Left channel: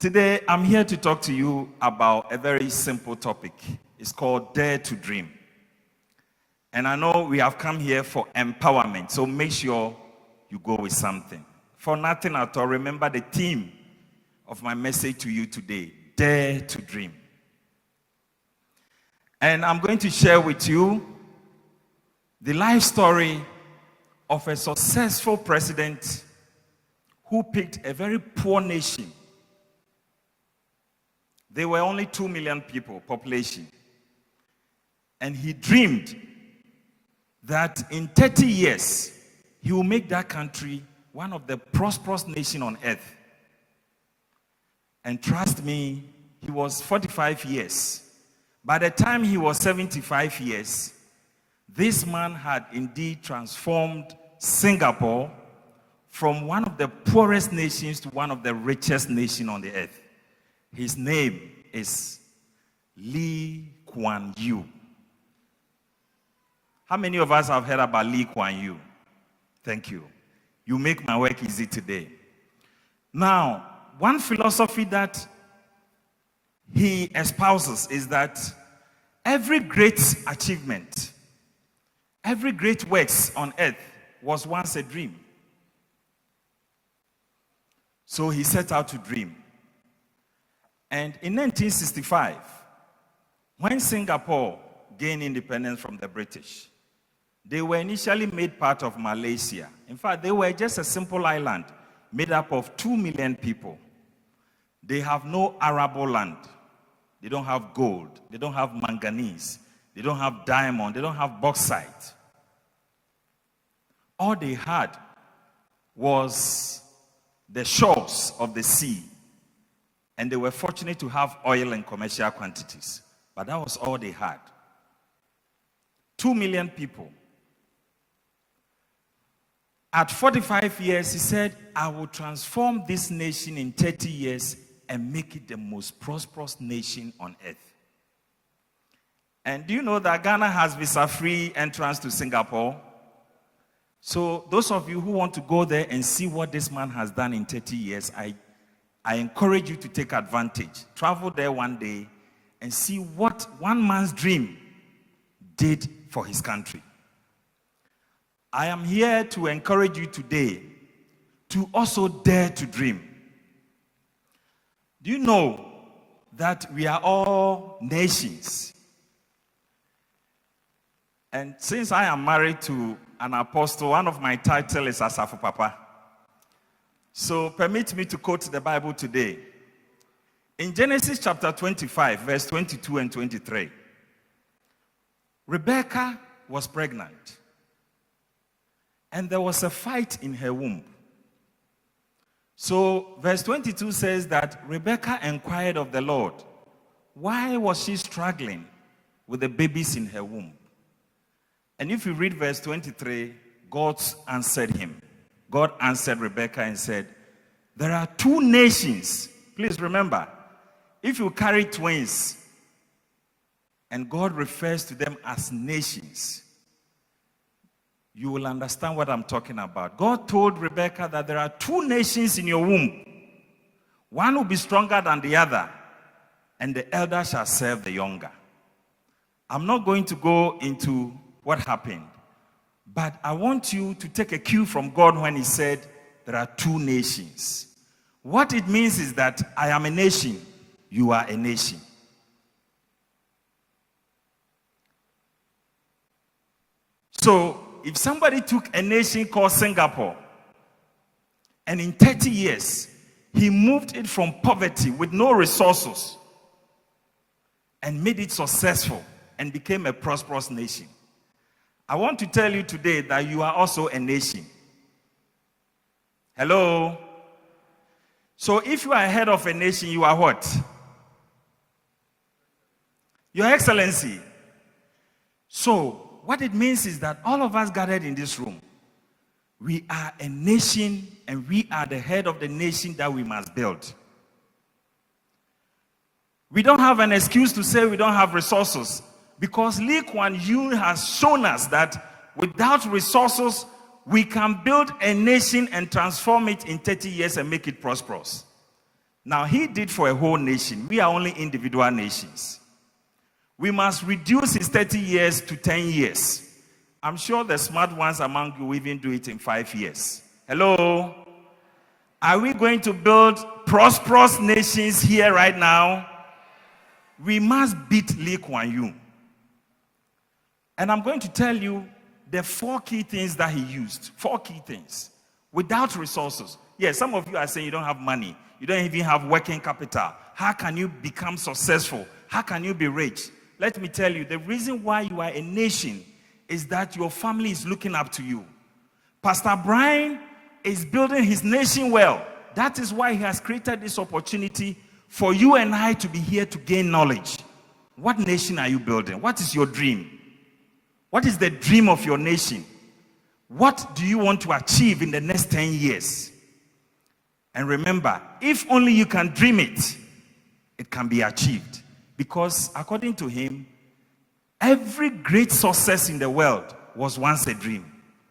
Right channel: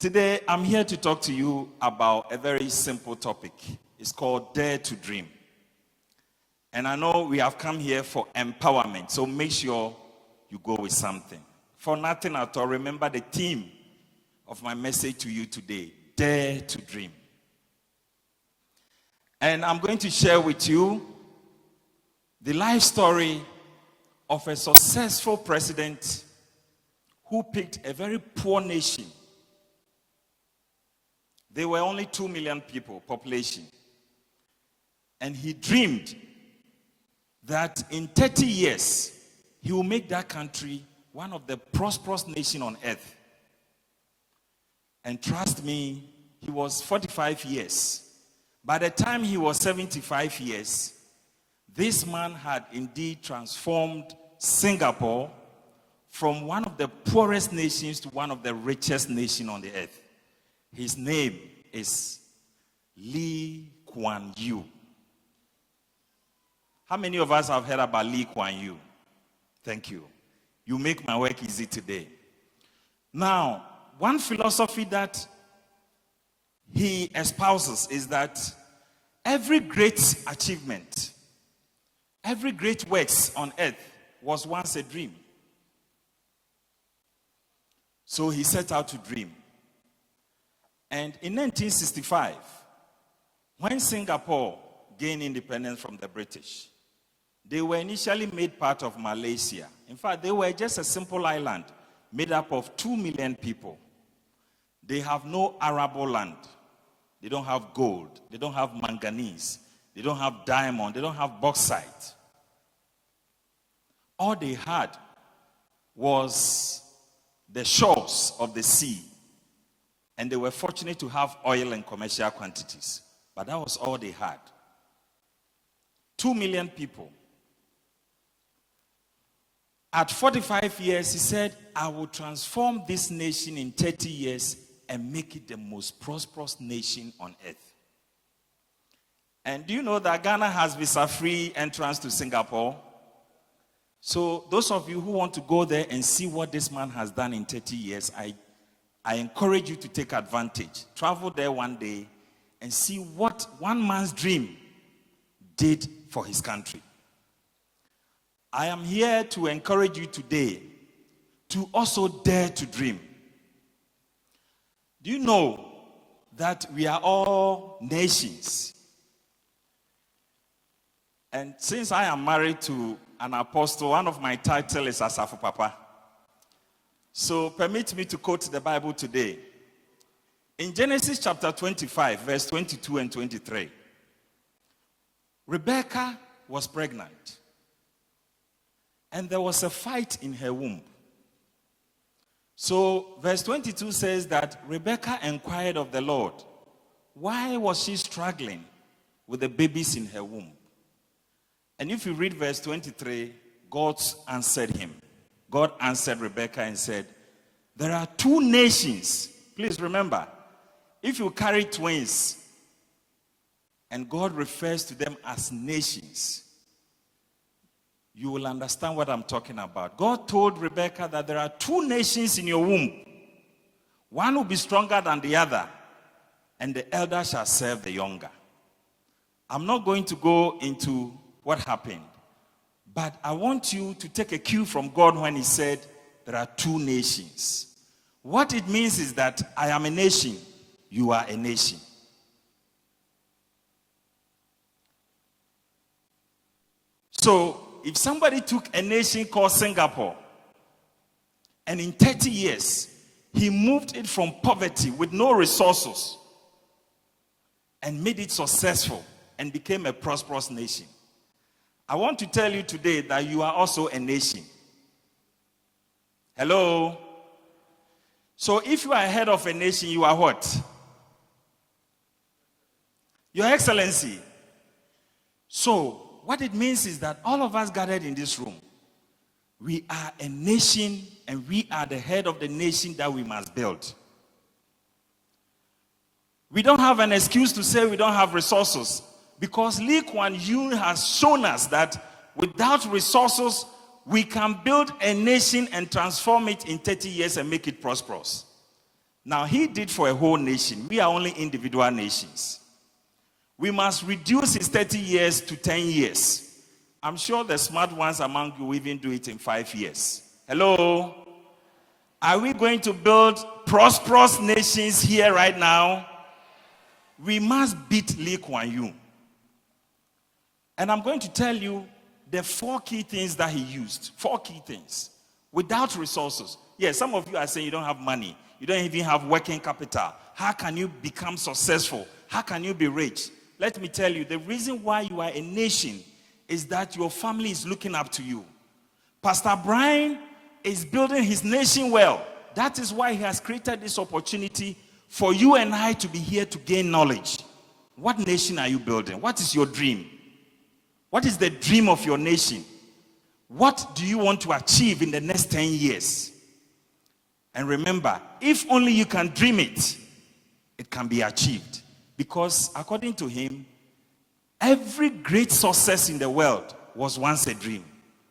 Today, I'm here to talk to you about a very simple topic. It's called Dare to Dream. And I know we have come here for empowerment, so make sure you go with something. For nothing at all, remember the theme of my message to you today, Dare to Dream. And I'm going to share with you the life story of a successful president who picked a very poor nation. There were only 2 million people, population. And he dreamed that in 30 years, he will make that country one of the prosperous nations on earth. And trust me, he was 45 years. By the time he was 75 years, this man had indeed transformed Singapore from one of the poorest nations to one of the richest nations on the earth. His name is Lee Kuan Yew. How many of us have heard about Lee Kuan Yew? Thank you. You make my work easy today. Now, one philosophy that he espouses is that every great achievement, every great works on earth was once a dream. So he set out to dream. And in 1965, when Singapore gained independence from the British, they were initially made part of Malaysia. In fact, they were just a simple island made up of 2 million people. They have no arable land. They don't have gold. They don't have manganese. They don't have diamond. They don't have bauxite. All they had was the shores of the sea. And they were fortunate to have oil in commercial quantities. But that was all they had. 2 million people. At 45 years, he said, I will transform this nation in 30 years and make it the most prosperous nation on earth. And do you know that Ghana has visa-free entrance to Singapore? So those of you who want to go there and see what this man has done in 30 years, I encourage you to take advantage. Travel there one day and see what one man's dream did for his country. I am here to encourage you today to also dare to dream. Do you know that we are all nations? And since I am married to an apostle, one of my titles is Asafo Papa. So permit me to quote the Bible today. In Genesis chapter 25, verse 22 and 23, Rebecca was pregnant. And there was a fight in her womb. So verse 22 says that Rebecca inquired of the Lord, why was she struggling with the babies in her womb? And if you read verse 23, God answered him. God answered Rebecca and said, there are 2 nations. Please remember, if you carry twins, and God refers to them as nations, you will understand what I'm talking about. God told Rebecca that there are 2 nations in your womb. One will be stronger than the other, and the elder shall serve the younger. I'm not going to go into what happened, but I want you to take a cue from God when he said there are 2 nations. What it means is that I am a nation, you are a nation. So, if somebody took a nation called Singapore, and in 30 years, he moved it from poverty with no resources and made it successful and became a prosperous nation, I want to tell you today that you are also a nation. Hello? So if you are head of a nation, you are what? Your Excellency. So, what it means is that all of us gathered in this room, we are a nation and we are the head of the nation that we must build. We don't have an excuse to say we don't have resources, because Lee Kuan Yew has shown us that without resources, we can build a nation and transform it in 30 years and make it prosperous. Now, he did for a whole nation. We are only individual nations. We must reduce his 30 years to 10 years. I'm sure the smart ones among you will even do it in 5 years. Hello? Are we going to build prosperous nations here right now? We must beat Lee Kuan Yew. And I'm going to tell you the 4 key things that he used. 4 key things. Without resources. Yes, some of you are saying you don't have money. You don't even have working capital. How can you become successful? How can you be rich? Let me tell you, the reason why you are a nation is that your family is looking up to you. Pastor Brian is building his nation well. That is why he has created this opportunity for you and I to be here to gain knowledge. What nation are you building? What is your dream? What is the dream of your nation? What do you want to achieve in the next 10 years? And remember, if only you can dream it, it can be achieved. Because according to him, every great success in the world was once a dream.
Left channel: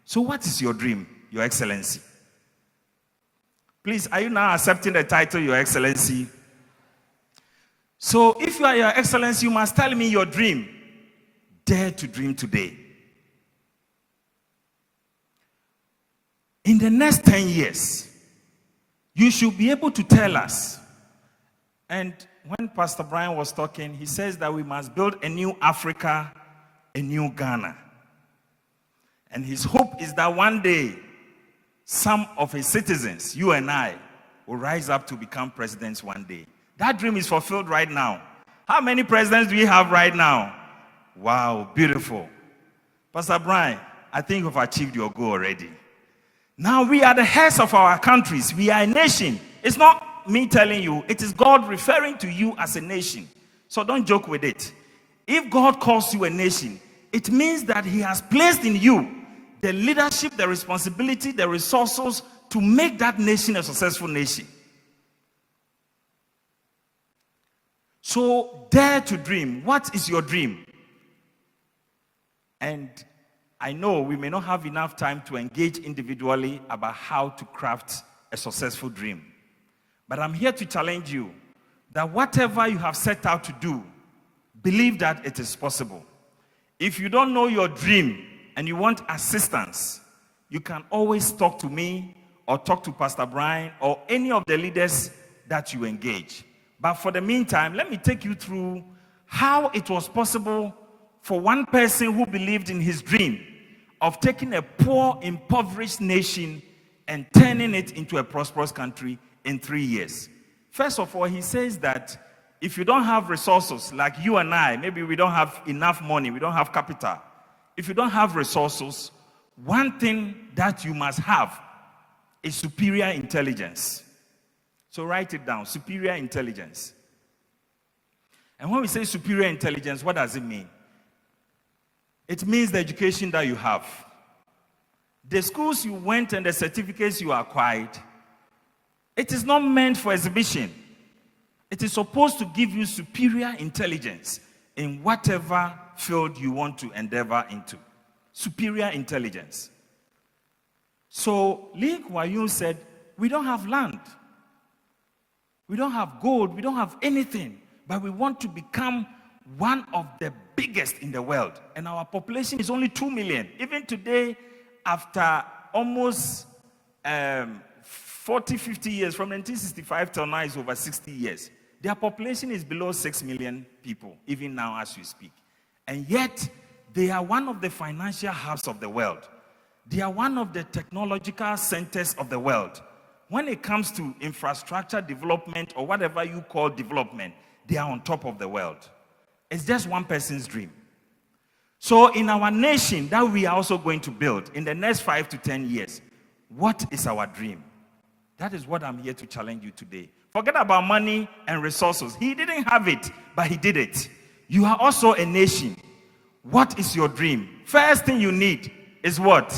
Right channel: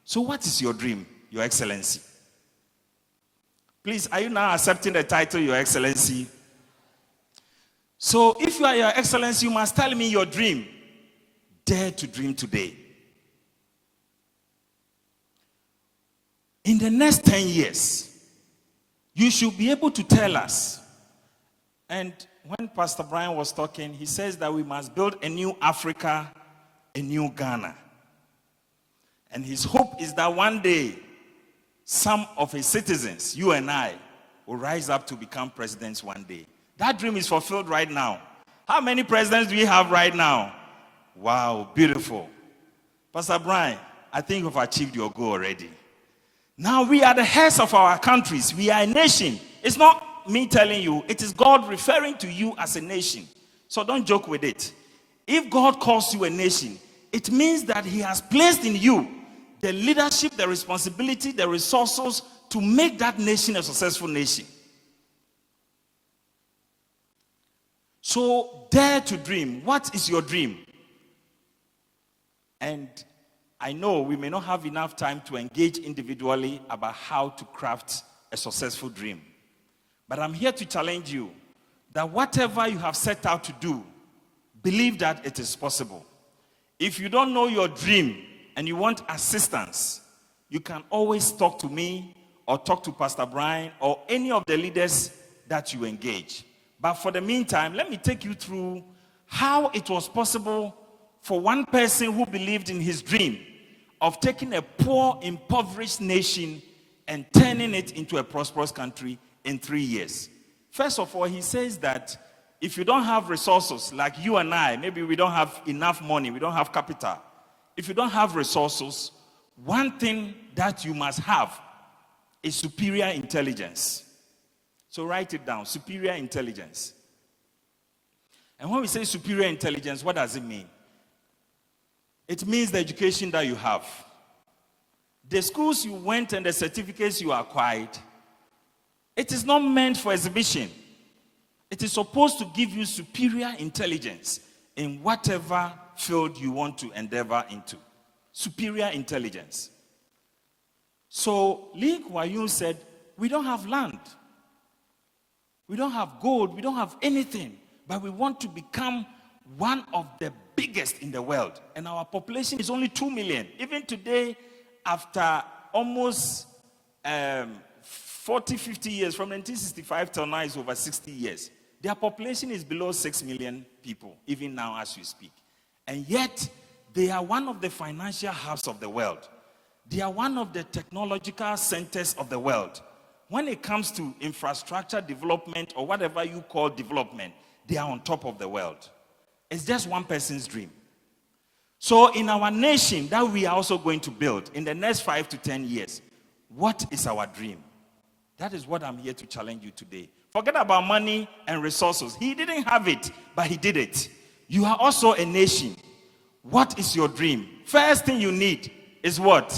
So what is your dream, Your Excellency? Please, are you now accepting the title, Your Excellency? So if you are Your Excellency, you must tell me your dream. Dare to dream today. In the next 10 years, you should be able to tell us. And when Pastor Brian was talking, he says that we must build a new Africa, a new Ghana. And his hope is that one day, some of his citizens, you and I, will rise up to become presidents one day. That dream is fulfilled right now. How many presidents do we have right now? Wow, beautiful. Pastor Brian, I think we've achieved your goal already. Now we are the heads of our countries. We are a nation. It's not me telling you. It is God referring to you as a nation. So don't joke with it. If God calls you a nation, it means that he has placed in you the leadership, the responsibility, the resources to make that nation a successful nation. So dare to dream. What is your dream? And I know we may not have enough time to engage individually about how to craft a successful dream. But I'm here to challenge you that whatever you have set out to do, believe that it is possible. If you don't know your dream and you want assistance, you can always talk to me or talk to Pastor Brian or any of the leaders that you engage. But for the meantime, let me take you through how it was possible for one person who believed in his dream of taking a poor, impoverished nation and turning it into a prosperous country in 3 years. First of all, he says that if you don't have resources, like you and I, maybe we don't have enough money, we don't have capital. If you don't have resources, one thing that you must have is superior intelligence. So write it down, superior intelligence. And when we say superior intelligence, what does it mean? It means the education that you have. The schools you went and the certificates you acquired, it is not meant for exhibition. It is supposed to give you superior intelligence in whatever field you want to endeavor into. Superior intelligence. So Lee Kuan Yew said, we don't have land. We don't have gold. We don't have anything. But we want to become one of the biggest in the world. And our population is only 2 million. Even today, after almost 40, 50 years, from 1965 till now is over 60 years. Their population is below 6 million people, even now as we speak. And yet, they are one of the financial hubs of the world. They are one of the technological centers of the world. When it comes to infrastructure development or whatever you call development, they are on top of the world. It's just one person's dream. So in our nation that we are also going to build in the next 5 to 10 years, what is our dream? That is what I'm here to challenge you today. Forget about money and resources. He didn't have it, but he did it. You are also a nation. What is your dream? First thing you need is what?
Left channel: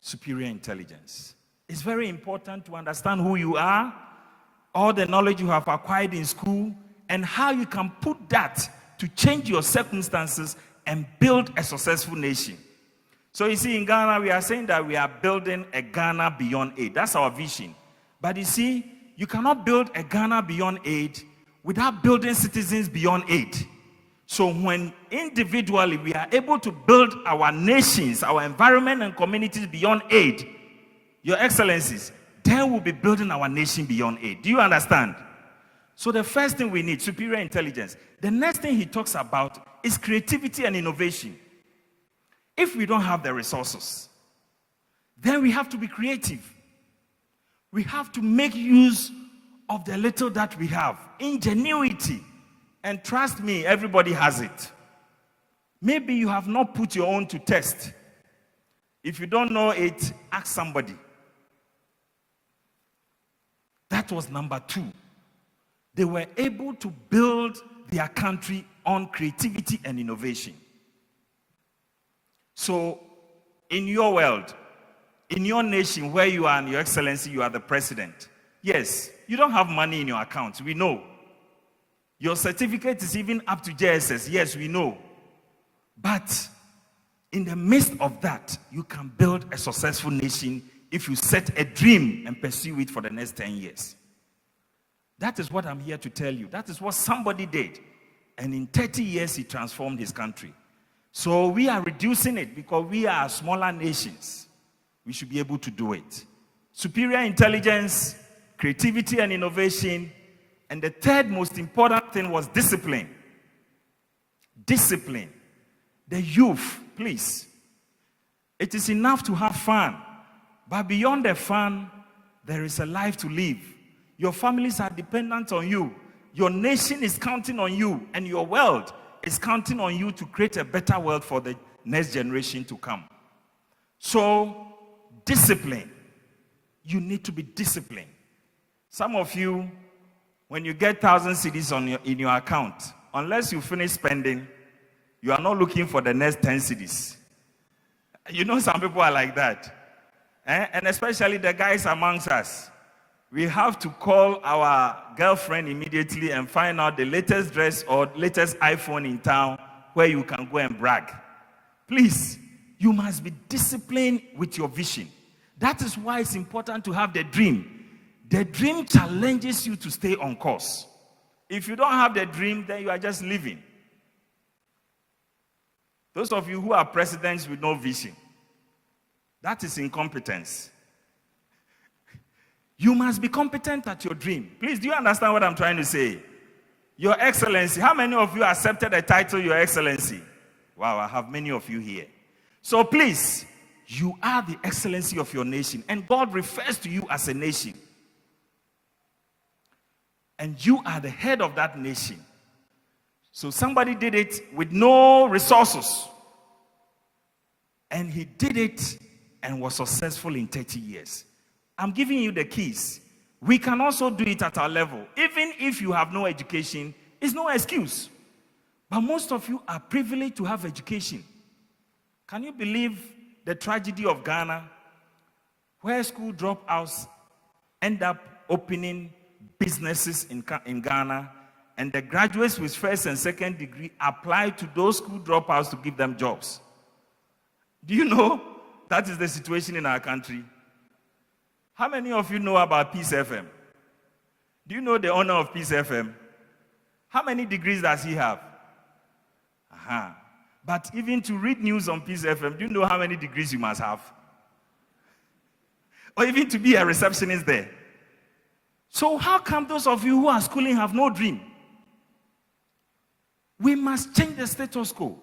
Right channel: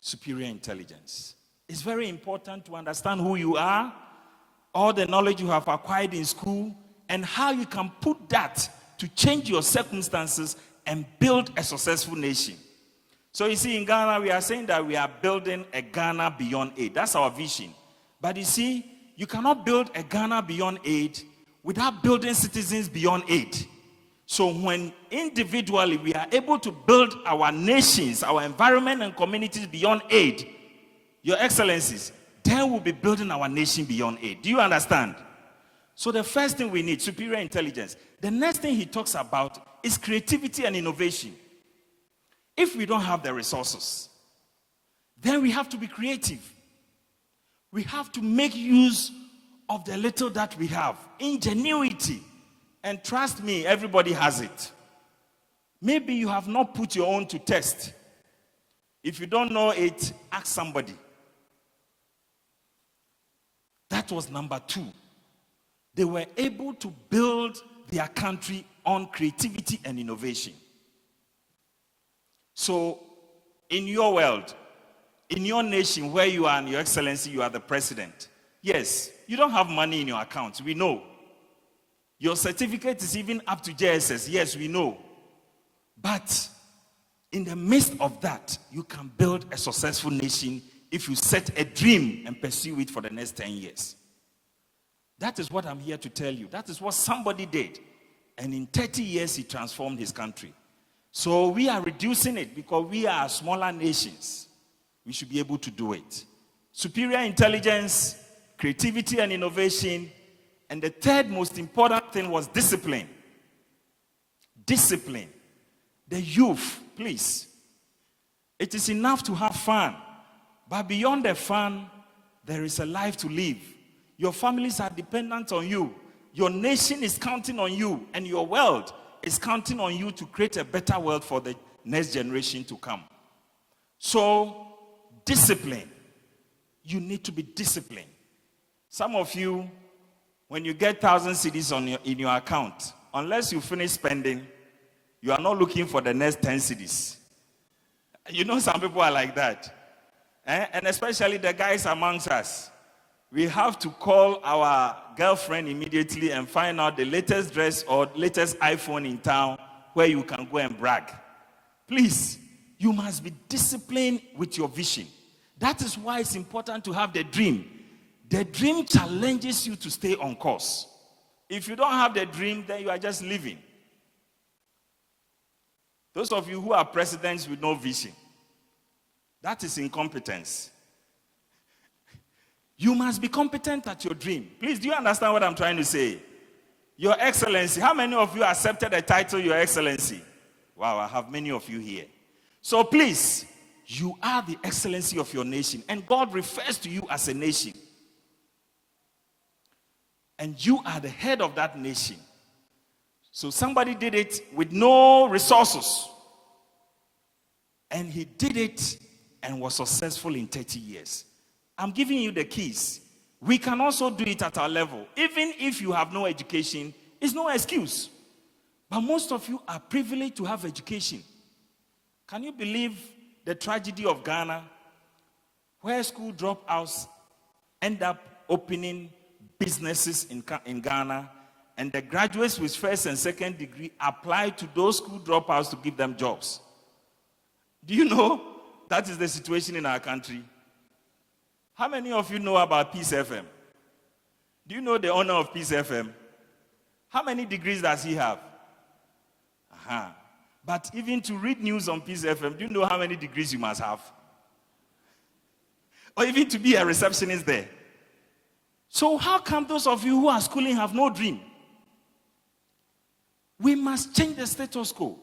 Superior intelligence. It's very important to understand who you are, all the knowledge you have acquired in school, and how you can put that to change your circumstances and build a successful nation. So you see, in Ghana, we are saying that we are building a Ghana beyond aid. That's our vision. But you see, You cannot build a Ghana beyond aid without building citizens beyond aid. So when individually we are able to build our nations, our environment and communities beyond aid, Your Excellencies, then we'll be building our nation beyond aid. Do you understand? So the first thing we need, superior intelligence. The next thing he talks about is creativity and innovation. If we don't have the resources, then we have to be creative. We have to make use of the little that we have. Ingenuity. And trust me, everybody has it. Maybe you have not put your own to test. If you don't know it, ask somebody. That was number 2. They were able to build their country on creativity and innovation. So, in your world, in your nation where you are, and Your Excellency, you are the president. Yes, you don't have money in your account, we know. Your certificate is even up to JSS, yes, we know. But in the midst of that, you can build a successful nation if you set a dream and pursue it for the next 10 years. That is what I'm here to tell you. That is what somebody did. And in 30 years, he transformed his country. So we are reducing it because we are smaller nations. We should be able to do it. Superior intelligence, creativity and innovation. And the third most important thing was discipline. Discipline. The youth, please. It is enough to have fun. But beyond the fun, there is a life to live. Your families are dependent on you. Your nation is counting on you. And your world is counting on you to create a better world for the next generation to come. So, discipline. You need to be disciplined. Some of you, when you get 1,000 cedis in your account, unless you finish spending, you are not looking for the next 10 cedis. You know some people are like that. And especially the guys amongst us. We have to call our girlfriend immediately and find out the latest dress or latest iPhone in town where you can go and brag. Please, you must be disciplined with your vision. That is why it's important to have the dream. The dream challenges you to stay on course. If you don't have the dream, then you are just living. Those of you who are presidents with no vision, that is incompetence. You must be competent at your dream. Please, do you understand what I'm trying to say? Your Excellency, how many of you accepted the title Your Excellency? Wow, I have many of you here. So please, you are the excellency of your nation, and God refers to you as a nation. And you are the head of that nation. So somebody did it with no resources. And he did it and was successful in 30 years. I'm giving you the keys. We can also do it at our level. Even if you have no education, it's no excuse. But most of you are privileged to have education. Can you believe the tragedy of Ghana, where school dropouts end up opening businesses in Ghana, and the graduates with first and second degree apply to those school dropouts to give them jobs? Do you know that is the situation in our country? How many of you know about Peace FM? Do you know the owner of Peace FM? How many degrees does he have? But even to read news on Peace FM, do you know how many degrees you must have? Or even to be a receptionist there. So how come those of you who are schooling have no dream? We must change the status quo.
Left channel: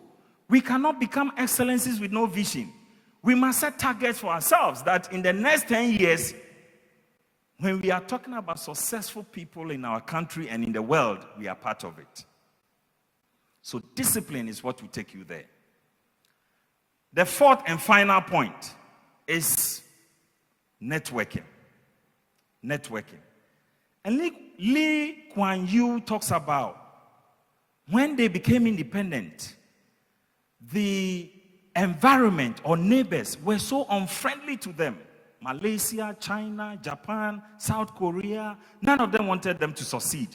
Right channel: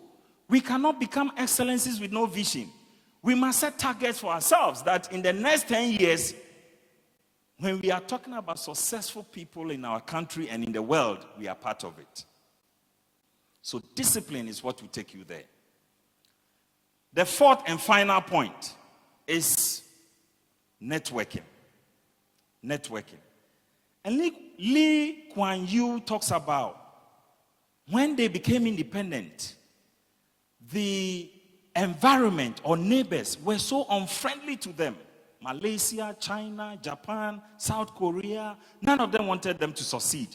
We cannot become excellencies with no vision. We must set targets for ourselves that in the next 10 years, when we are talking about successful people in our country and in the world, we are part of it. So discipline is what will take you there. The fourth and final point is networking. Networking. And Lee Kuan Yew talks about when they became independent, the environment or neighbors were so unfriendly to them. Malaysia, China, Japan, South Korea, none of them wanted them to succeed.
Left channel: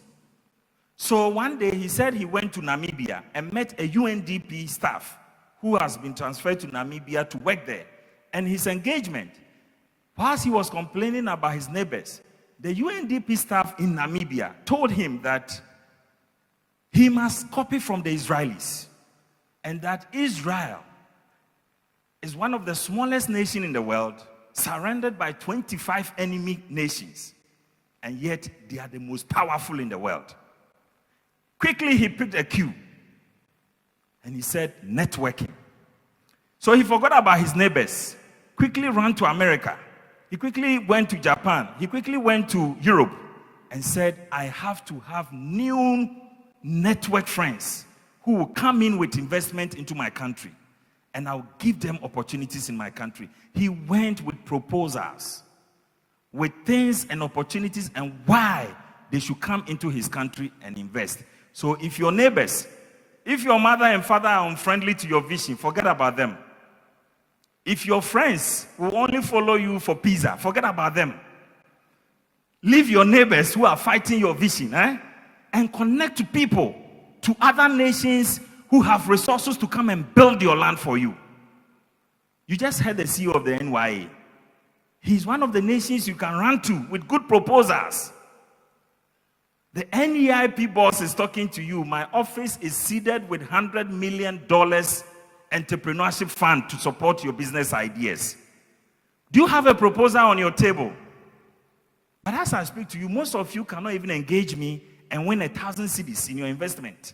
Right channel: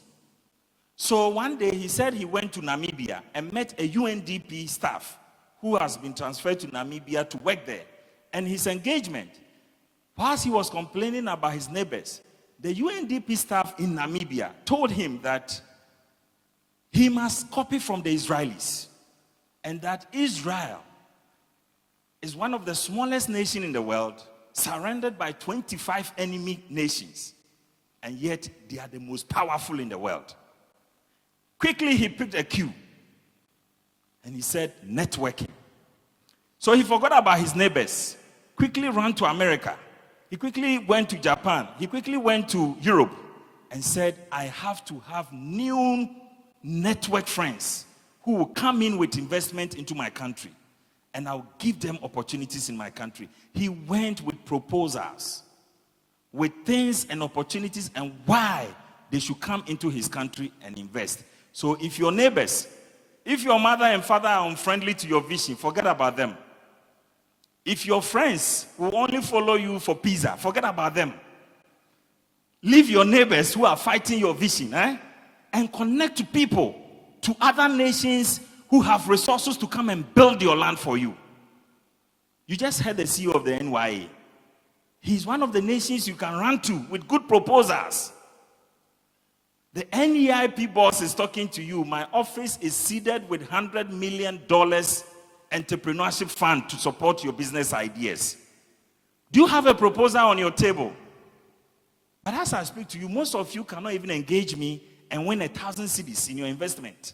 So one day he said he went to Namibia and met a UNDP staff who has been transferred to Namibia to work there. And his engagement, whilst he was complaining about his neighbors, the UNDP staff in Namibia told him that he must copy from the Israelis, and that Israel is one of the smallest nations in the world, surrounded by 25 enemy nations, and yet they are the most powerful in the world. Quickly, he picked a cue, and he said, networking. So he forgot about his neighbors, quickly ran to America. He quickly went to Japan. He quickly went to Europe and said, I have to have new network friends who will come in with investment into my country, and I'll give them opportunities in my country. He went with proposals, with things and opportunities and why they should come into his country and invest. So if your neighbors, if your mother and father are unfriendly to your vision, forget about them. If your friends will only follow you for pizza, forget about them. Leave your neighbors who are fighting your vision, and connect to people, to other nations who have resources to come and build your land for you. You just heard the CEO of the NYA. He's one of the nations you can run to with good proposals. The NEIP boss is talking to you. My office is seeded with $100 million entrepreneurship fund to support your business ideas. Do you have a proposal on your table? But as I speak to you, most of you cannot even engage me and win 1,000 cedis in your investment,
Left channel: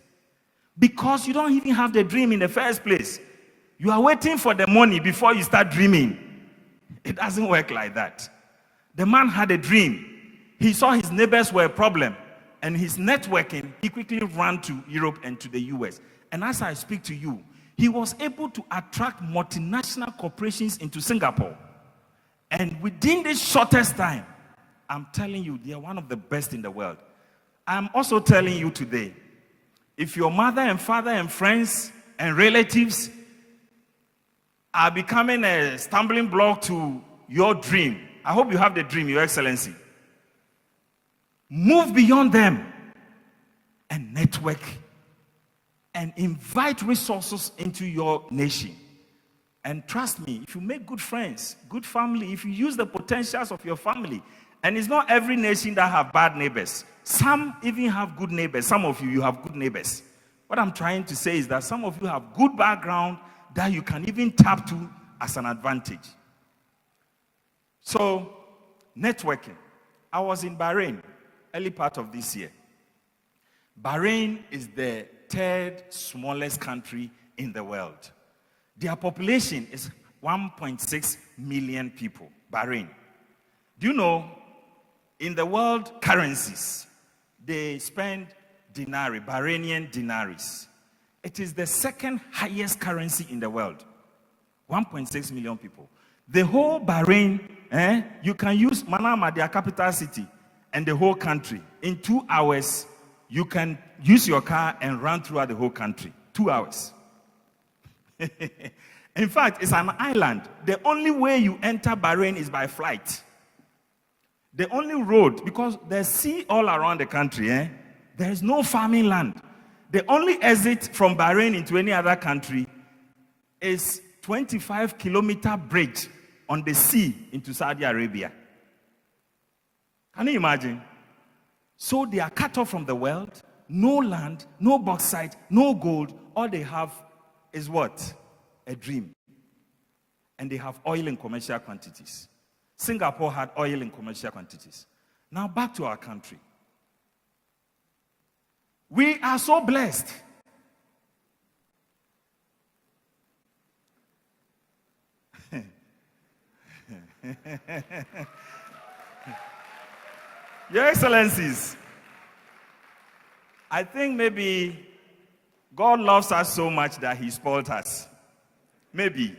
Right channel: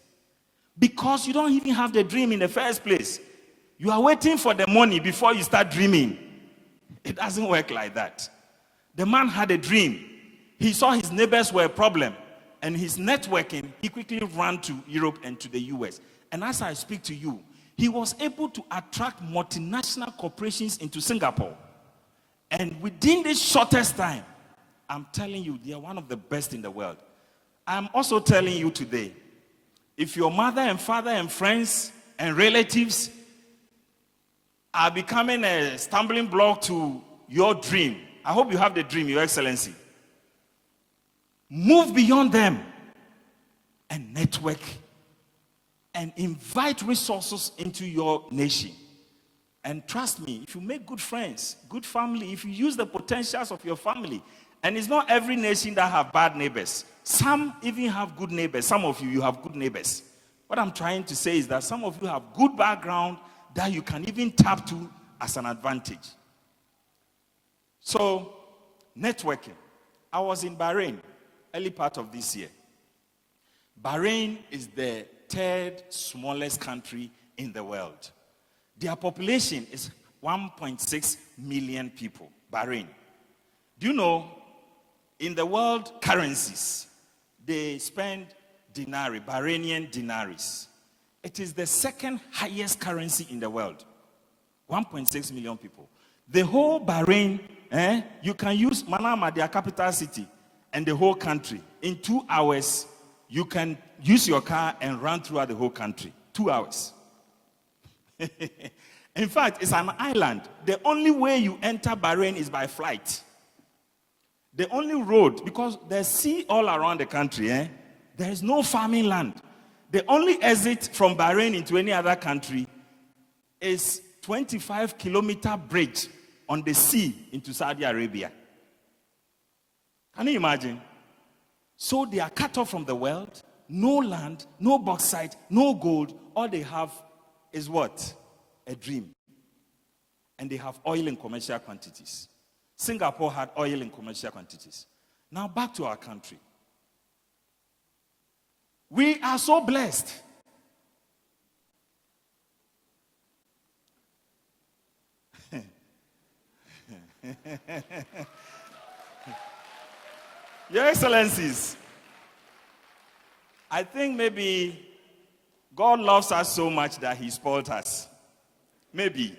because you don't even have the dream in the first place. You are waiting for the money before you start dreaming. It doesn't work like that. The man had a dream. He saw his neighbors were a problem, and his networking, he quickly ran to Europe and to the US. And as I speak to you, he was able to attract multinational corporations into Singapore. And within this shortest time, I'm telling you, they are one of the best in the world. I'm also telling you today, if your mother and father and friends and relatives are becoming a stumbling block to your dream, I hope you have the dream, Your Excellency. Move beyond them and network and invite resources into your nation. And trust me, if you make good friends, good family, if you use the potentials of your family, and it's not every nation that have bad neighbors. Some even have good neighbors. Some of you have good neighbors. What I'm trying to say is that some of you have good background that you can even tap to as an advantage. So, networking. I was in Bahrain early part of this year. Bahrain is the third smallest country in the world. Their population is 1.6 million people. Bahrain. Do you know, in the world currencies, they spend dinari, Bahrainian dinaris. It is the second highest currency in the world. 1.6 million people. The whole Bahrain, you can use Manama, their capital city, and the whole country. In 2 hours, you can use your car and run throughout the whole country. 2 hours. In fact, it's an island. The only way you enter Bahrain is by flight. The only road, because there's sea all around the country, there is no farming land. The only exit from Bahrain into any other country is 25-kilometer bridge on the sea into Saudi Arabia. Can you imagine? So they are cut off from the world, no land, no bauxite, no gold. All they have is what? A dream. And they have oil in commercial quantities. Singapore had oil in commercial quantities. Now back to our country. We are so blessed. Your Excellencies, I think maybe God loves us so much that He spoiled us. Maybe.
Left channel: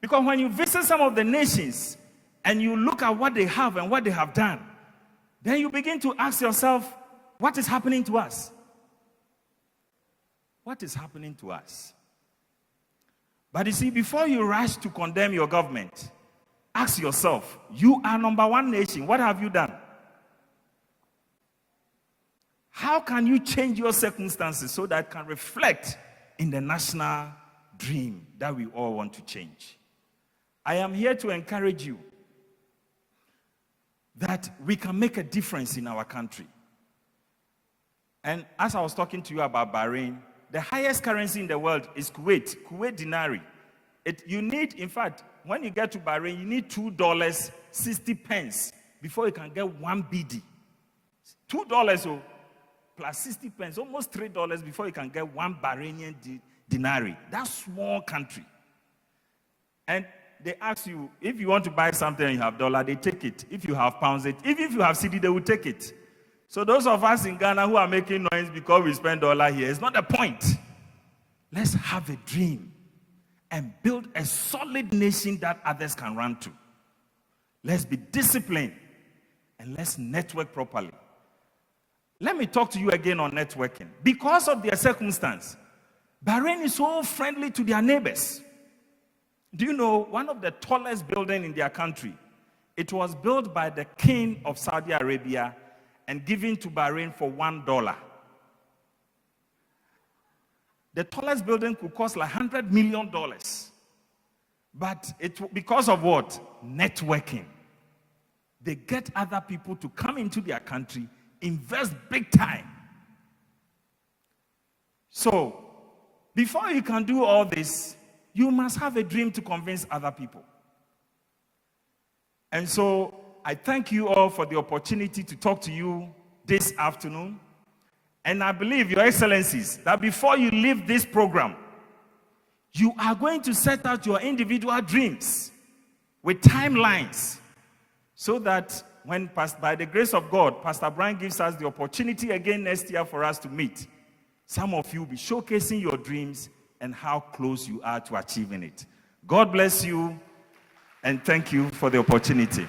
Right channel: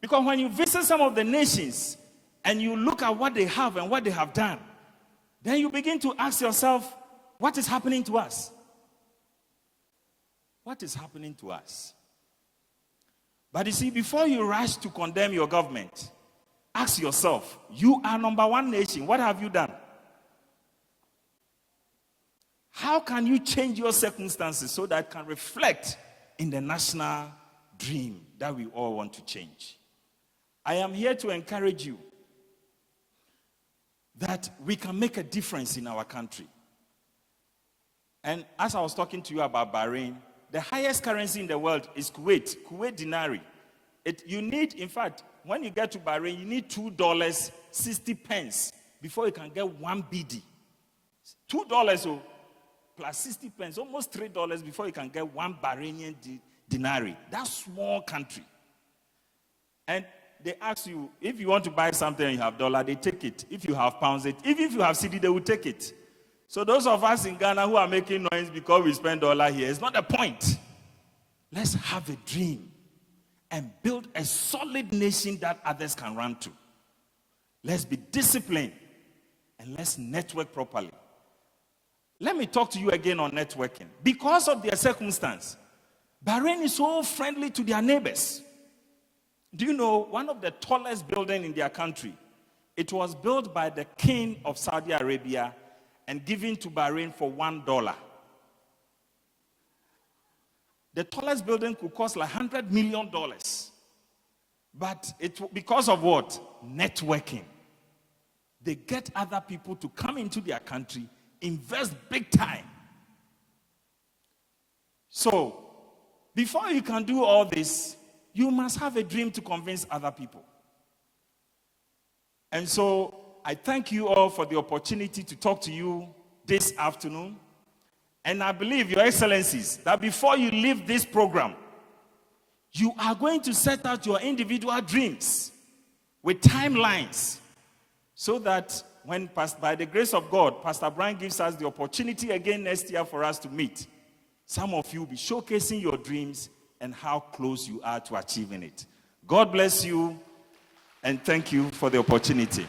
Because when you visit some of the nations and you look at what they have and what they have done, then you begin to ask yourself, what is happening to us? What is happening to us? But you see, before you rush to condemn your government, ask yourself, you are number one nation. What have you done? How can you change your circumstances so that it can reflect in the national dream that we all want to change? I am here to encourage you that we can make a difference in our country. And as I was talking to you about Bahrain, the highest currency in the world is Kuwait dinari. You need, in fact, when you get to Bahrain, you need $2.60 before you can get 1 BD. $2 plus 60 pence, almost $3 before you can get 1 Bahrainian dinari. That's small country. And they ask you, if you want to buy something and you have dollar, they take it. If you have pounds, even if you have cedi, they will take it. So those of us in Ghana who are making noise because we spend dollar here, it's not the point. Let's have a dream and build a solid nation that others can run to. Let's be disciplined and let's network properly. Let me talk to you again on networking. Because of their circumstance, Bahrain is so friendly to their neighbors. Do you know one of the tallest buildings in their country? It was built by the king of Saudi Arabia and given to Bahrain for $1. The tallest building could cost like $100 million. But because of what? Networking. They get other people to come into their country, invest big time. So, before you can do all this, you must have a dream to convince other people. And so, I thank you all for the opportunity to talk to you this afternoon. And I believe, Your Excellencies, that before you leave this program, you are going to set out your individual dreams with timelines so that when, by the grace of God, Pastor Brian gives us the opportunity again next year for us to meet, some of you will be showcasing your dreams and how close you are to achieving it. God bless you, and thank you for the opportunity.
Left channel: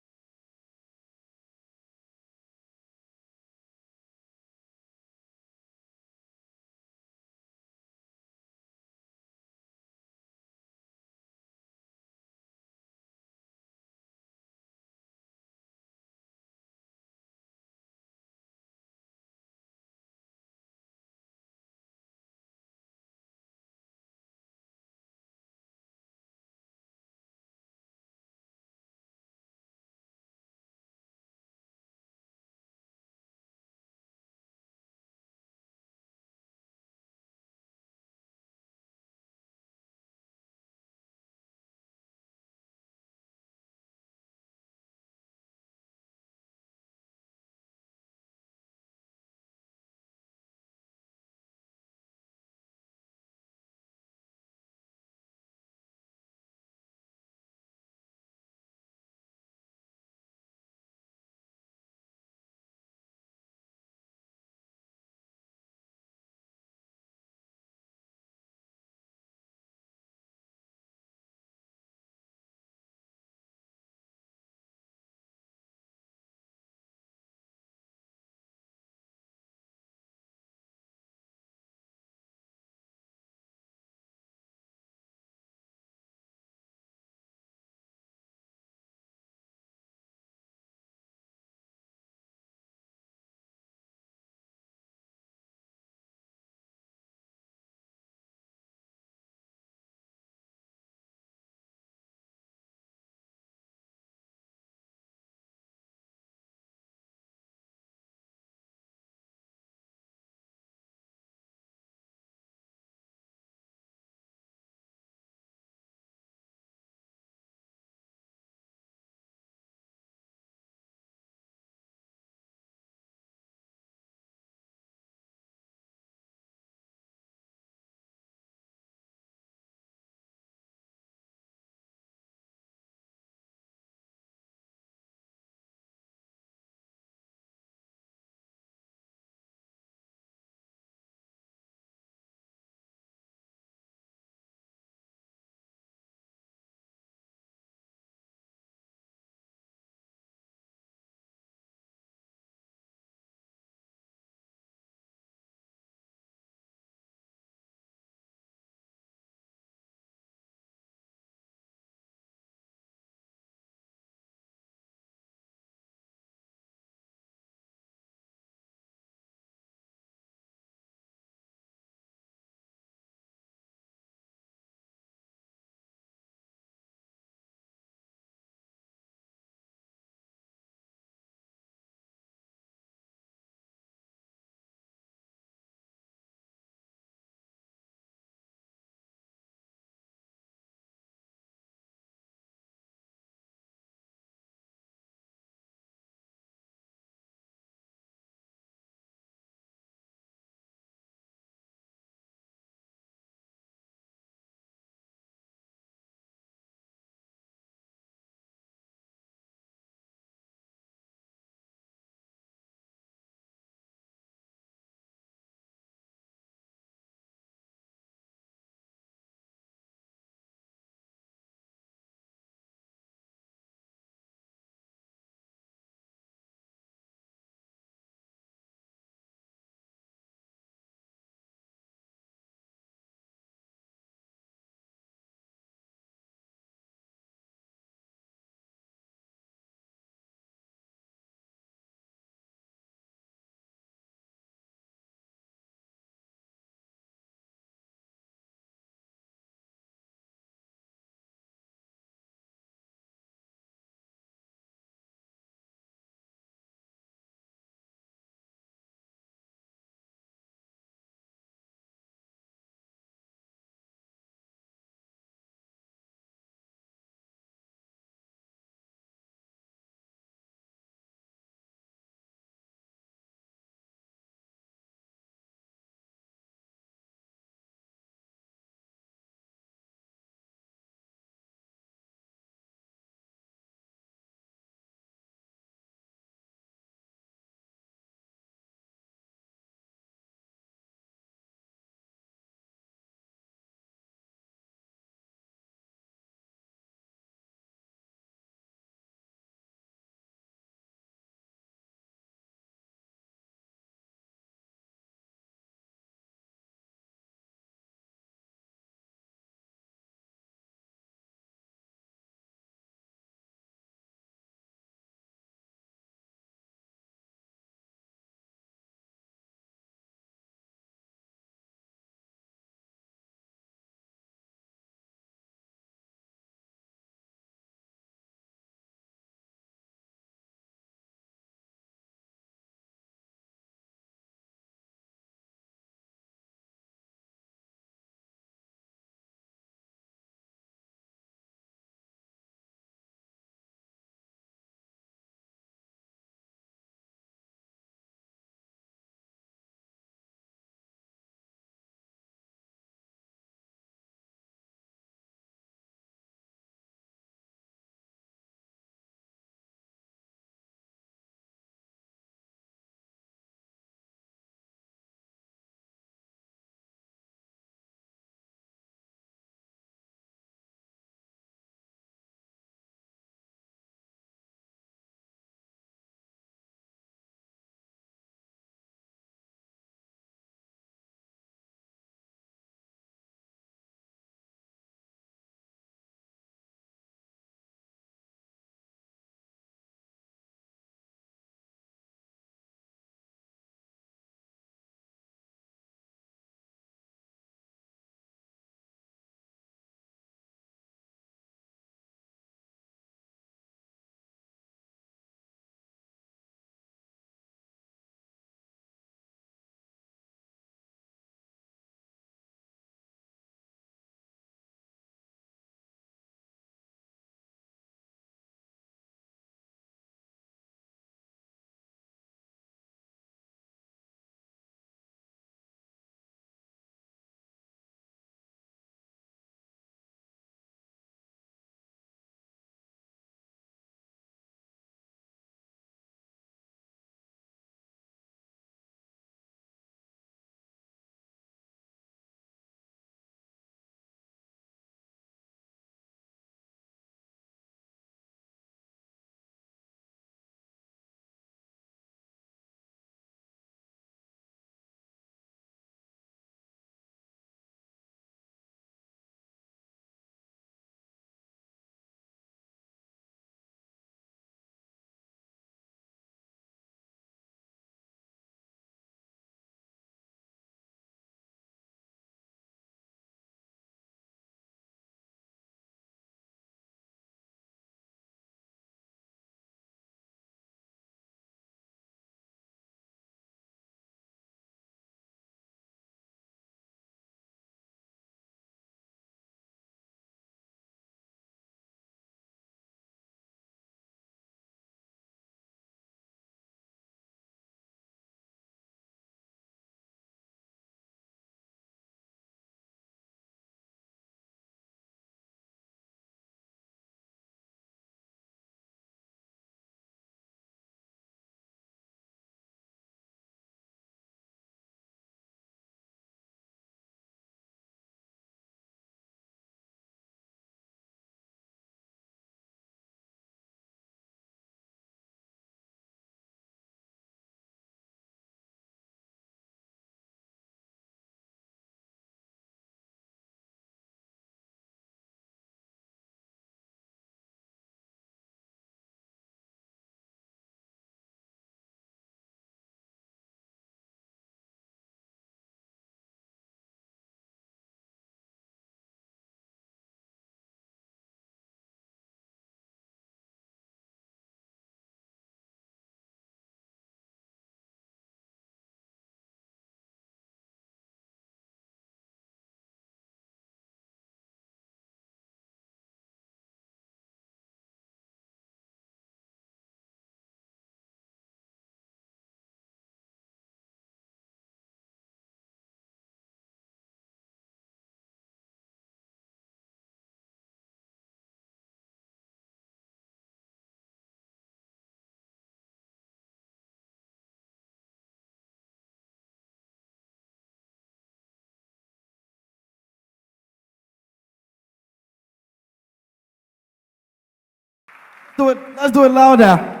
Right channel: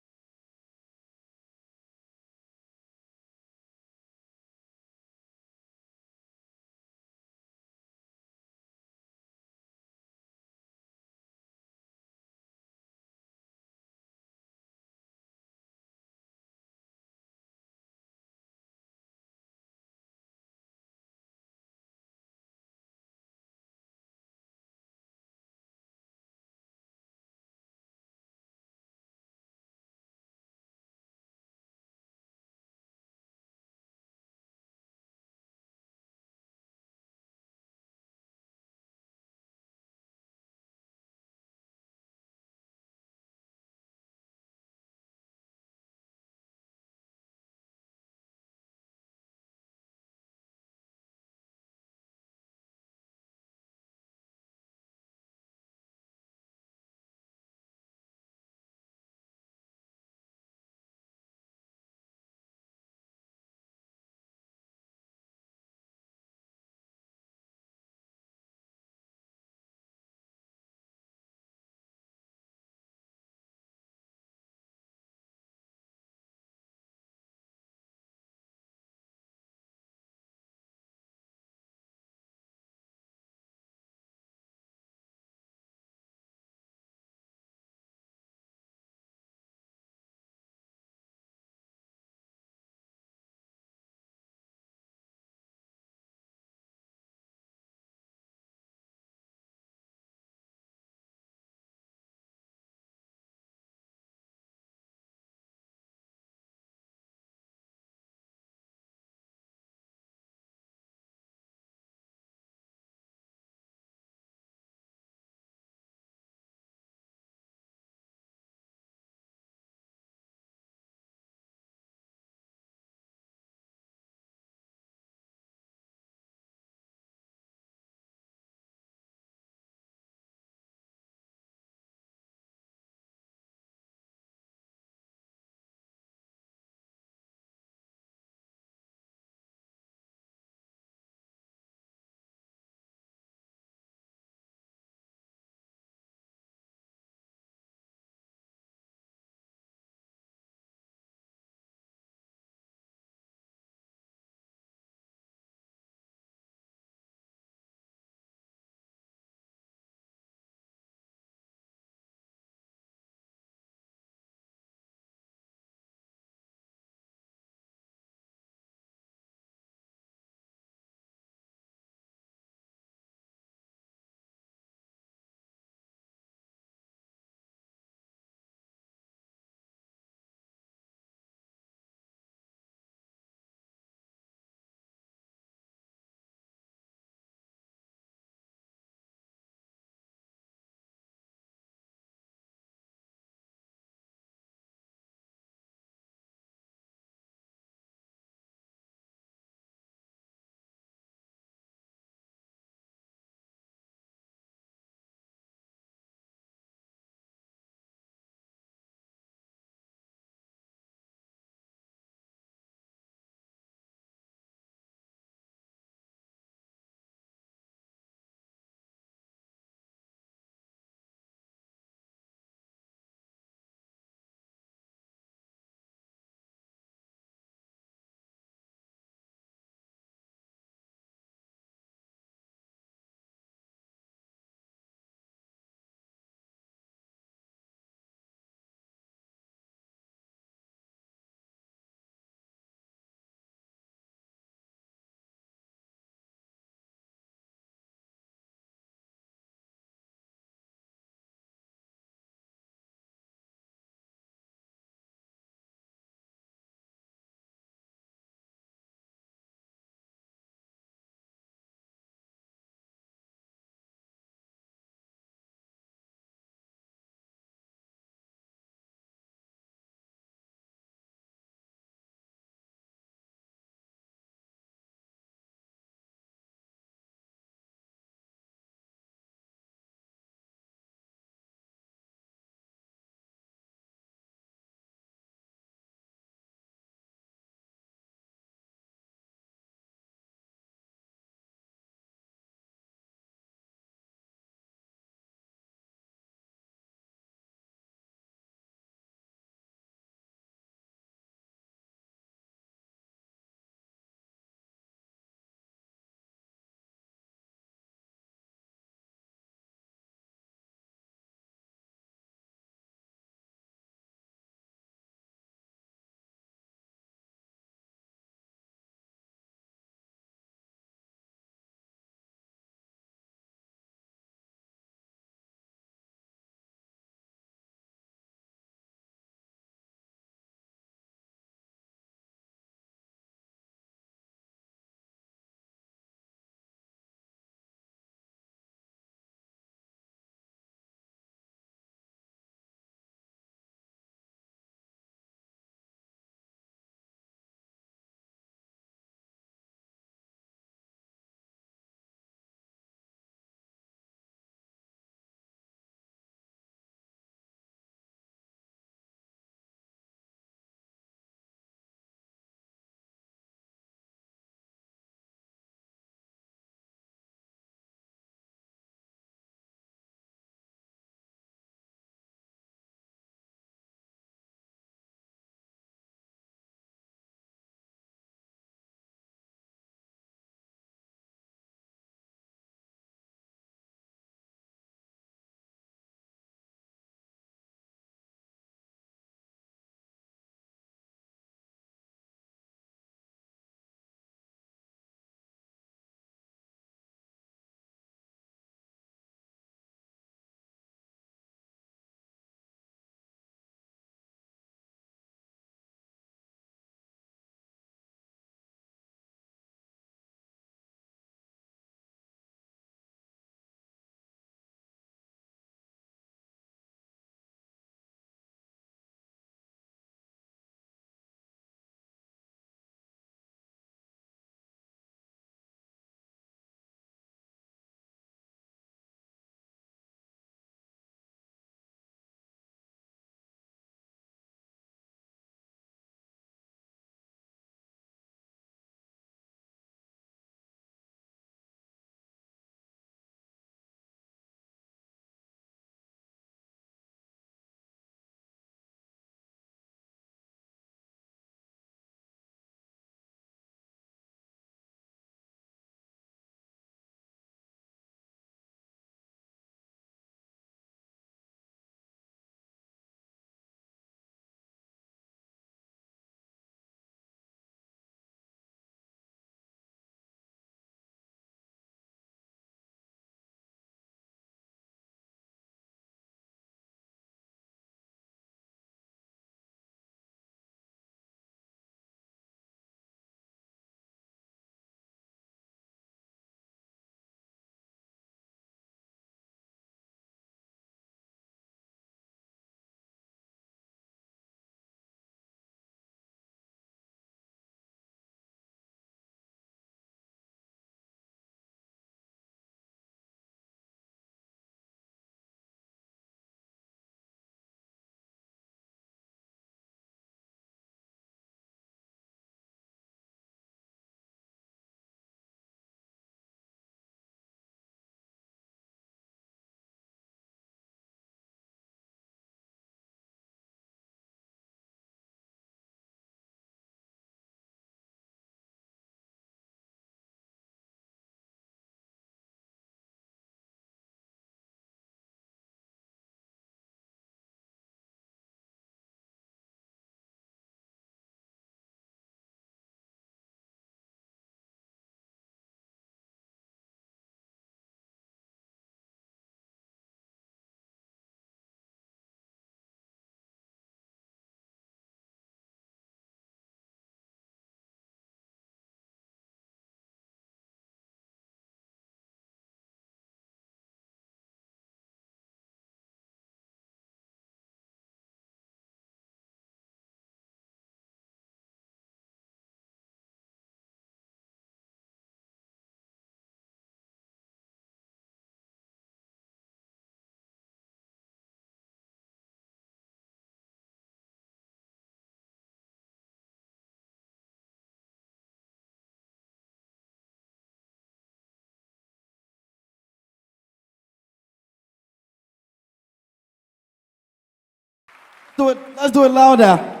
Do it. Let's do it louder.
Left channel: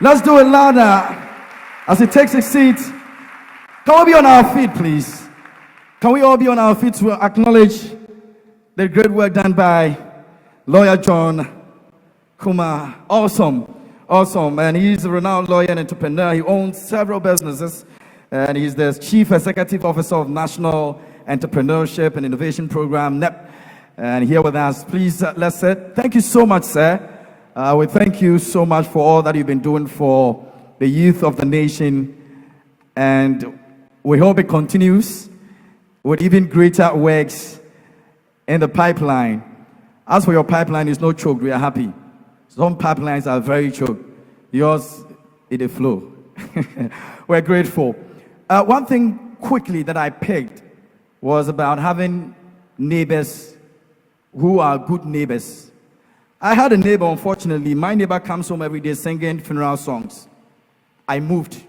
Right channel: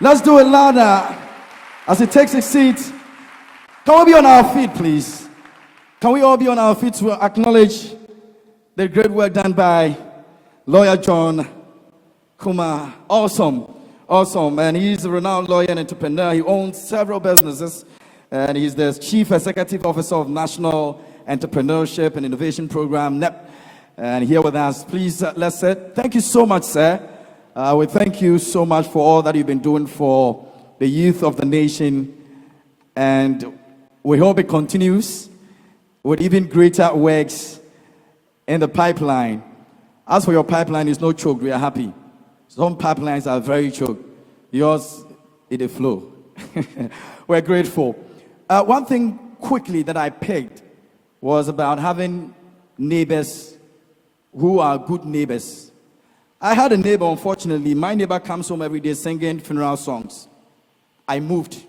Let's do it louder. As he takes his seat, can we be on our feet, please? Can we all be on our feet to acknowledge the great work done by Lawyer John KUMAH? Awesome. And he's a renowned lawyer and entrepreneur. He owns several businesses, and he's the Chief Executive Officer of National Entrepreneurship and Innovation Program, NEIP. And here with us, please, let's say, thank you so much, sir. We thank you so much for all that you've been doing for the youth of the nation. And we hope it continues with even greater works in the pipeline. As for your pipeline, it's no choke. We are happy. Some pipelines are very choked. Yours, it a flow. We're grateful. One thing quickly that I picked was about having neighbors who are good neighbors. I had a neighbor, unfortunately. My neighbor comes home every day singing funeral songs. I moved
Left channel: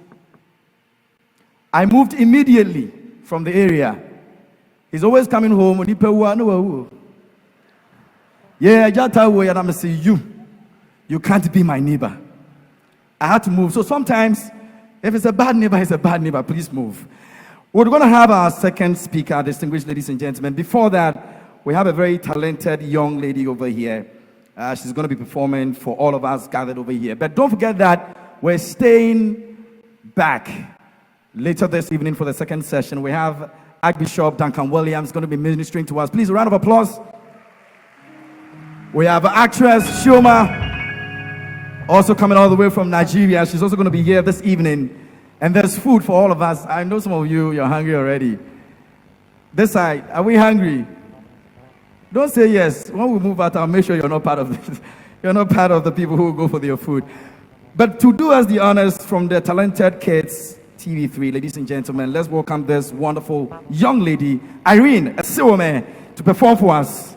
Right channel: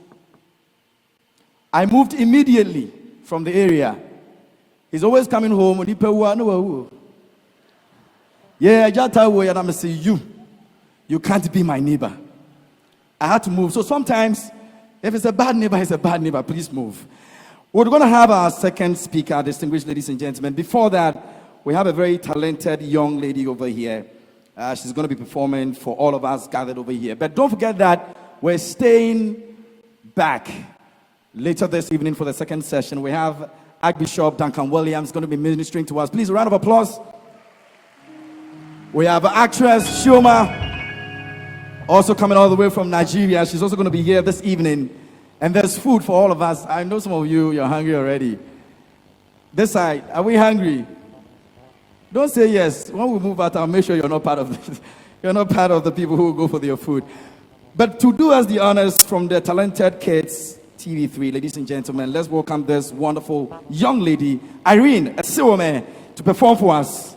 immediately from the area. He's always coming home. Yeah, I just tell you, and I'm saying, you can't be my neighbor. I had to move. So sometimes, if it's a bad neighbor, it's a bad neighbor. Please move. We're going to have our second speaker, distinguished ladies and gentlemen. Before that, we have a very talented young lady over here. She's going to be performing for all of us gathered over here. But don't forget that we're staying back later this evening for the second session. We have Archbishop Duncan Williams going to be ministering to us. Please, a round of applause. We have actress Shoma, also coming all the way from Nigeria. She's also going to be here this evening. And there's food for all of us. I know some of you're hungry already. This side, are we hungry? Don't say yes. When we move out, I'll make sure you're not part of this. You're not part of the people who go for their food. But to do us the honors from the Talented Kids TV3, ladies and gentlemen, let's welcome this wonderful young lady, Irene Asiwome, to perform for us.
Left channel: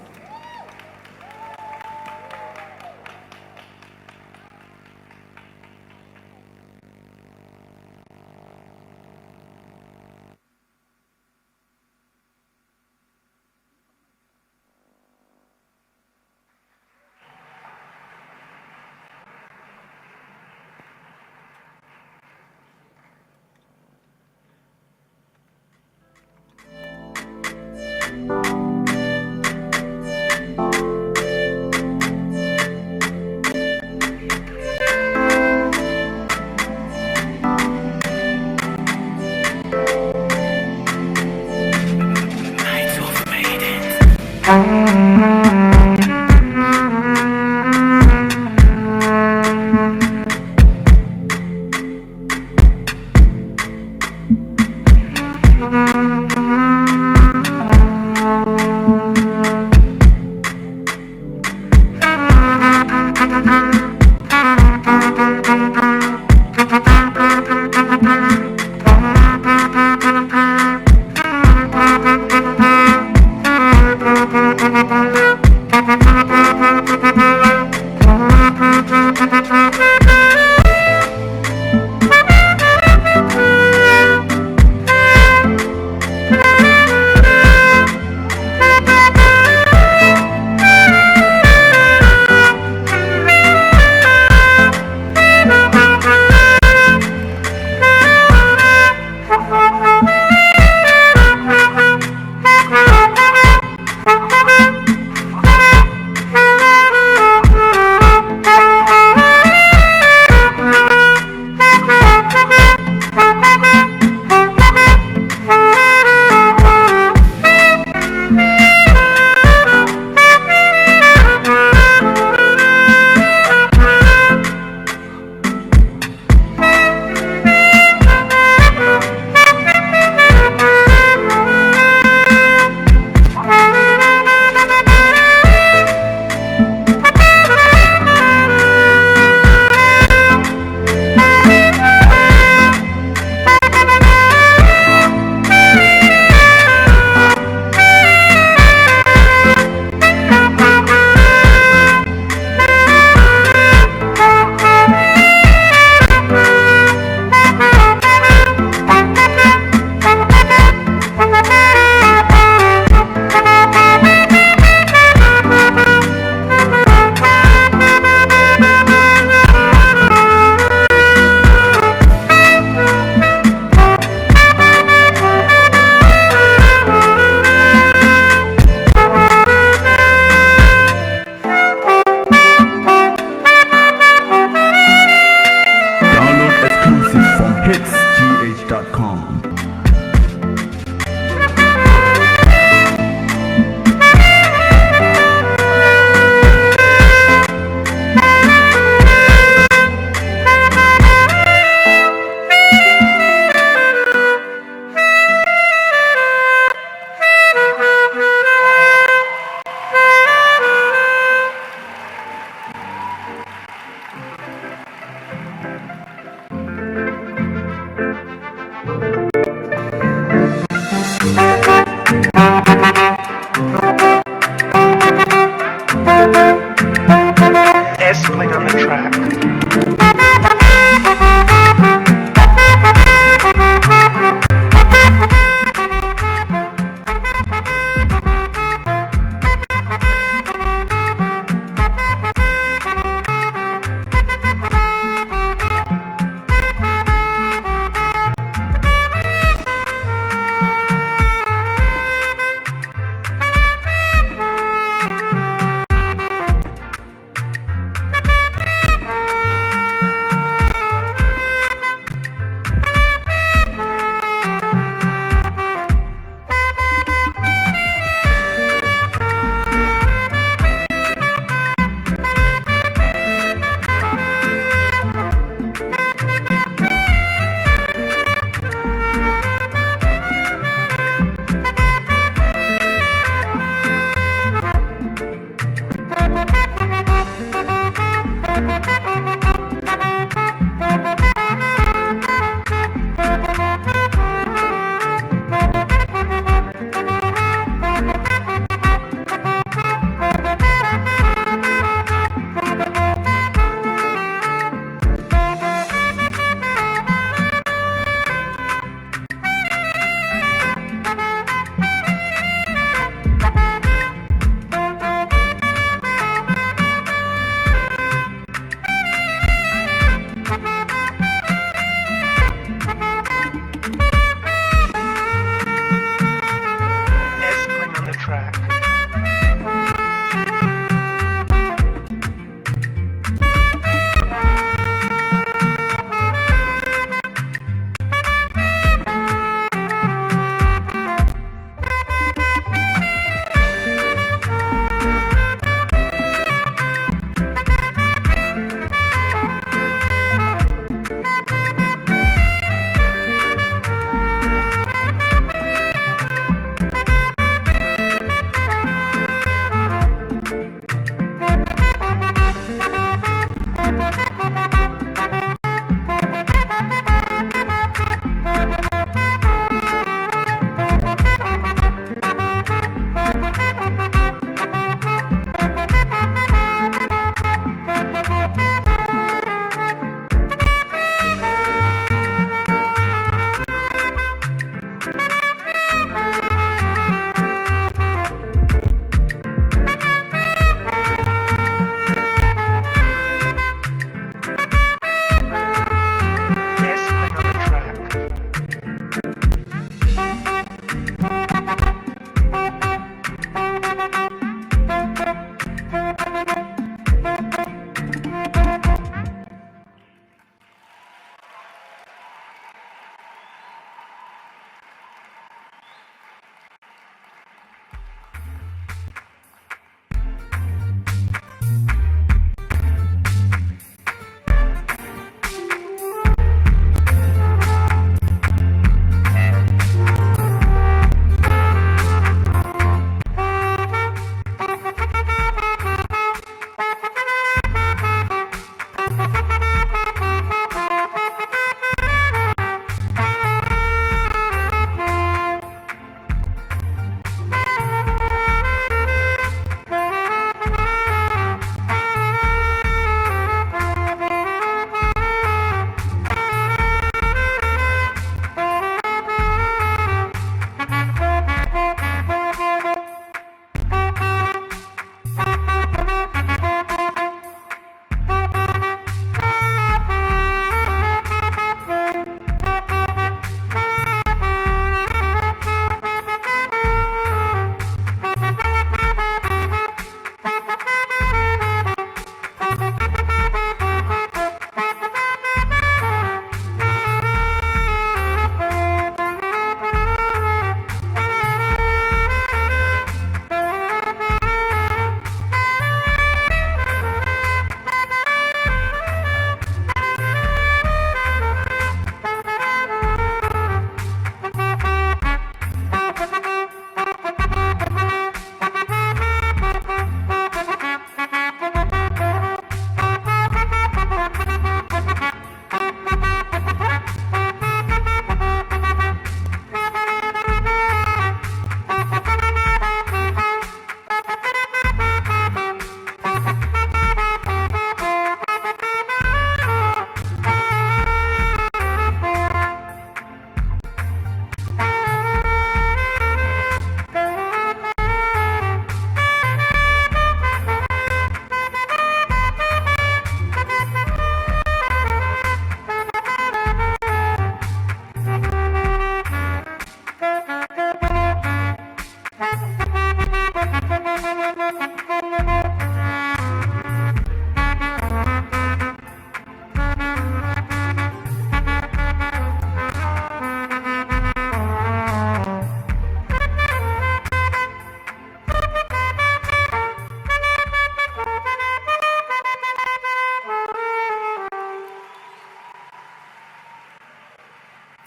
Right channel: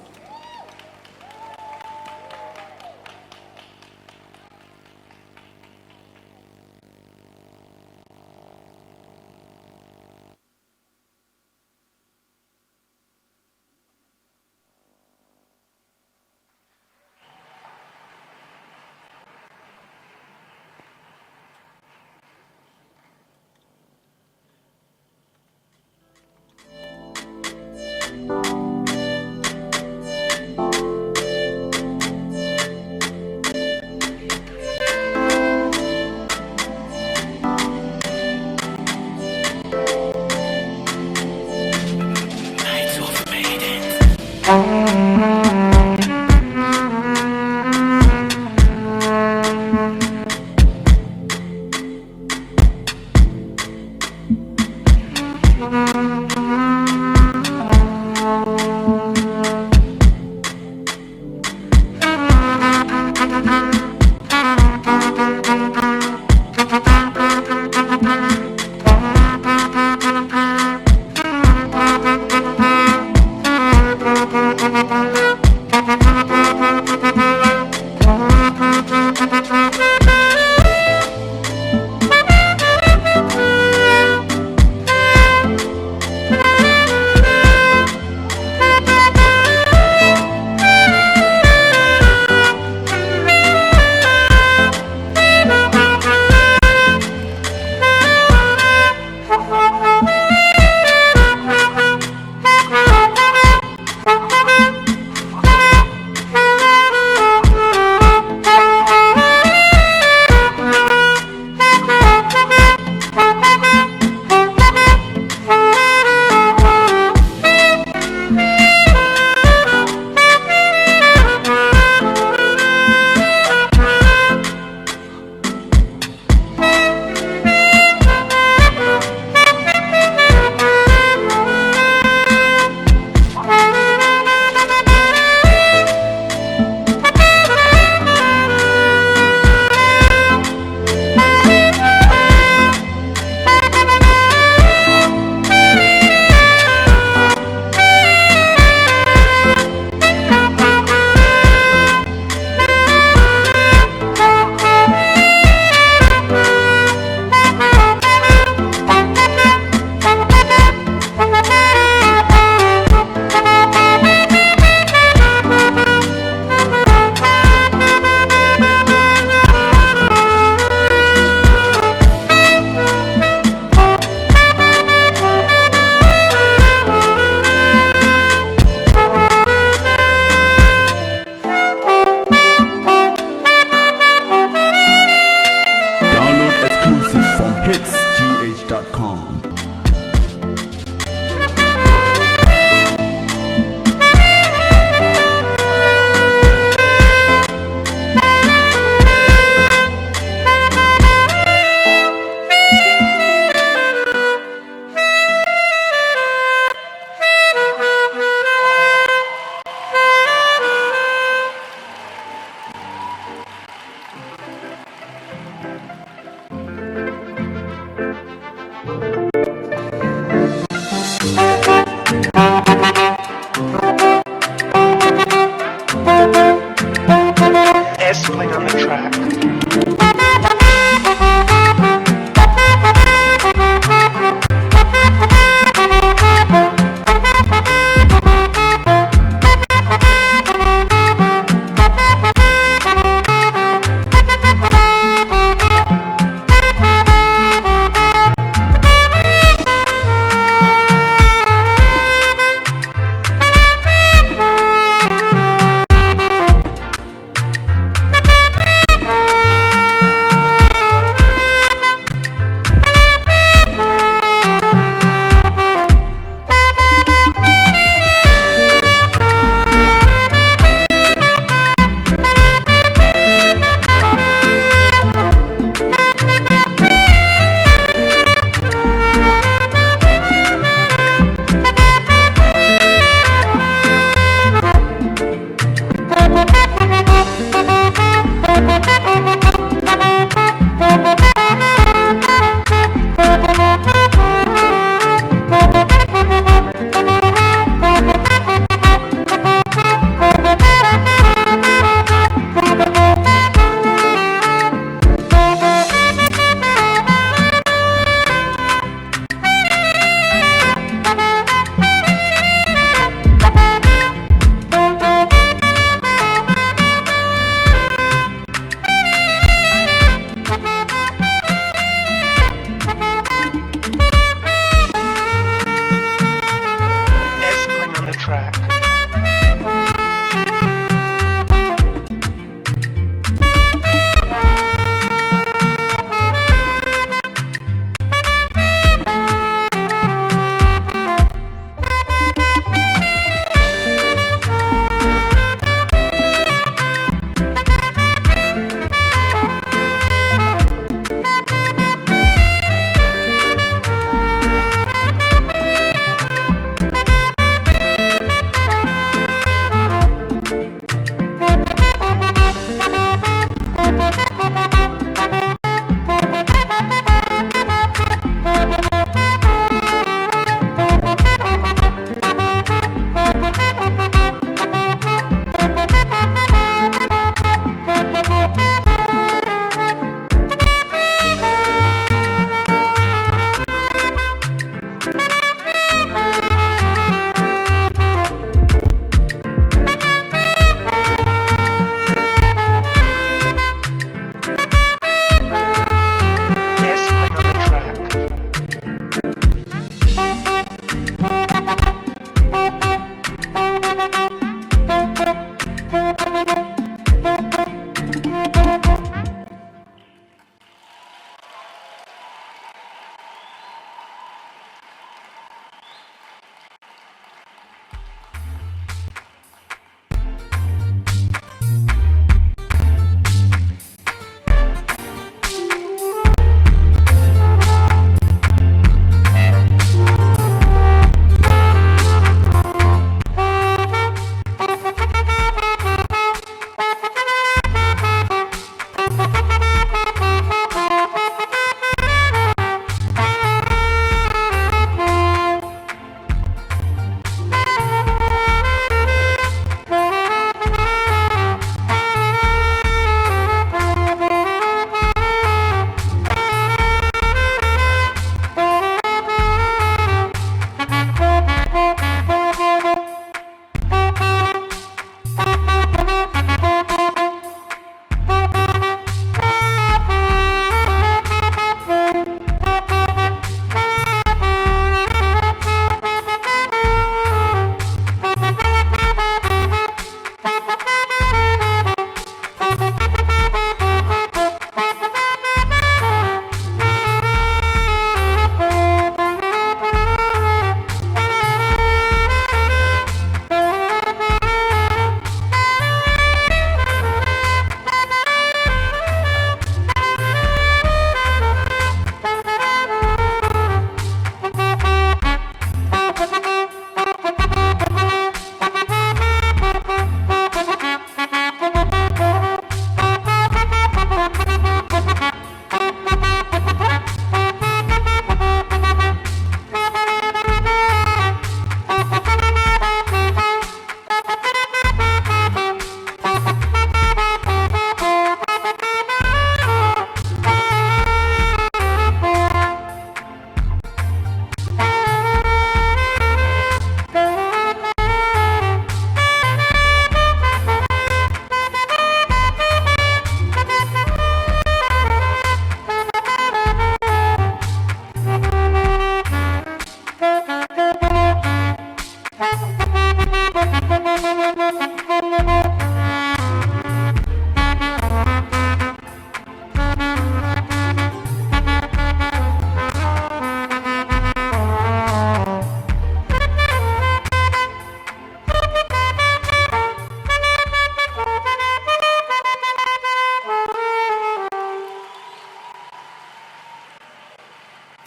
Let's play on the track.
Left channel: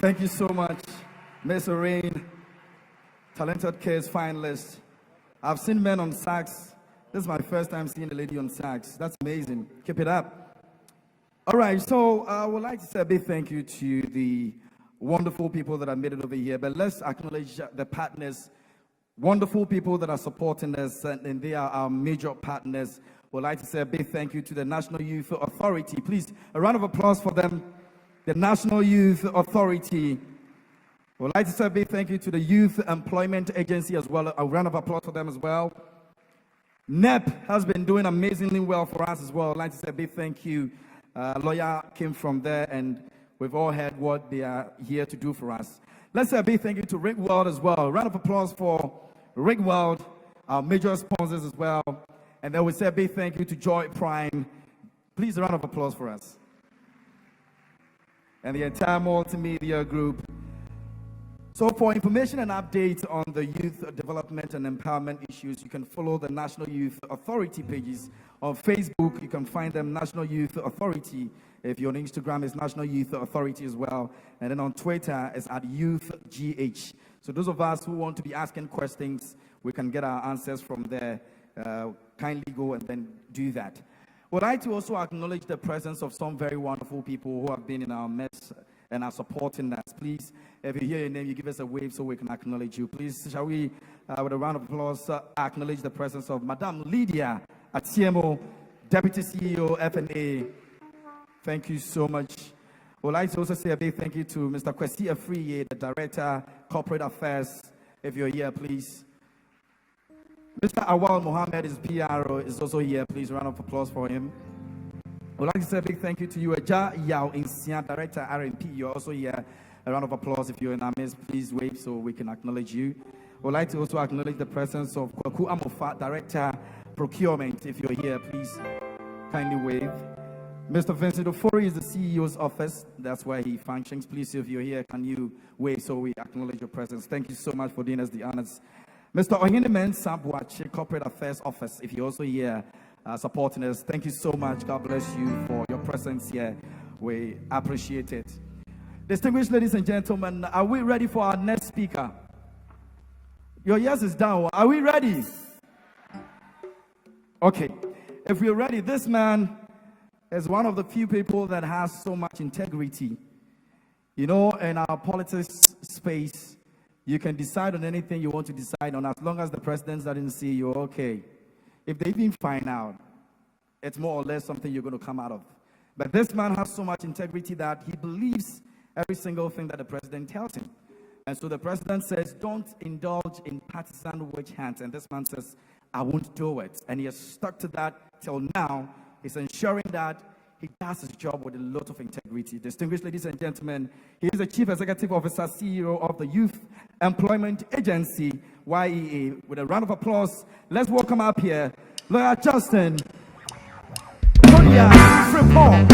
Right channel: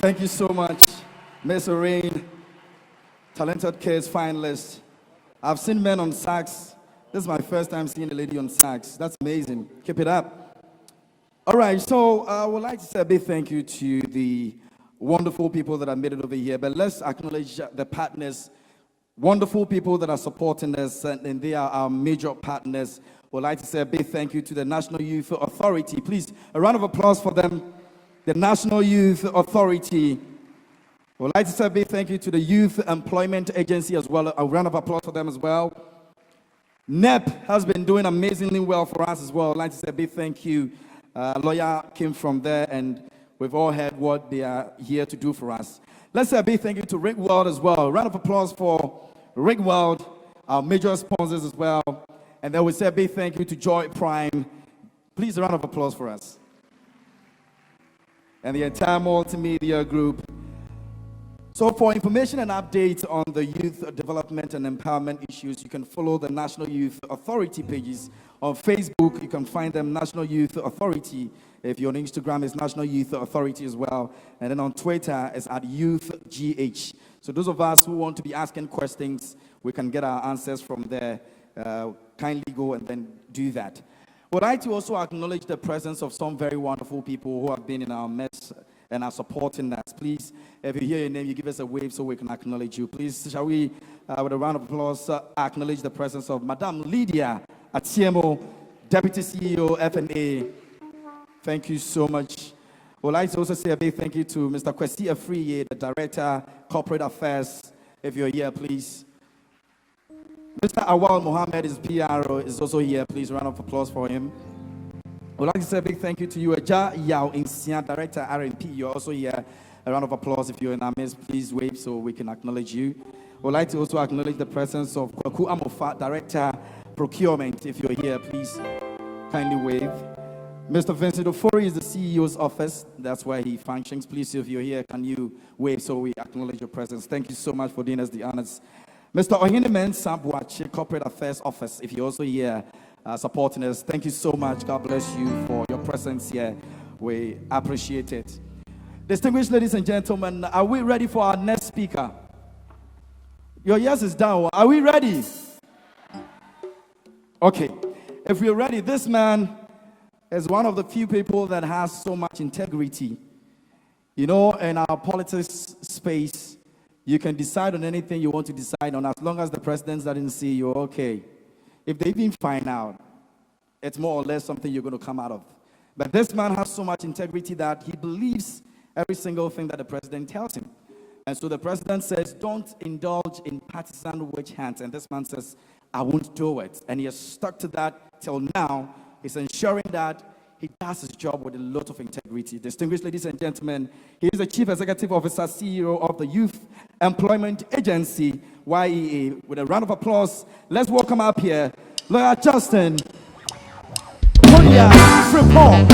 Thank you so much, Miss Rain, talented kids finalist. I've seen men on sax. This is my first time seeing a lady on sax. That's amazing. Keep it up. All right, so I would like to say a big thank you to the wonderful people that have made it over here. But let's acknowledge the partners, wonderful people that are supporting us, and they are our major partners. We'd like to say a big thank you to the National Youth Authority. Please, a round of applause for them. The National Youth Authority. We'd like to say a big thank you to the Youth Employment Agency as well. A round of applause for them as well. NEIP has been doing amazingly well for us as well. I'd like to say a big thank you. Lawyer came from there, and we've all heard what they are here to do for us. Let's say a big thank you to Rick World as well. A round of applause for Rick World, our major sponsors as well. And then we say a big thank you to Joy Prime. Please, a round of applause for us. And the entire multimedia group. So for information and updates on the youth development and empowerment issues, you can follow the National Youth Authority pages. On Facebook, you can find them National Youth Authority. If you're on Instagram, it's National Youth Authority as well. And then on Twitter, it's at YouthGH. So those of us who want to be asking questions, we can get our answers from there. Kindly go and then do that. Would like to also acknowledge the presence of some very wonderful people who have been in our midst and are supporting us. Please, if you hear your name, you give us a wave so we can acknowledge you. Please, shall we, with a round of applause, acknowledge the presence of Madame Lydia Atiemo, Deputy CEO, FNA. Thank you so much. Would like to also say a big thank you to Mr. Kwesi Afriye, the Director, Corporate Affairs. If you're here, please. Mr. Awal Mohammed is PRO, is also here. Please, round of applause for him. I would like to say a big thank you to you, Eja Yao Insian, Director R&P. You're also here. A round of applause if you're in our midst. Please wave so we can acknowledge you. I would like to also acknowledge the presence of Kwaku Amofa, Director Procurement. If you're here, please kindly wave. Mr. Vincent Ofori is the CEO's office. That's where he functions. Please, if you're here, can you wave so we acknowledge your presence? Thank you so much for doing us the honors. Mr. Ohinemen Sambuachi, Corporate Affairs Office, if you're also here supporting us, thank you so much. God bless you for your presence here. We appreciate it. Distinguished ladies and gentlemen, are we ready for our next speaker? Your yes is down. Are we ready? Okay. If we're ready, this man is one of the few people that has so much integrity. You know, in our politics space, you can decide on anything you want to decide on as long as the president doesn't see you, okay. If they even find out, it's more or less something you're going to come out of. But this man has so much integrity that he believes every single thing that the president tells him. And so the president says, don't indulge in partisan witch hunts. And this man says, I won't do it. And he has stuck to that till now. He's ensuring that he does his job with a lot of integrity. Distinguished ladies and gentlemen, he is the Chief Executive Officer, CEO of the Youth Employment Agency, YEA. With a round of applause, let's welcome up here, Lawyer Justin Kodia Frimpong.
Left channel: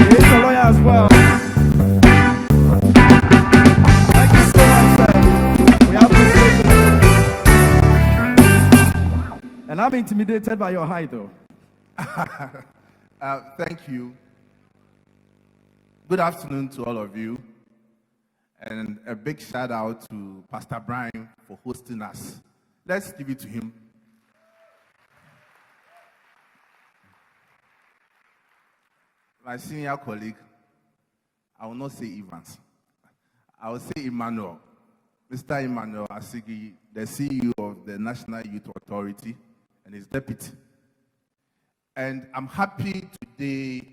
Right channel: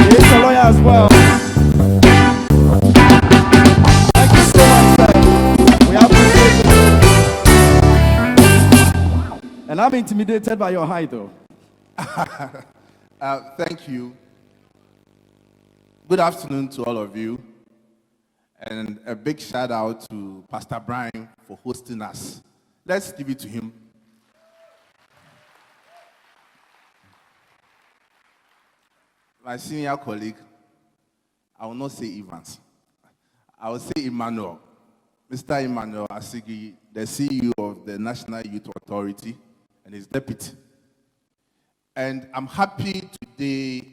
He is a lawyer as well. Thank you so much, sir. We appreciate it. And I'm intimidated by your height, though. Thank you. Good afternoon to all of you. And a big shout out to Pastor Brian for hosting us. Let's give it to him. My senior colleague, I will not say Evans. I will say Emmanuel. Mr. Emmanuel Asigi, the CEO of the National Youth Authority and his deputy. And I'm happy today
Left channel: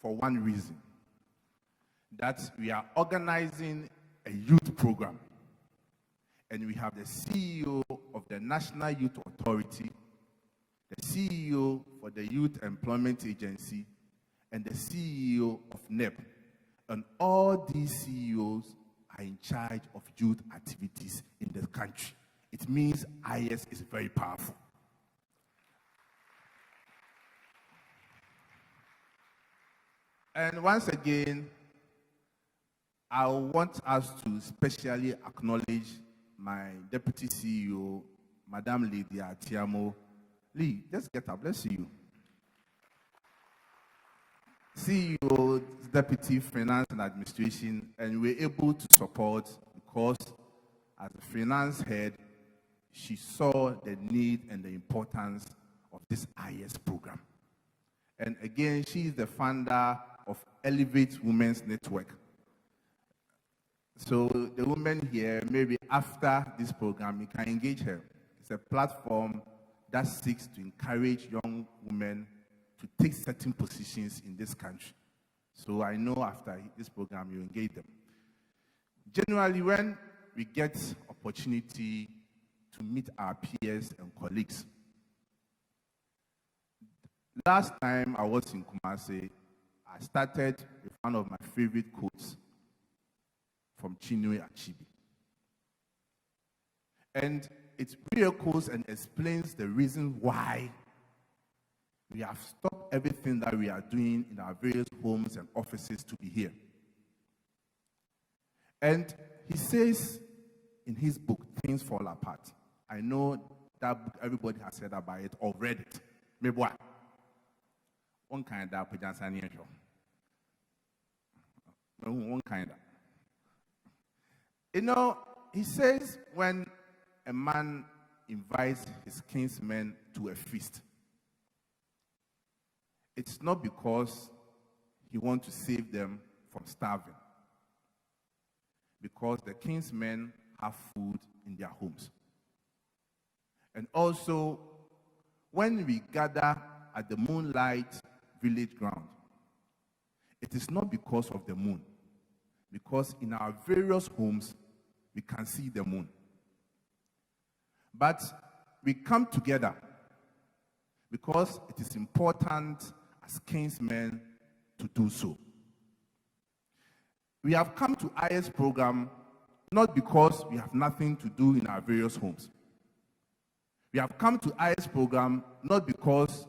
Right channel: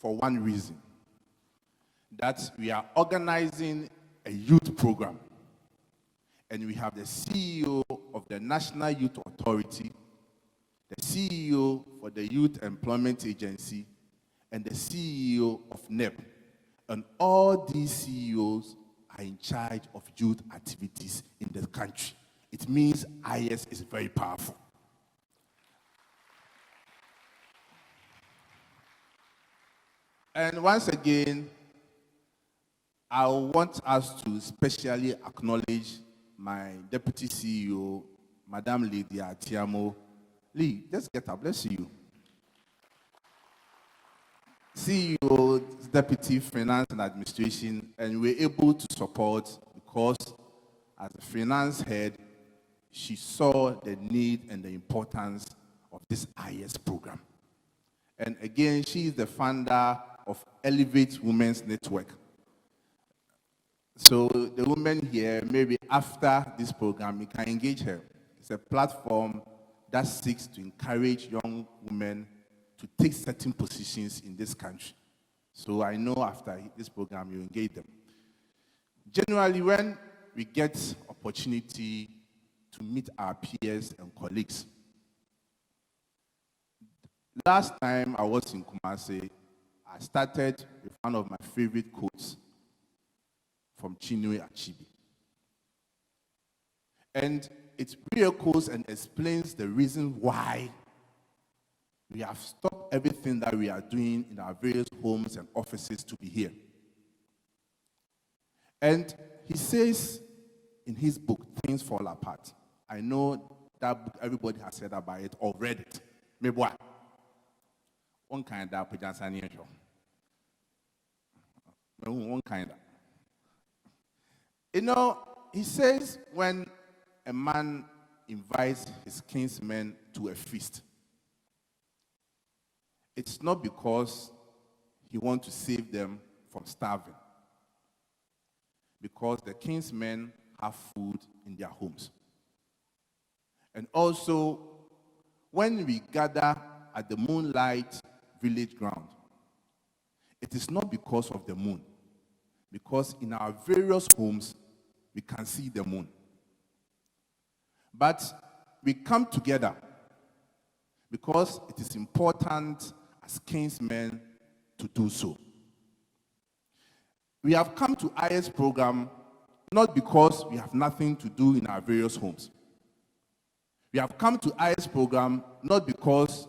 for one reason, that we are organizing a youth program. And we have the CEO of the National Youth Authority, the CEO for the Youth Employment Agency, and the CEO of NEIP. And all these CEOs are in charge of youth activities in the country. It means IYES is very powerful. And once again, I want us to specially acknowledge my Deputy CEO, Madame Lydia Atiamo. Lee, just get up, let's see you. CEO, Deputy Finance and Administration, and we were able to support because as a finance head, she saw the need and the importance of this IYES program. And again, she is the founder of Elevate Women's Network. So the women here, maybe after this program, you can engage her. It's a platform that seeks to encourage young women to take certain positions in this country. So I know after this program, you engage them. Generally, when we get opportunity to meet our peers and colleagues, last time I was in KUMAH, I started with one of my favorite quotes from Chinua Achebe. And it re-echoes and explains the reason why we have stopped everything that we are doing in our various homes and offices to be here. And he says in his book, Things Fall Apart. I know that book, everybody has said about it or read it. Maybe what? One kind of one kind of. You know, he says when a man invites his kinsmen to a feast, it's not because he wants to save them from starving, because the kinsmen have food in their homes. And also, when we gather at the Moonlight Village ground, it is not because of the moon, because in our various homes, we can see the moon. But we come together because it is important as kinsmen to do so. We have come to IYES program not because we have nothing to do in our various homes. We have come to IYES program not because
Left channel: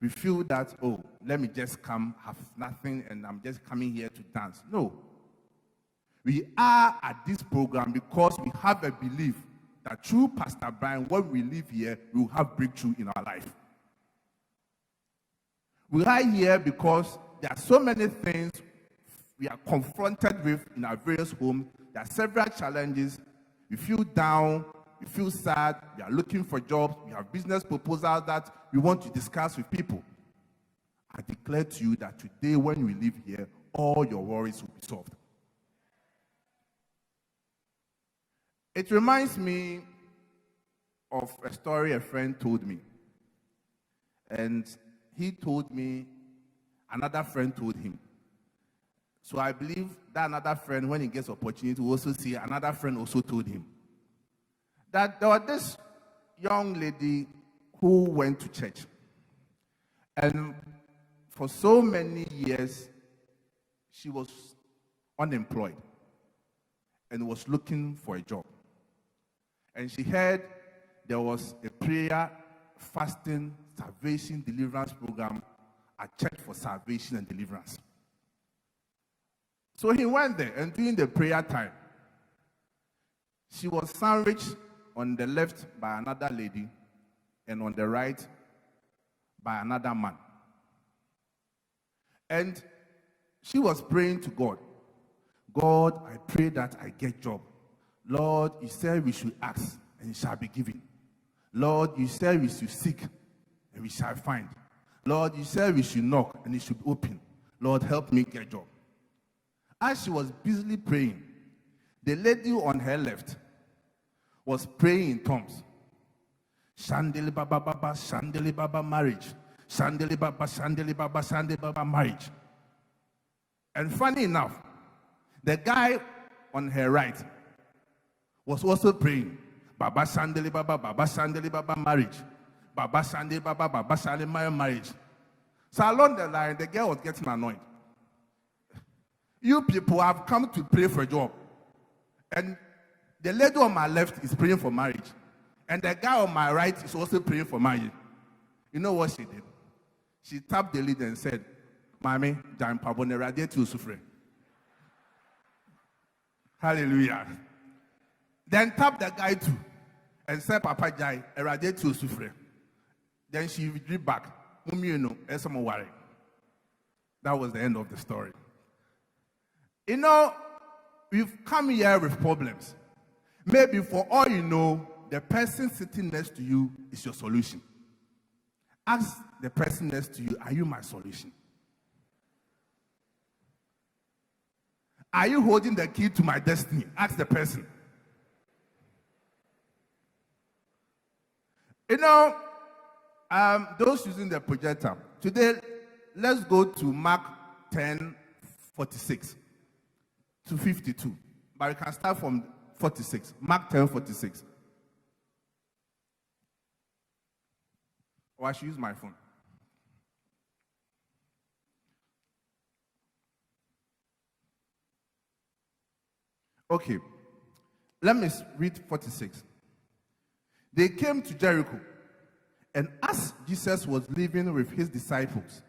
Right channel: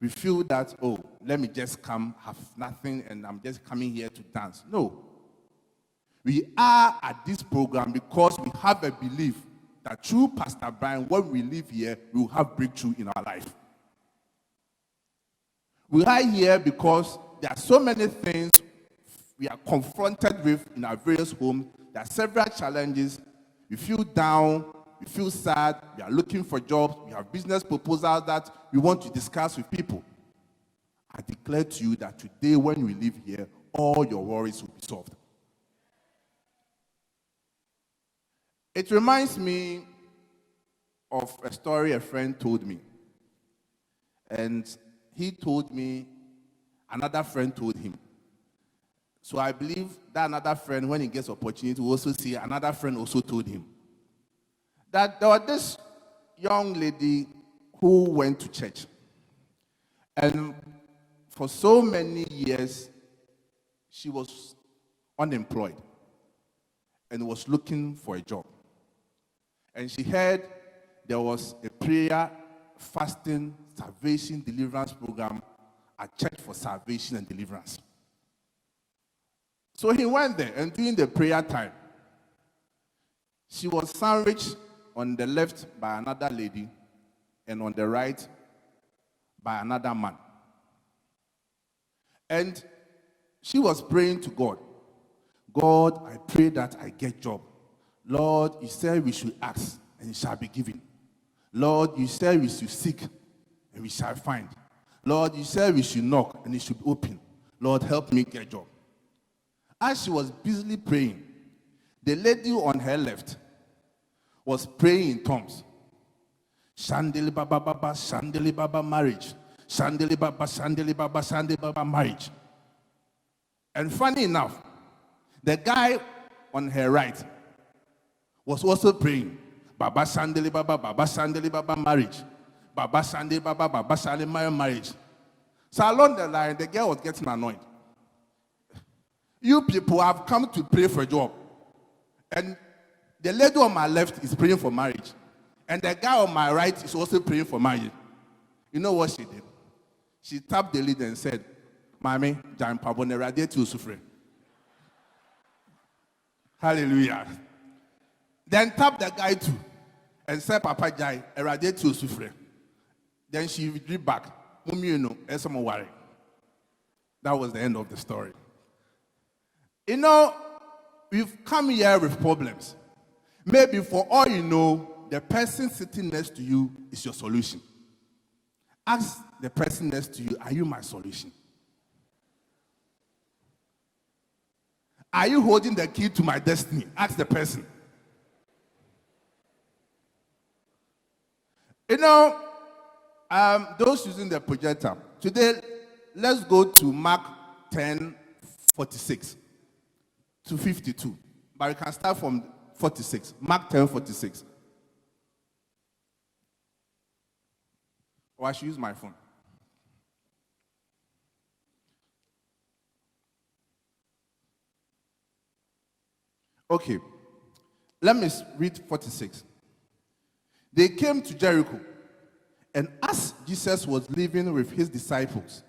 we feel that, oh, let me just come, have nothing, and I'm just coming here to dance. No. We are at this program because we have a belief that through Pastor Brian, when we live here, we will have breakthrough in our life. We are here because there are so many things we are confronted with in our various homes. There are several challenges. We feel down, we feel sad, we are looking for jobs, we have business proposals that we want to discuss with people. I declare to you that today, when we live here, all your worries will be solved. It reminds me of a story a friend told me. And he told me, another friend told him. So I believe that another friend, when he gets opportunity, will also see another friend also told him that there was this young lady who went to church. And for so many years, she was unemployed and was looking for a job. And she heard there was a prayer, fasting, salvation, deliverance program at Church for Salvation and Deliverance. So he went there, and during the prayer time, she was sandwiched on the left by another lady and on the right by another man. And she was praying to God. God, I pray that I get job. Lord, you said we should ask, and it shall be given. Lord, you said we should seek, and we shall find. Lord, you said we should knock, and it should be open. Lord, help me get job. As she was busily praying, the lady on her left was praying in tongues. Shandeli Baba Baba, Shandeli Baba marriage. Shandeli Baba, Shandeli Baba, Shandeli Baba marriage. And funny enough, the guy on her right was also praying, Baba Shandeli Baba, Baba Shandeli Baba marriage. Baba Shandeli Baba, Baba Shandeli marriage. So along the line, the girl was getting annoyed. You people have come to pray for a job. And the lady on my left is praying for marriage. And the guy on my right is also praying for marriage. You know what she did? She tapped the lid and said, Mami, Jan Pabone radiate suffer. Hallelujah. Then tap the guy too and said, Papa Jai, eradicate to suffer. Then she withdrew back. Mummy, you know, some worry. That was the end of the story. You know, we've come here with problems. Maybe for all you know, the person sitting next to you is your solution. Ask the person next to you, are you my solution? Are you holding the key to my destiny? Ask the person. You know, those using the projector, today, let's go to Mark 10:46 to 52. But we can start from 46. Mark 10:46. Or I should use my phone. Okay, let me read 46. They came to Jericho, and as Jesus was living with his disciples,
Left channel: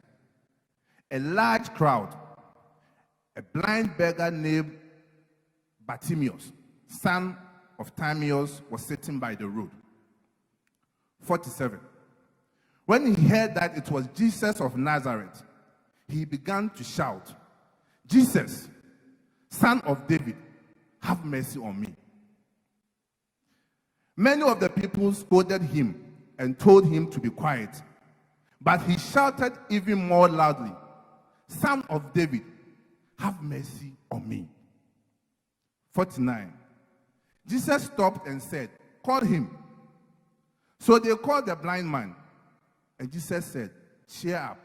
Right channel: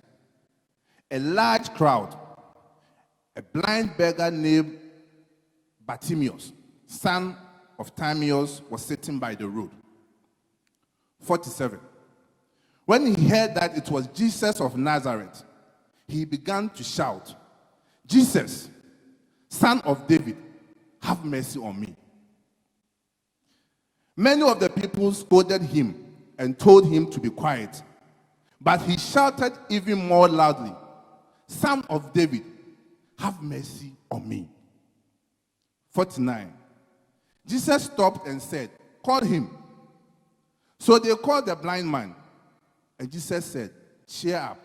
a large crowd, a blind beggar named Bartimaeus, son of Timaeus, was sitting by the road. 47. When he heard that it was Jesus of Nazareth, he began to shout, Jesus, Son of David, have mercy on me. Many of the people scolded him and told him to be quiet, but he shouted even more loudly, Son of David, have mercy on me. 49. Jesus stopped and said, call him. So they called the blind man, and Jesus said, cheer up.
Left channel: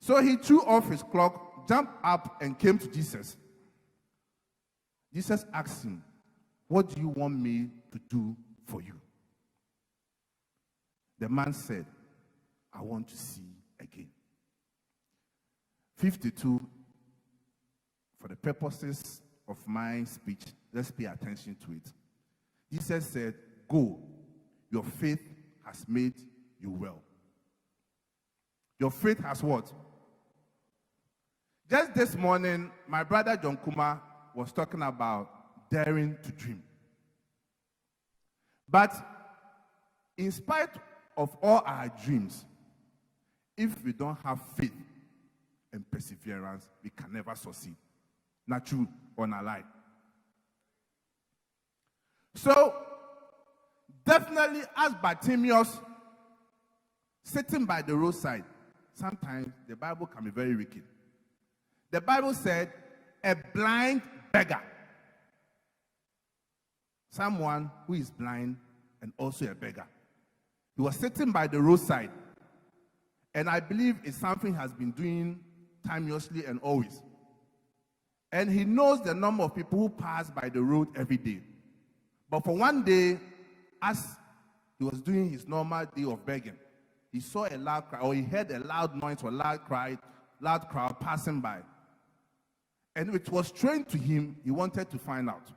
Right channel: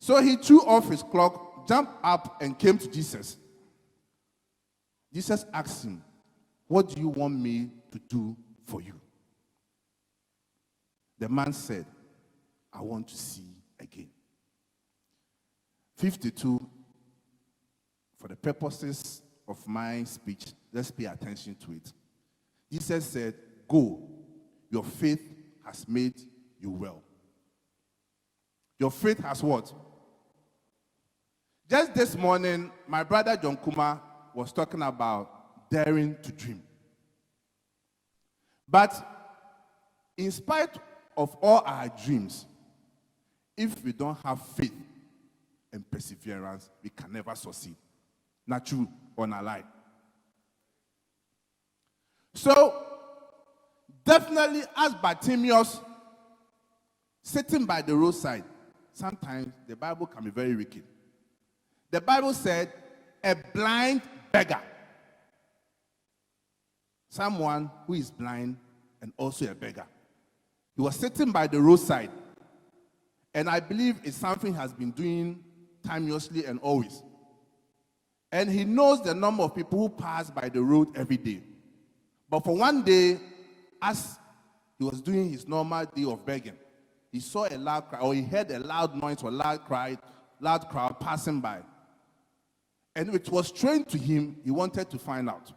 So he threw off his cloak, jumped up, and came to Jesus. Jesus asked him, what do you want me to do for you? The man said, I want to see again. 52, for the purposes of my speech, let's pay attention to it. Jesus said, go, your faith has made you well. Your faith has what? Just this morning, my brother John KUMAH was talking about daring to dream. But in spite of all our dreams, if we don't have faith and perseverance, we can never succeed. Not true or not lie. So, definitely as Bartimaeus sitting by the roadside, sometimes the Bible can be very wicked. The Bible said, a blind beggar. Someone who is blind and also a beggar. He was sitting by the roadside, and I believe it's something he has been doing timelessly and always. And he knows the number of people who pass by the road every day. But for one day, as he was doing his normal day of begging, he saw a loud cry, or he heard a loud noise or loud crowd passing by. And it was strange to him. He wanted to find out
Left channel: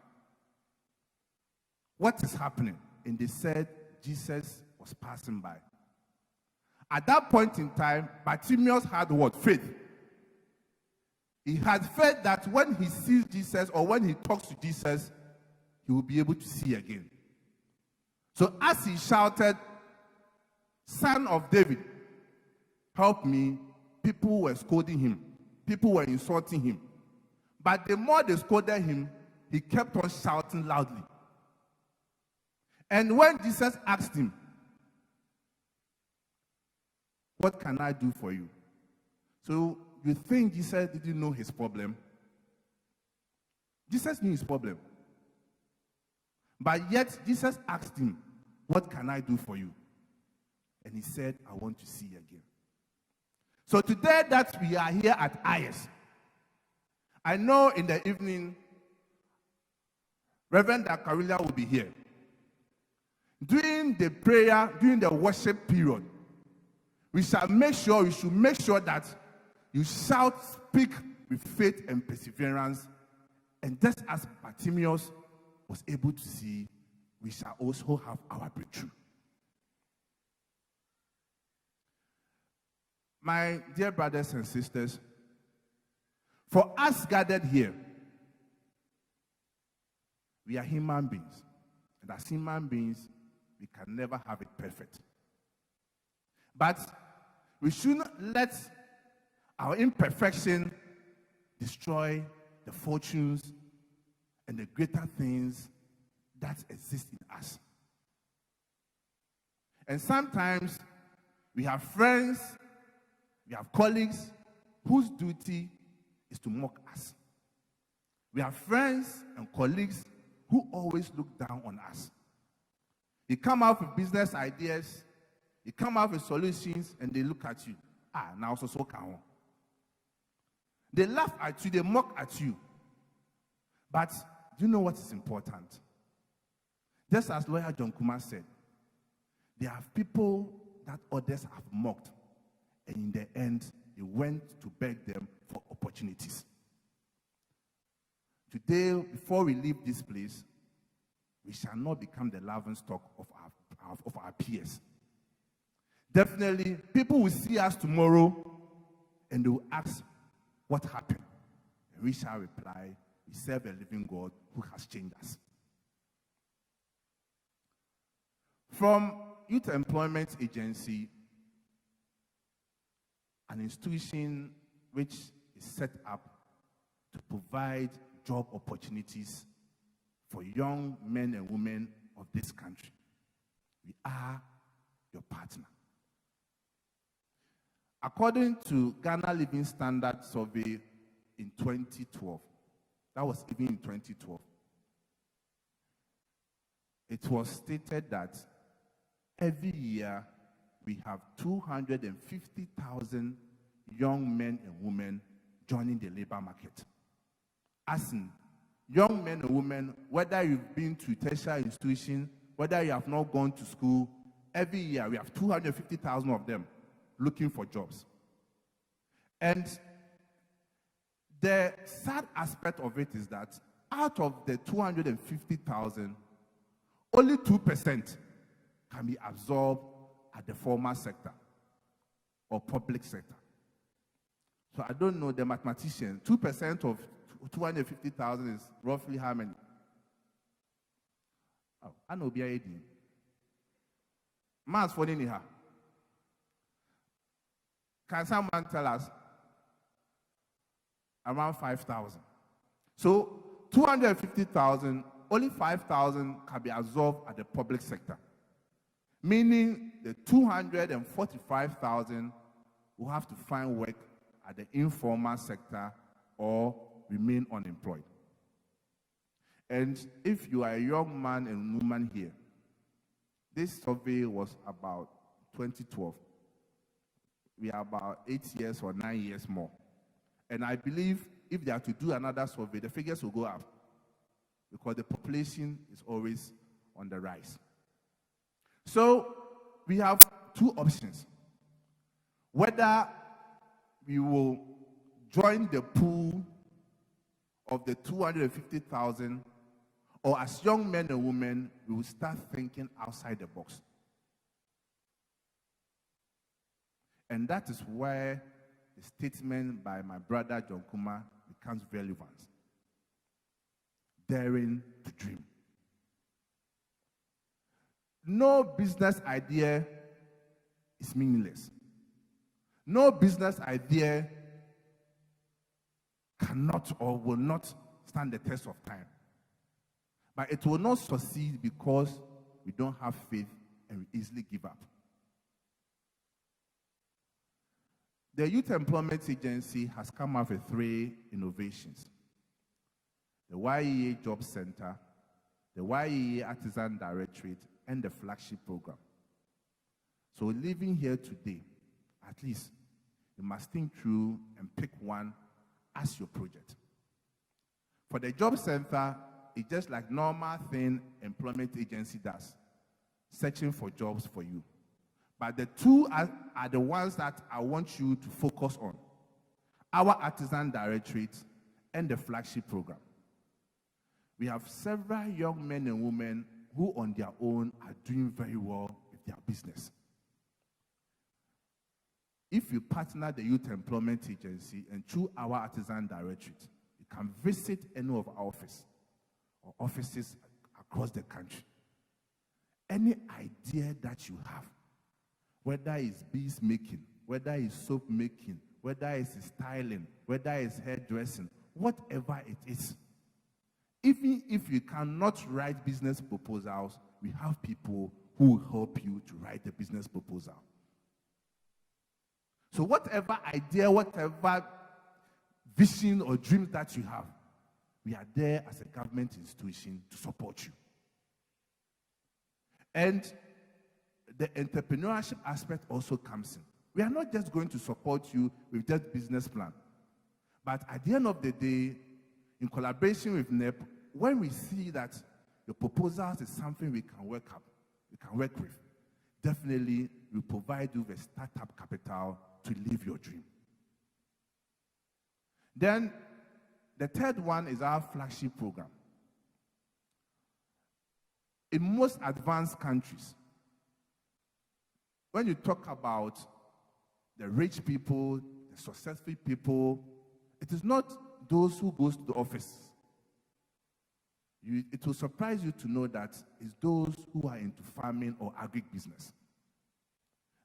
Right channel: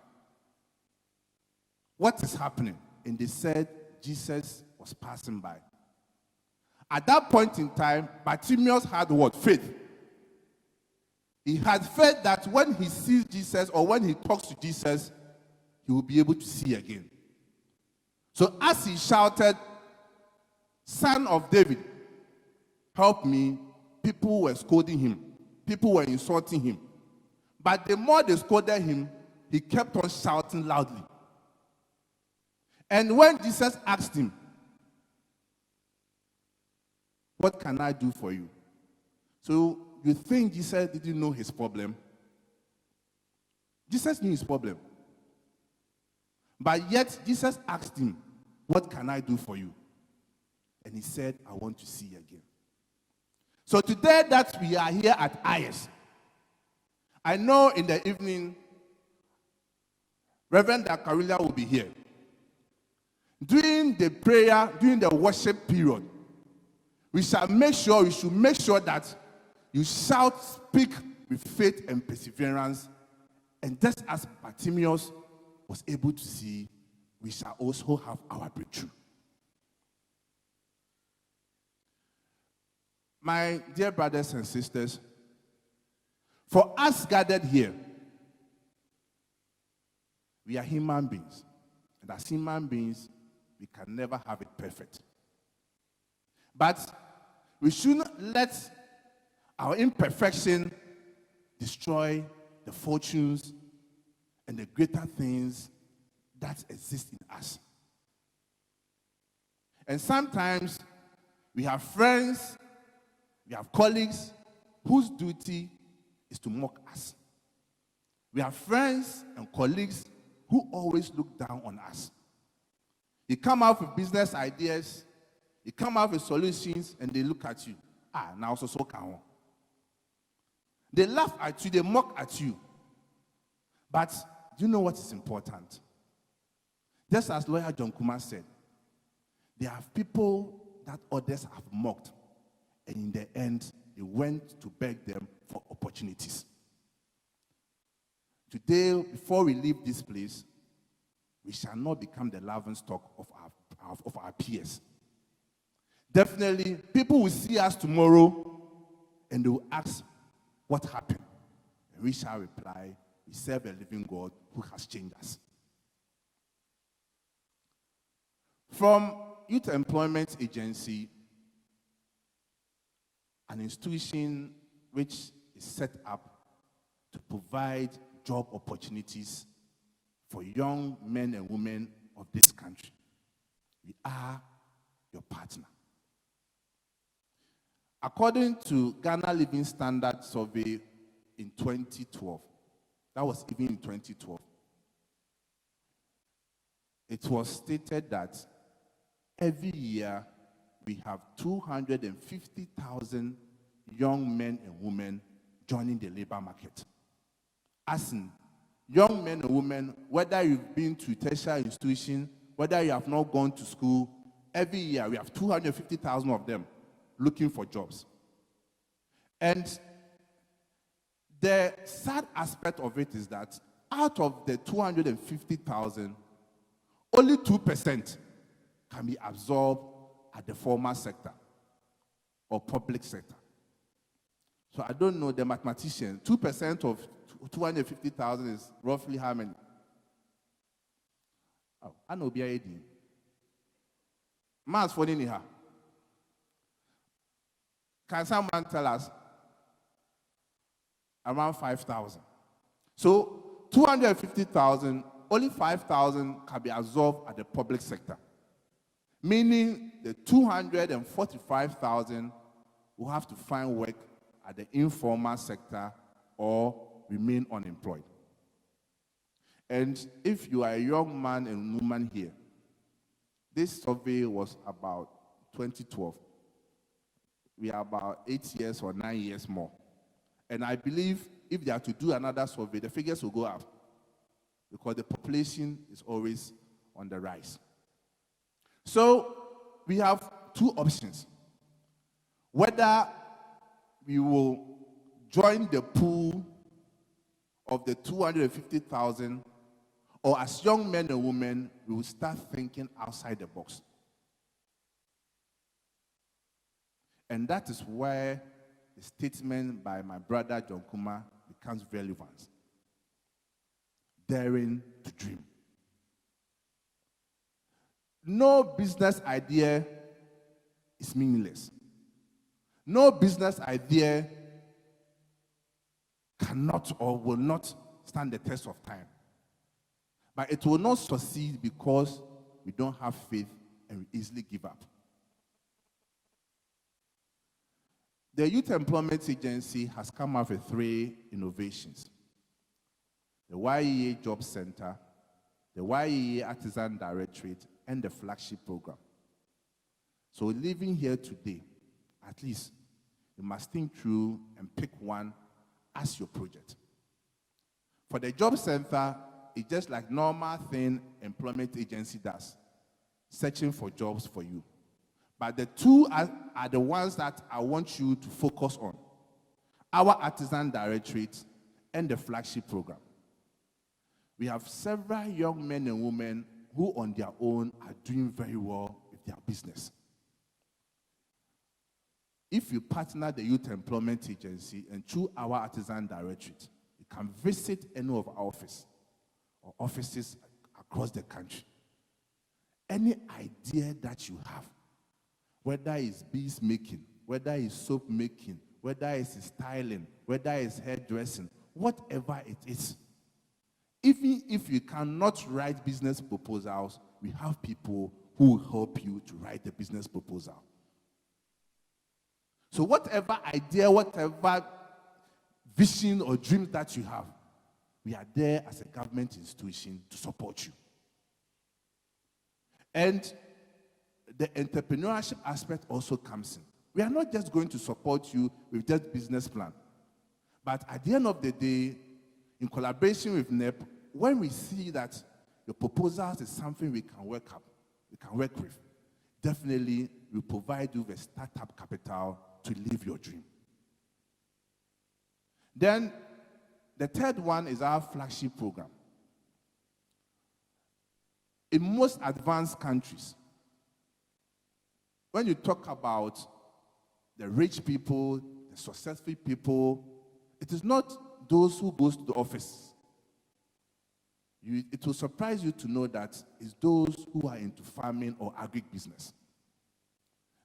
what is happening. And they said Jesus was passing by. At that point in time, Bartimaeus had what? Faith. He had faith that when he sees Jesus or when he talks to Jesus, he will be able to see again. So as he shouted, Son of David, help me, people were scolding him. People were insulting him. But the more they scolded him, he kept on shouting loudly. And when Jesus asked him, what can I do for you? So you think Jesus didn't know his problem? Jesus knew his problem. But yet Jesus asked him, what can I do for you? And he said, I want to see again. So today that we are here at IYES, I know in the evening, Reverend Dakarulia will be here. During the prayer, during the worship period, we should make sure that you shout, speak with faith and perseverance. And just as Bartimaeus was able to see, we shall also have our breakthrough. My dear brothers and sisters, for us gathered here, we are human beings. And as human beings, we can never have it perfect. But we shouldn't let Our imperfection destroy the fortunes and the greater things that exist in us. And sometimes we have friends, we have colleagues whose duty is to mock us. We have friends and colleagues who always look down on us. You come out with business ideas, you come out with solutions, and they look at you. Now so can. They laugh at you, they mock at you. But do you know what is important? Just as lawyer John KUMAH said, there are people that others have mocked, and in the end, they went to beg them for opportunities. Today, before we leave this place, we shall not become the laughingstock of our peers. Definitely, people will see us tomorrow, and they will ask, what happened? And we shall reply, we serve a living God who has changed us. From Youth Employment Agency, an institution which is set up to provide job opportunities for young men and women of this country. We are your partner. According to Ghana Living Standard Survey in 2012, that was even in 2012, it was stated that every year we have 250,000 young men and women joining the labor market. As in, young men and women, whether you've been to tertiary institution, whether you have not gone to school, every year we have 250,000 of them looking for jobs. And the sad aspect of it is that out of the 250,000, only 2% can be absorbed at the formal sector or public sector. So I don't know the mathematician. 2% of 250,000 is roughly how many? I know BIAD. Mass for here. Can someone tell us? Around 5,000. So 250,000, only 5,000 can be absorbed at the public sector. Meaning the 245,000 will have to find work at the informal sector or remain unemployed. And if you are a young man and woman here, this survey was about 2012. We are about 8 years or 9 years more. And I believe if they are to do another survey, the figures will go up because the population is always on the rise. So we have two options. Whether we will join the pool of the 250,000, or as young men and women, we will start thinking outside the box. And that is where the statement by my brother John KUMAH becomes relevant. Daring to dream. No business idea is meaningless. No business idea cannot or will not stand the test of time. But it will not succeed because we don't have faith and we easily give up. The Youth Employment Agency has come up with 3 innovations. The YEA Job Center, the YEA Artisan Directorate, and the flagship program. So living here today, at least, you must think through and pick one as your project. For the Job Center, it's just like normal thing employment agency does, searching for jobs for you. But the two are the ones that I want you to focus on. Our Artisan Directorate and the flagship program. We have several young men and women who on their own are doing very well with their business. If you partner the Youth Employment Agency and through our Artisan Directorate, you can visit any of our offices or offices across the country. Any idea that you have, whether it's bees making, whether it's soap making, whether it's styling, whether it's hairdressing, whatever it is. Even if you cannot write business proposals, we have people who will help you to write the business proposal. So whatever idea, whatever vision or dream that you have, we are there as a government institution to support you. And the entrepreneurship aspect also comes in. We are not just going to support you with that business plan. But at the end of the day, in collaboration with NEIP, when we see that your proposals is something we can work with, definitely we provide you with startup capital to live your dream. Then the third one is our flagship program. In most advanced countries, when you talk about the rich people, the successful people, it is not those who go to the office. It will surprise you to know that it's those who are into farming or agribusiness.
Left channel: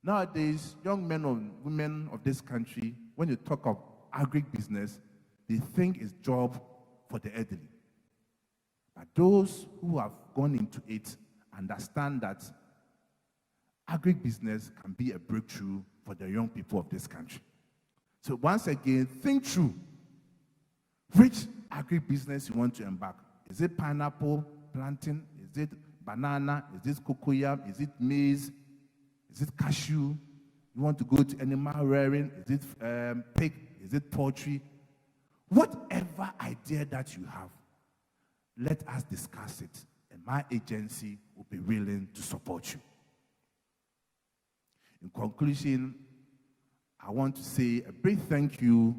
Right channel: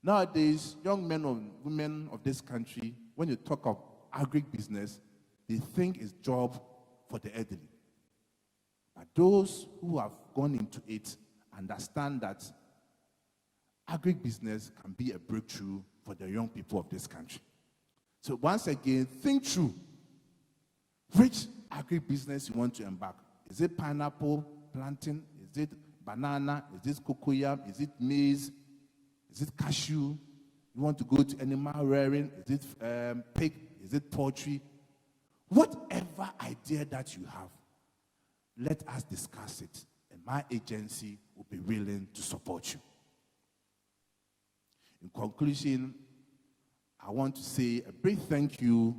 Nowadays, young men and women of this country, when you talk of agribusiness, they think it's job for the elderly. But those who have gone into it understand that agribusiness can be a breakthrough for the young people of this country. So once again, think through which agribusiness you want to embark. Is it pineapple planting? Is it banana? Is it cocoyam? Is it maize? Is it cashew? You want to go to animal rearing? Is it pig? Is it poultry? Whatever idea that you have, let us discuss it, and my agency will be willing to support you. In conclusion, I want to say a big thank you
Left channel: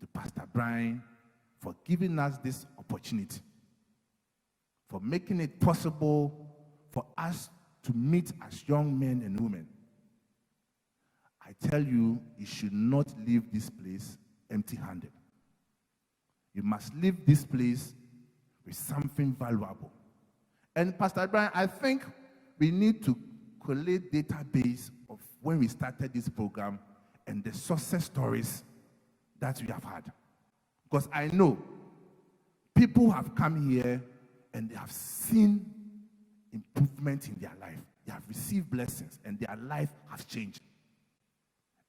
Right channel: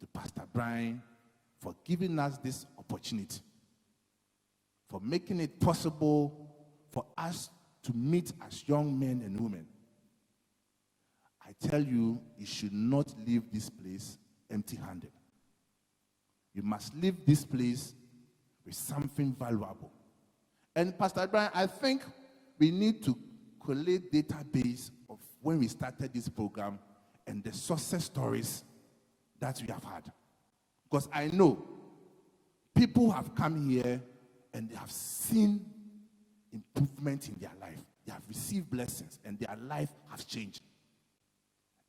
to Pastor Brian for giving us this opportunity, for making it possible for us to meet as young men and women. I tell you, you should not leave this place empty-handed. You must leave this place with something valuable. And Pastor Brian, I think we need to collate database of when we started this program and the success stories that we have had. Because I know people have come here and they have seen improvement in their life. They have received blessings and their life has changed.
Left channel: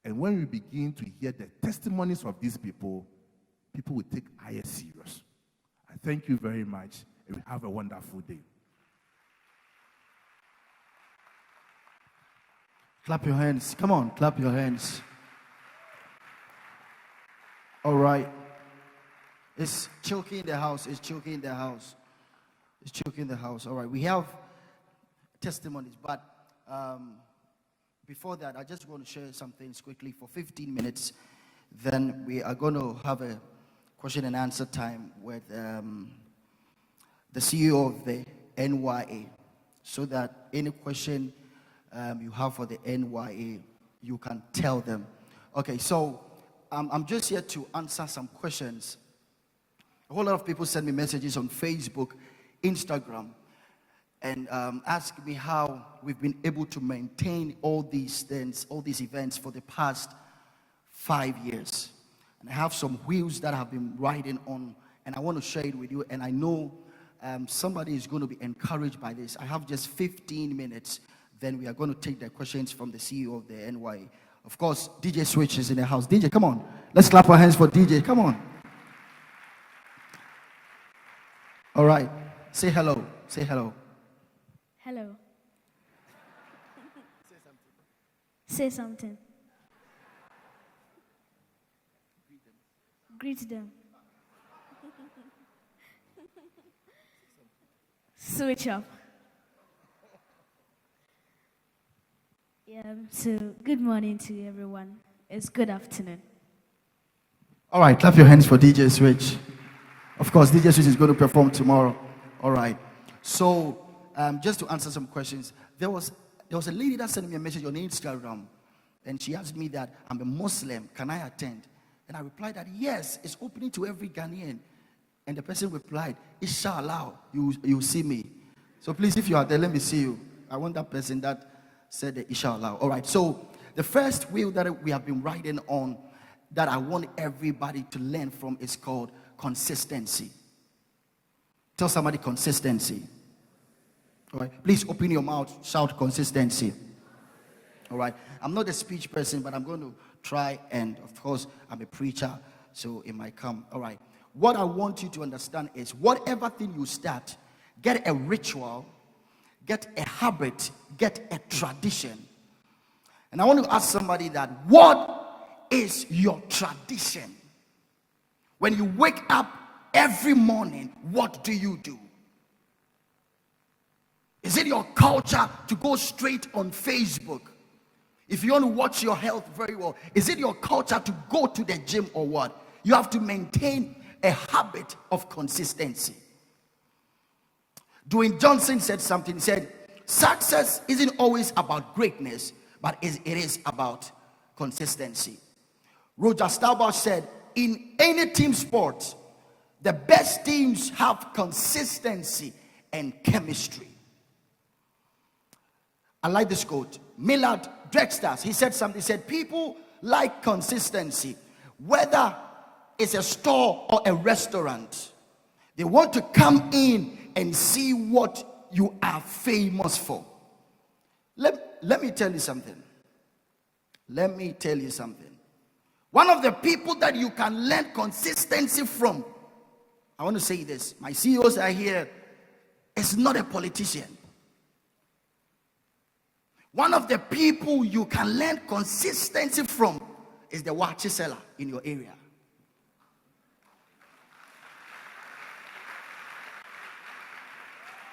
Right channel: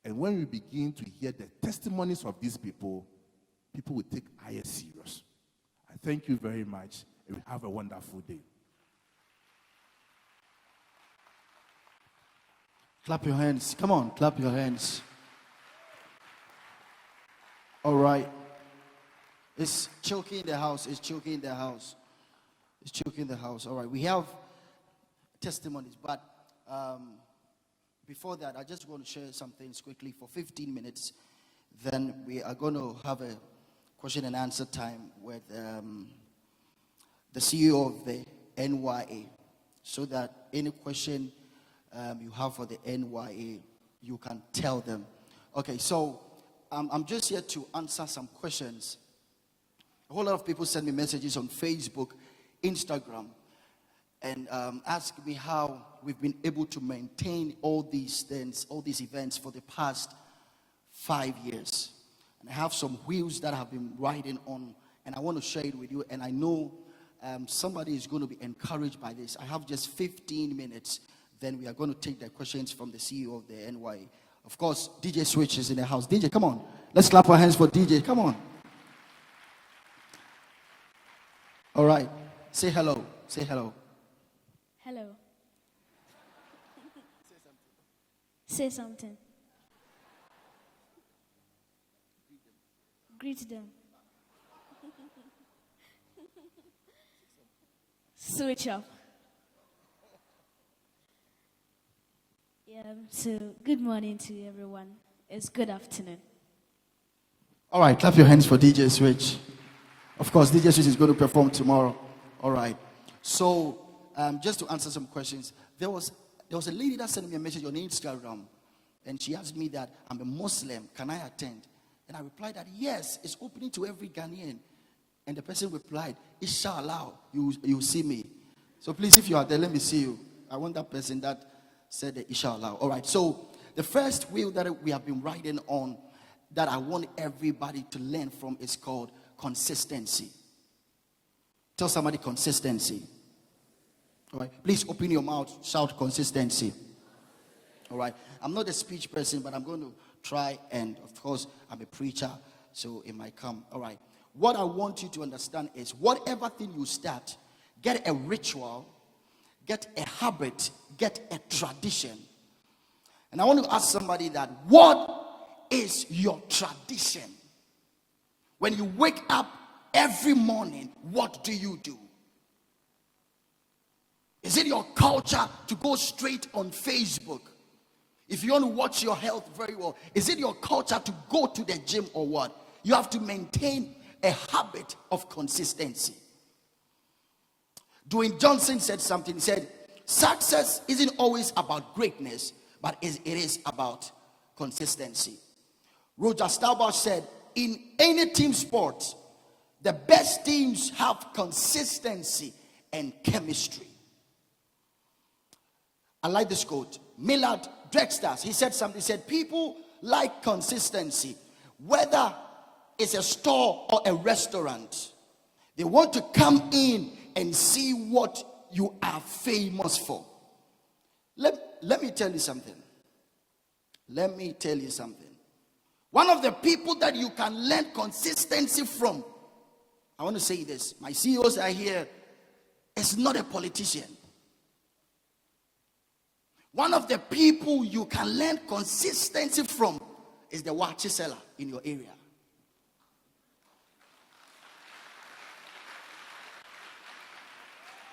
And when we begin to hear the testimonies of these people, people will take IYES serious. I thank you very much, and we have a wonderful day. Clap your hands. Come on, clap your hands. All right. It's choking in the house. It's choking in the house. It's choking in the house. All right. We have testimonies, but before that, I just want to share some things quickly for 15 minutes. Then we are going to have a question and answer time with the CEO of the NYA, so that any question you have for the NYA, you can tell them. Okay, so I'm just here to answer some questions. A whole lot of people send me messages on Facebook, Instagram, and ask me how we've been able to maintain all these things, all these events for the past 5 years. And I have some wheels that I've been riding on, and I want to share it with you. And I know somebody is going to be encouraged by this. I have just 15 minutes. Then we are going to take the questions from the CEO of the NYA. Of course, DJ Switch is in the house. DJ, come on. Let's clap our hands for DJ. Come on. All right. Say hello. Say hello. Hello. Say something. Greet them. Switch up. Yeah, so good morning to everyone. It's good afternoon. All right, clap your hands for DJ Switch. Of course, DJ Switch is going to perform tomorrow. All right. So, just to answer some questions, there was a lady that sent me a message on Instagram, and she asked me that I'm a Muslim. Can I attend? And I replied that yes, it's opening to every Ghanaian. And the person replied, Inshallah, you see me. So please, if you are there, let me see you. I want that person that said Inshallah. All right. So the first wheel that we have been riding on, that I want everybody to learn from is called consistency. Tell somebody consistency. All right. Please open your mouth, shout consistency. All right. I'm not a speech person, but I'm going to try, and of course, I'm a preacher, so it might come. All right. What I want you to understand is whatever thing you start, get a ritual, get a habit, get a tradition. And I want to ask somebody that, what is your tradition? When you wake up every morning, what do you do? Is it your culture to go straight on Facebook? If you want to watch your health very well, is it your culture to go to the gym or what? You have to maintain a habit of consistency. Dwayne Johnson said something. He said, success isn't always about greatness, but it is about consistency. Roger Staubach said, in any team sport, the best teams have consistency and chemistry. I like this quote. Millard Drexler, he said something. He said, people like consistency, whether it's a store or a restaurant. They want to come in and see what you are famous for. Let me tell you something. Let me tell you something. One of the people that you can learn consistency from, I want to say this. My CEOs are here. Is not a politician. One of the people you can learn consistency from is the watch seller in your area.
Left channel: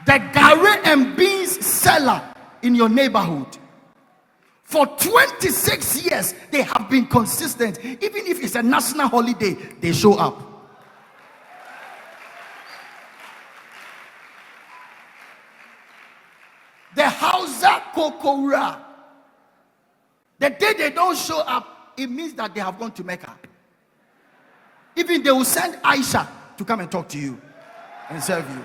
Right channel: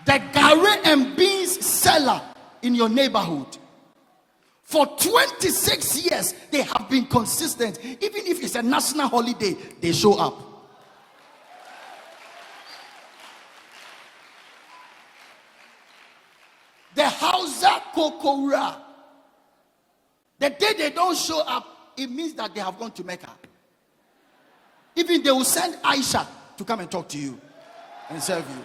The Gary and beans seller in your neighborhood. For 26 years, they have been consistent. Even if it's a national holiday, they show up. The Hausa Kokora. The day they don't show up, it means that they have gone to Mecca. Even they will send Aisha to come and talk to you and serve you.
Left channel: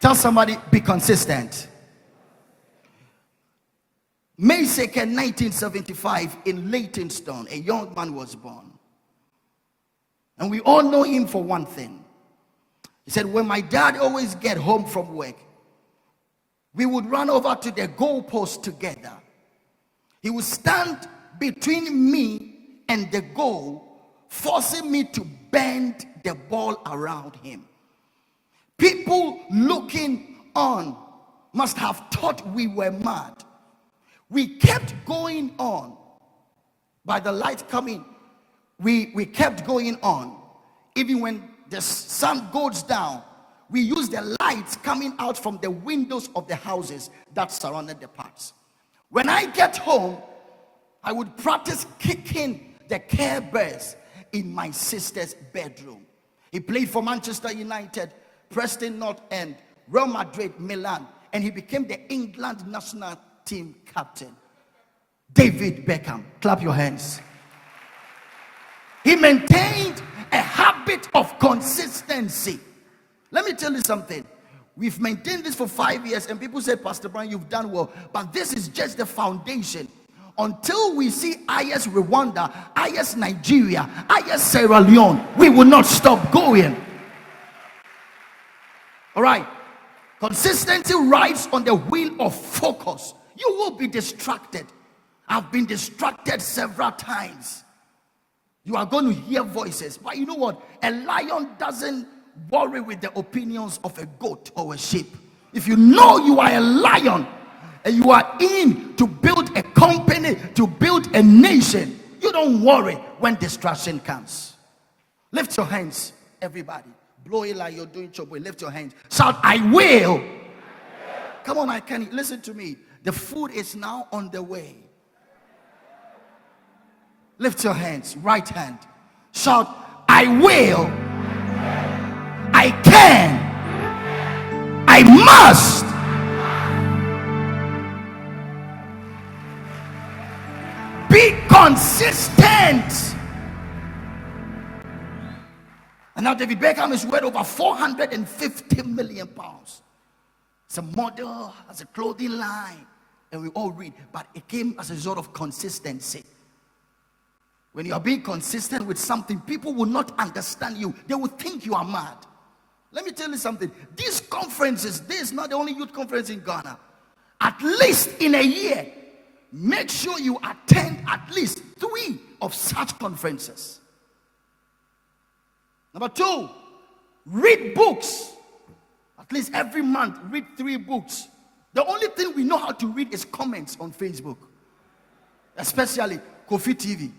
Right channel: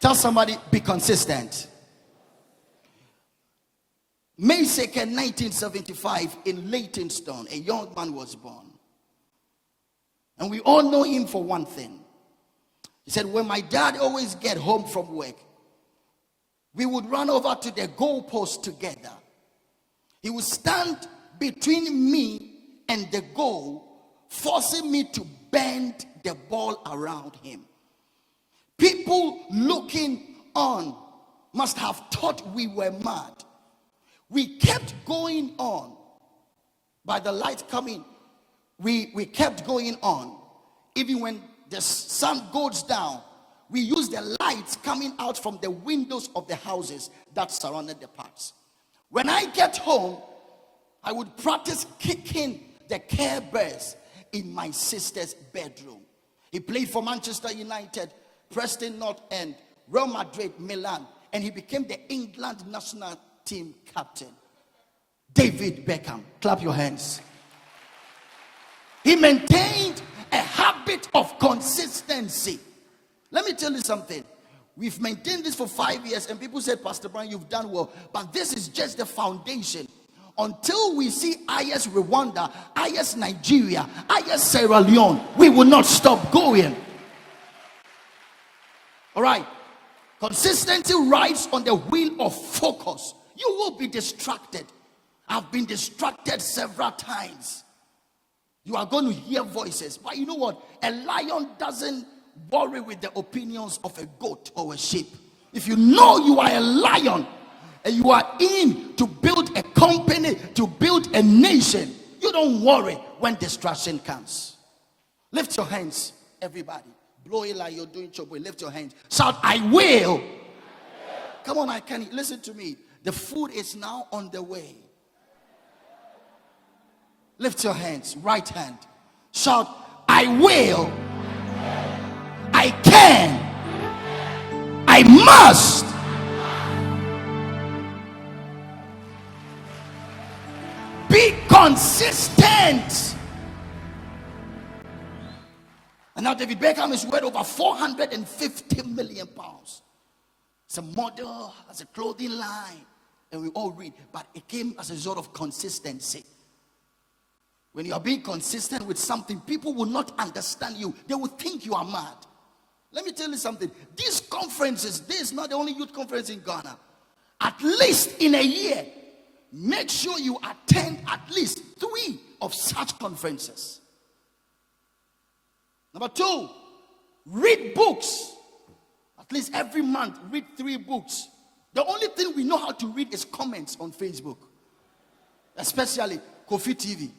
Tell somebody, be consistent. May 2nd, 1975, in Leytonstone, a young man was born. And we all know him for one thing. He said, when my dad always get home from work, we would run over to the goalpost together. He would stand between me and the goal, forcing me to bend the ball around him. People looking on must have thought we were mad. We kept going on. By the light coming, we kept going on. Even when the sun goes down, we use the lights coming out from the windows of the houses that surrounded the parks. When I get home, I would practice kicking the Care Bears in my sister's bedroom. He played for Manchester United, Preston North End, Real Madrid, Milan, and he became the England national team captain. David Beckham. Clap your hands. He maintained a habit of consistency. Let me tell you something. We've maintained this for 5 years, and people said, Pastor Brian, you've done well. But this is just the foundation. Until we see IYES Rwanda, IYES Nigeria, IYES Sierra Leone, we will not stop going. All right. Consistency rides on the wheel of focus. You will be distracted. I've been distracted several times. You are going to hear voices. But you know what? A lion doesn't worry with the opinions of a goat or a sheep. If you know you are a lion and you are in to build a company, to build a nation, you don't worry when distraction comes. Lift your hands, everybody. Blow it like you're doing trouble. Lift your hands. Shout, I will. Come on, I can. Listen to me. The food is now on the way. Lift your hands. Right hand. Shout, I will. I can. I must. Be consistent. And now David Beckham is worth over 450 million pounds. It's a model, has a clothing line, and we all read. But it came as a result of consistency. When you are being consistent with something, people will not understand you. They will think you are mad. Let me tell you something. These conferences, this is not the only youth conference in Ghana. At least in a year, make sure you attend at least 3 of such conferences. Number 2, read books. At least every month, read 3 books. The only thing we know how to read is comments on Facebook, especially Kofi TV.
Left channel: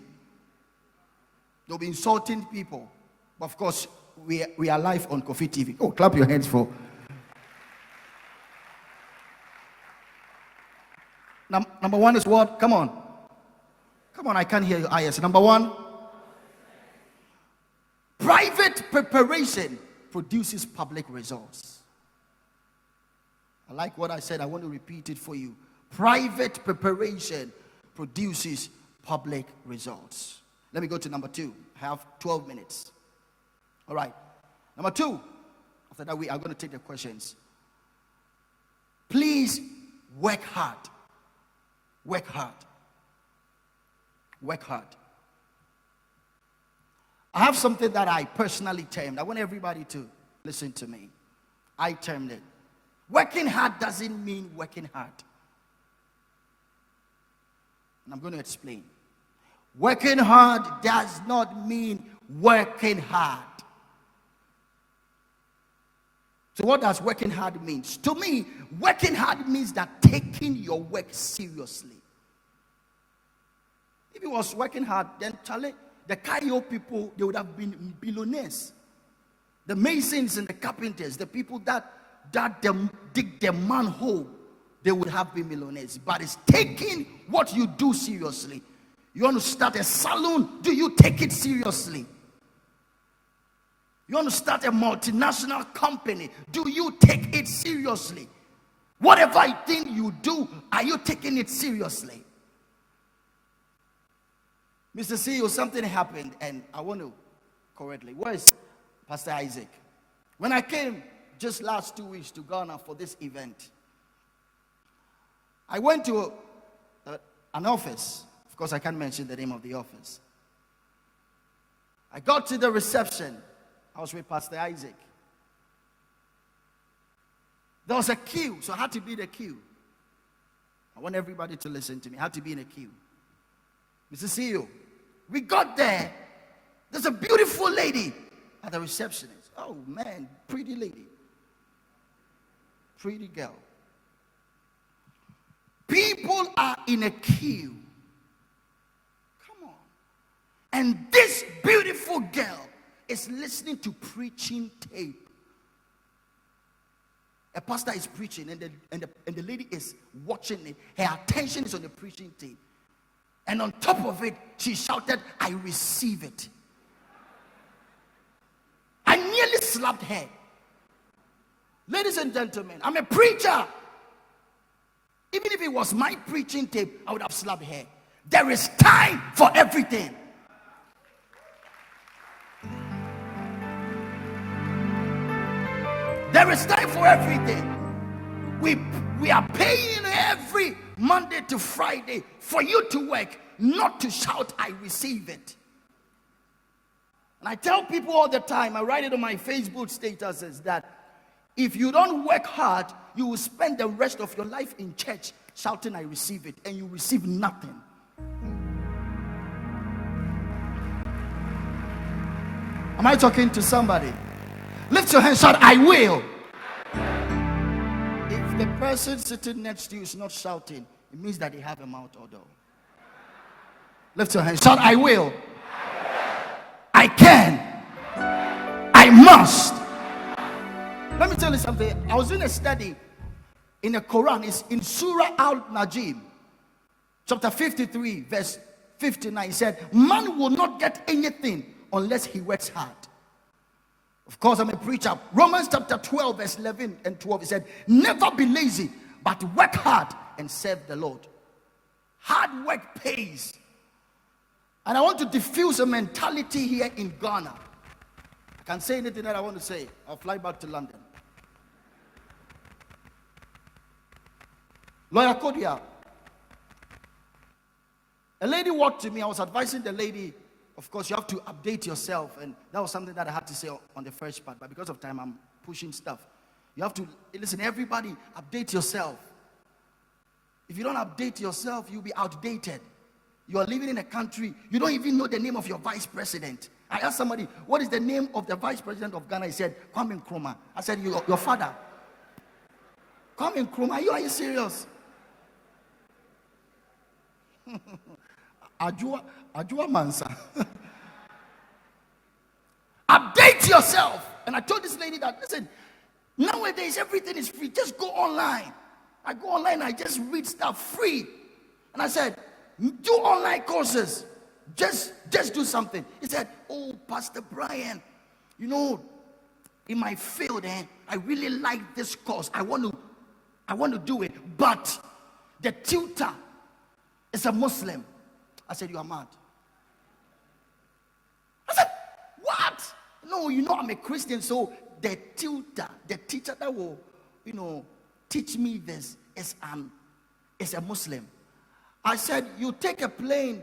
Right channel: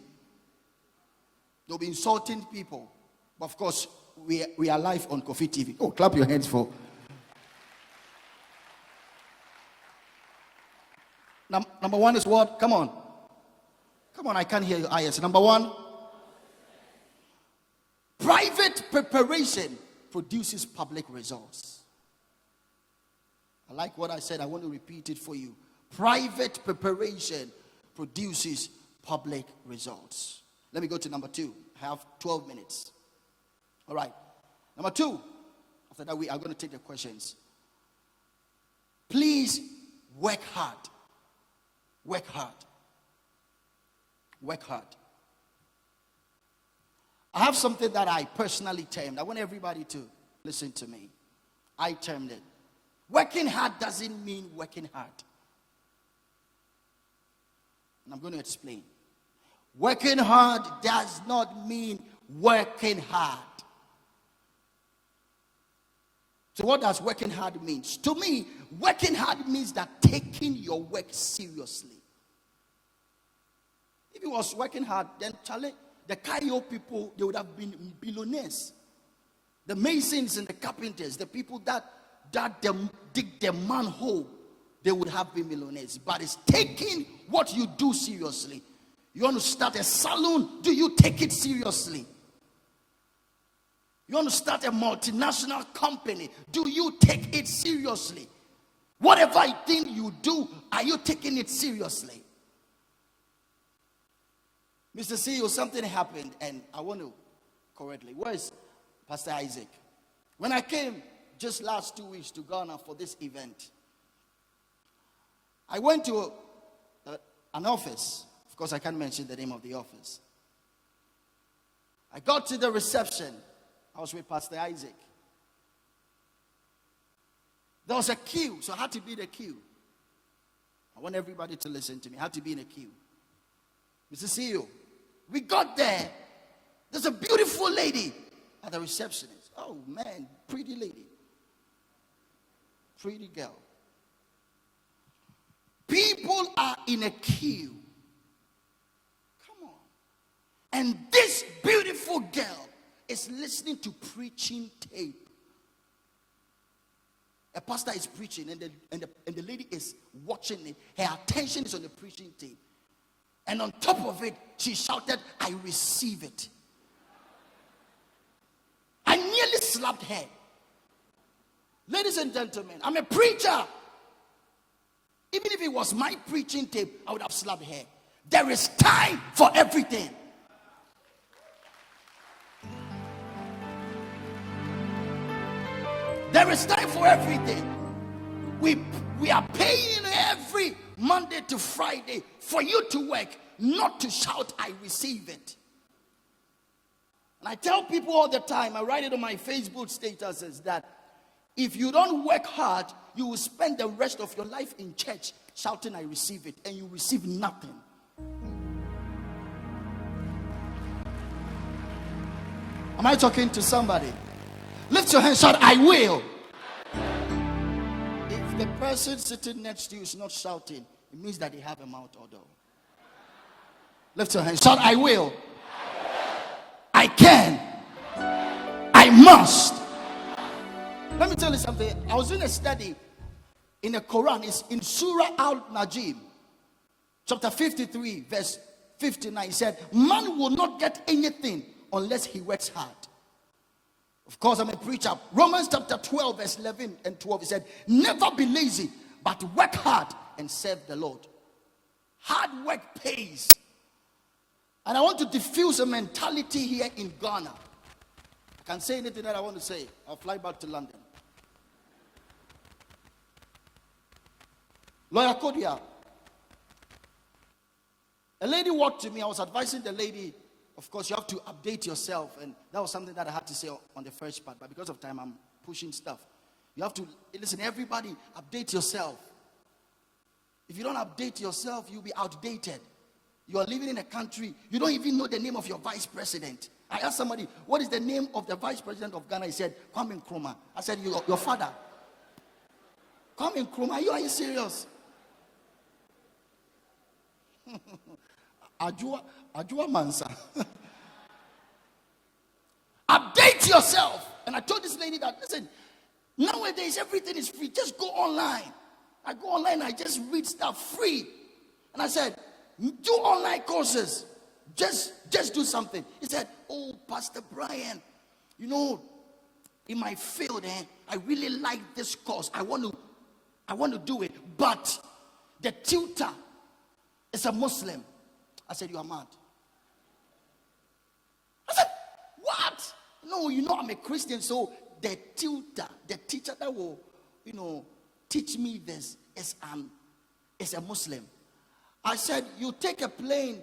They'll be insulting people. But of course, we are live on Kofi TV. Oh, clap your hands for. Number 1 is what? Come on. Come on, I can't hear you. IYES. Number 1. Private preparation produces public results. I like what I said. I want to repeat it for you. Private preparation produces public results. Let me go to number 2. I have 12 minutes. All right. Number 2. After that, we are going to take the questions. Please work hard. Work hard. Work hard. I have something that I personally termed. I want everybody to listen to me. I termed it. Working hard doesn't mean working hard. And I'm going to explain. Working hard does not mean working hard. So what does working hard mean? To me, working hard means that taking your work seriously. If it was working hard, then Charlie, the KUMAH people, they would have been billionaires. The masons and the carpenters, the people that dig the manhole, they would have been millionaires. But it's taking what you do seriously. You want to start a salon? Do you take it seriously? You want to start a multinational company? Do you take it seriously? Whatever thing you do, are you taking it seriously? Mr. C.E.O, something happened, and I want to correctly. Where is Pastor Isaac? When I came just last 2 weeks to Ghana for this event, I went to an office. Of course, I can't mention the name of the office. I got to the reception. I was with Pastor Isaac. There was a queue, so I had to be in the queue. I want everybody to listen to me. I had to be in a queue. Mr. CEO, we got there. There's a beautiful lady at the receptionist. Oh, man, pretty lady. Pretty girl. People are in a queue. Come on. And this beautiful girl is listening to preaching tape. A pastor is preaching, and the lady is watching it. Her attention is on the preaching tape. And on top of it, she shouted, "I receive it." I nearly slapped her. Ladies and gentlemen, I'm a preacher. Even if it was my preaching tape, I would have slapped her. There is time for everything. There is time for everything. We are paying every Monday to Friday for you to work, not to shout, "I receive it." And I tell people all the time, I write it on my Facebook statuses, that if you don't work hard, you will spend the rest of your life in church shouting, "I receive it," and you receive nothing. Am I talking to somebody? Lift your hand, shout, "I will." If the person sitting next to you is not shouting, it means that they have a mouth odor. Lift your hand, shout, "I will." I can. I must. Let me tell you something. I was in a study in the Quran. It's in Surah Al-Najm, chapter 53, verse 59. It said, "Man will not get anything unless he works hard." Of course, I'm a preacher. Romans chapter 12, verse 11 and 12. It said, "Never be lazy, but work hard and serve the Lord." Hard work pays. And I want to diffuse a mentality here in Ghana. I can't say anything that I want to say. I'll fly back to London. Lawyer Kodia. A lady walked to me. I was advising the lady Of course, you have to update yourself, and that was something that I had to say on the first part, but because of time, I'm pushing stuff. You have to, listen, everybody, update yourself. If you don't update yourself, you'll be outdated. You are living in a country, you don't even know the name of your vice president. I asked somebody, what is the name of the vice president of Ghana? He said, KUMAH. I said, your father. KUMAH, are you serious? Ajua Mansa. Update yourself. And I told this lady that, listen, nowadays everything is free. Just go online. I go online, I just read stuff free. And I said, do online courses. Just do something. He said, oh, Pastor Brian, you know, in my field, I really like this course. I want to do it. But the tutor is a Muslim. I said, you are mad. I said, what? No, you know I'm a Christian, so the tutor, the teacher that will, teach me this is a Muslim. I said, you take a plane,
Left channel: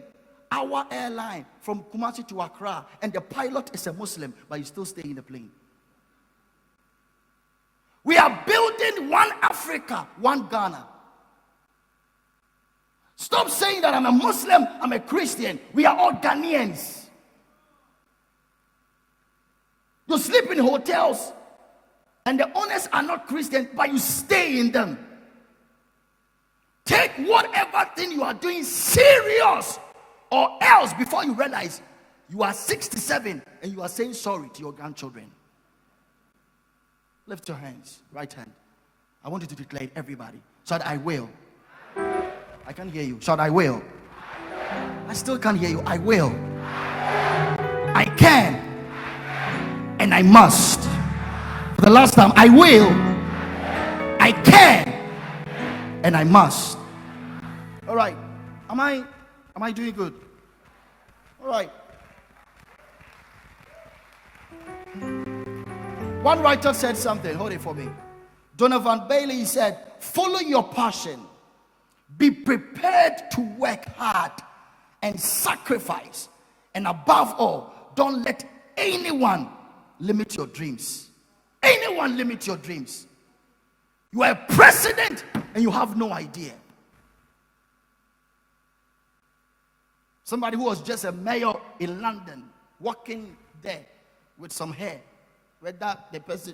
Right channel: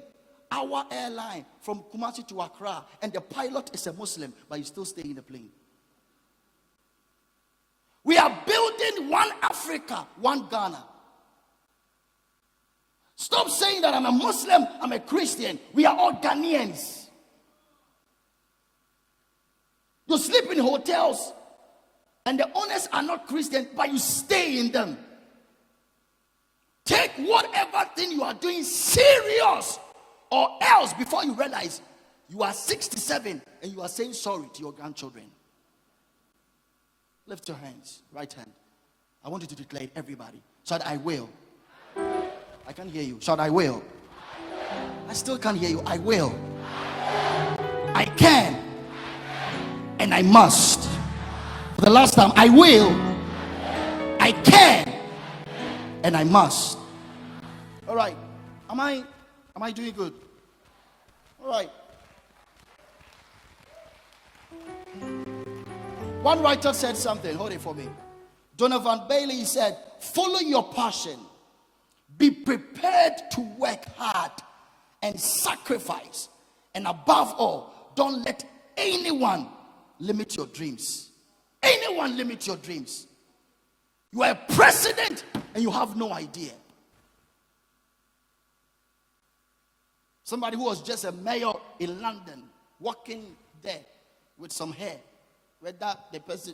our airline from Kumasi to Accra, and the pilot is a Muslim, but you still stay in the plane. We are building one Africa, one Ghana. Stop saying that I'm a Muslim, I'm a Christian. We are all Ghanaians. You sleep in hotels, and the owners are not Christian, but you stay in them. Take whatever thing you are doing serious, or else before you realize you are 67 and you are saying sorry to your grandchildren. Lift your hands, right hand. I want you to declare it, everybody. Shout, I will. I can't hear you. Shout, I will. I still can't hear you. I will. I can. And I must. For the last time, I will. I can. And I must. All right. Am I doing good? All right. One writer said something. Hold it for me. Donovan Bailey said, follow your passion. Be prepared to work hard and sacrifice. And above all, don't let anyone limit your dreams. Anyone limit your dreams. You are a president and you have no idea. Somebody who was just a mayor in London, walking there with some hair. Whether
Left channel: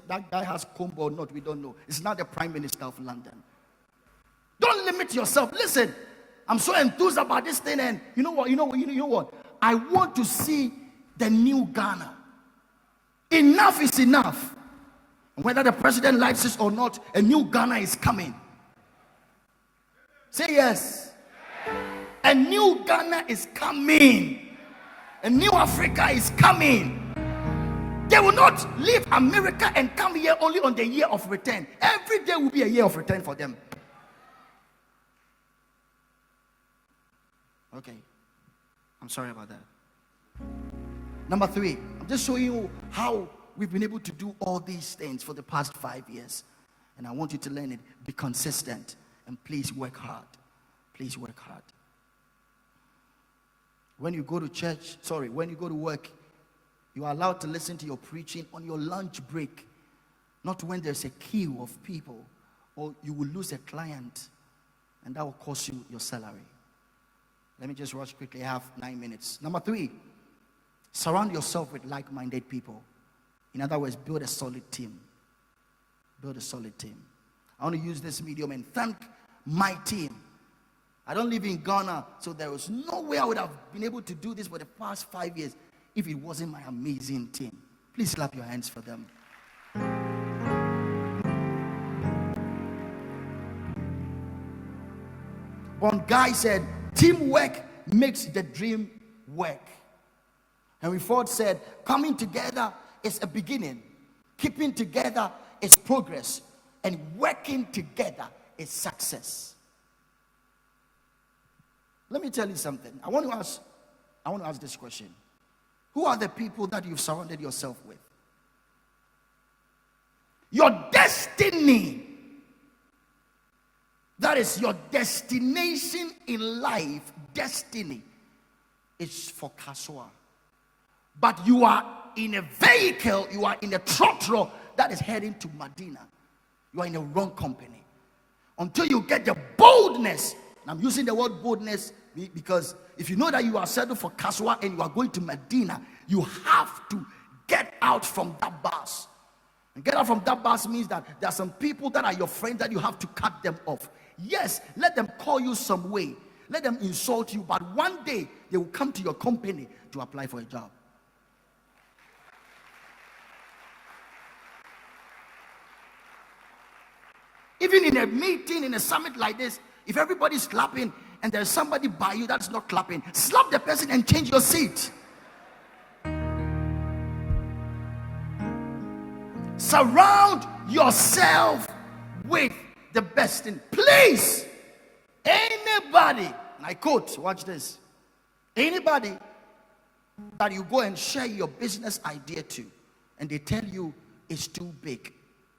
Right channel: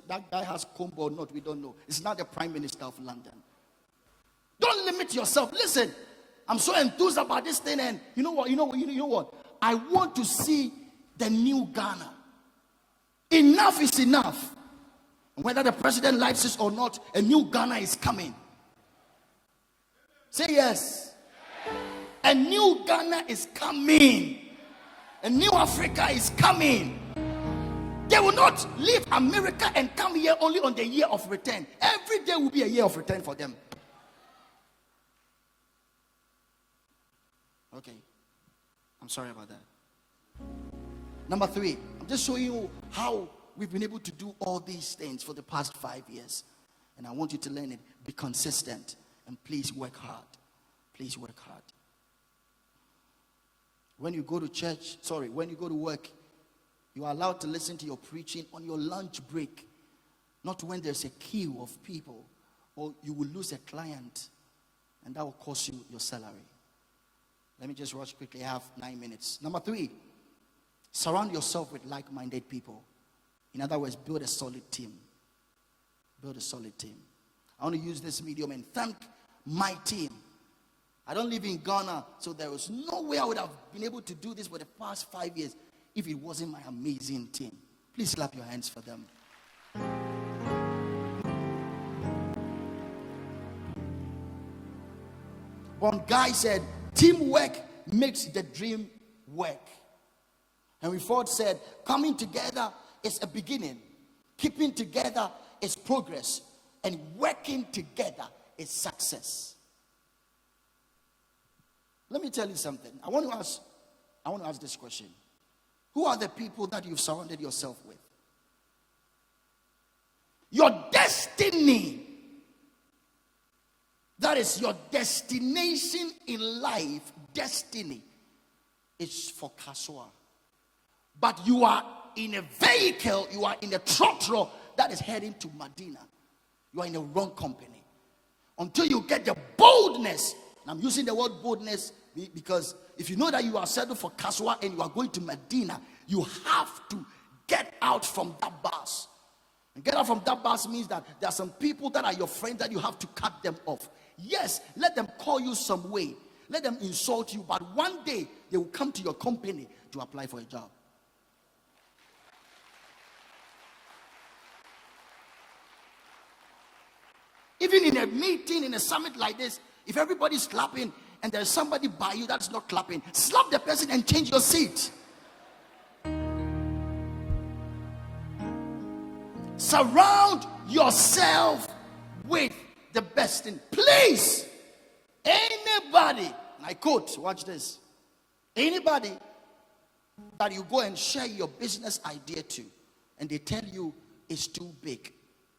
that guy has comb or not, we don't know. It's not the Prime Minister of London. Don't limit yourself. Listen, I'm so enthused about this thing, and you know what? I want to see the new Ghana. Enough is enough. Whether the president likes it or not, a new Ghana is coming. Say yes. A new Ghana is coming. A new Africa is coming. They will not leave America and come here only on the year of return. Every day will be a year of return for them. Okay. I'm sorry about that. Number 3, I'm just showing you how we've been able to do all these things for the past 5 years. And I want you to learn it. Be consistent. And please work hard. Please work hard. When you go to work, you are allowed to listen to your preaching on your lunch break. Not when there's a queue of people, or you will lose a client, and that will cost you your salary. Let me just rush quickly. I have 9 minutes. Number 3, surround yourself with like-minded people. In other words, build a solid team. Build a solid team. I want to use this medium and thank my team. I don't live in Ghana, so there was no way I would have been able to do this for the past 5 years if it wasn't my amazing team. Please clap your hands for them. One guy said, teamwork makes the dream work. Henry Ford said, coming together is a beginning. Keeping together is progress. And working together is success. Let me tell you something. I want to ask this question. Who are the people that you've surrounded yourself with? Your destiny, that is your destination in life, destiny, is for Kasua. but you are in a vehicle, you are in a trotro that is heading to Medina. You are in the wrong company. Until you get the boldness, and I'm using the word boldness because if you know that you are settled for Kaswa and you are going to Medina, you have to get out from that bus. And get out from that bus means that there are some people that are your friends that you have to cut them off. Yes, let them call you some way. Let them insult you, but one day they will come to your company to apply for a job. Even in a meeting, in a summit like this, if everybody's clapping and there's somebody by you that's not clapping, slap the person and change your seat. Surround yourself with the best thing. Please, anybody, and I quote, watch this, anybody that you go and share your business idea to and they tell you it's too big,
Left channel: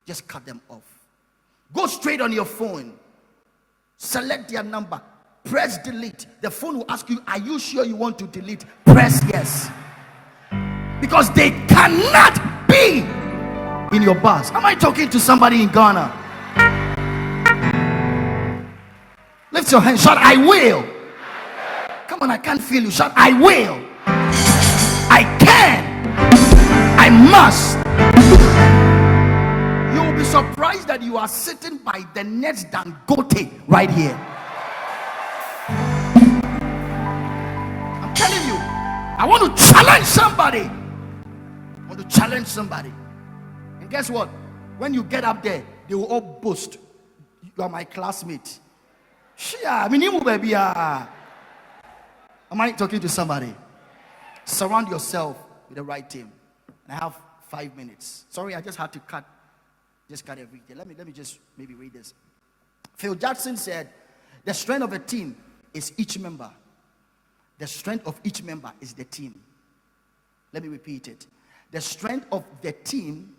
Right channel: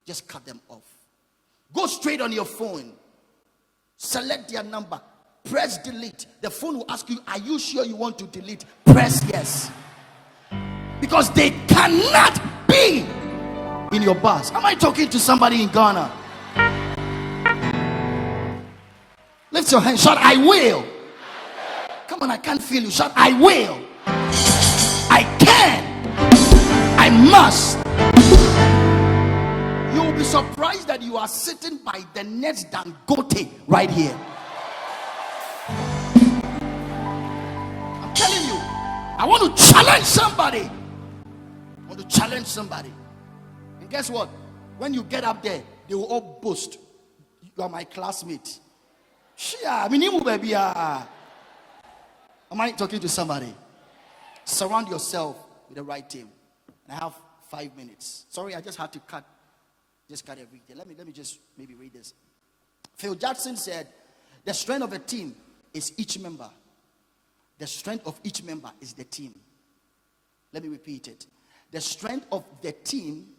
just cut them off. Go straight on your phone, select their number, press delete. The phone will ask you, are you sure you want to delete? Press yes. Because they cannot be in your bus. Am I talking to somebody in Ghana? Lift your hand, shout, I will. Come on, I can't feel you. Shout, I will. I can. I must. You will be surprised that you are sitting by the next Dangote right here. I'm telling you, I want to challenge somebody. I want to challenge somebody. And guess what? When you get up there, they will all boast. You are my classmate. Am I talking to somebody? Surround yourself with the right team. I have 5 minutes. Sorry, I just had to cut everything. Let me just maybe read this. Phil Jackson said, the strength of a team is each member. The strength of each member is the team. Let me repeat it. The strength of the team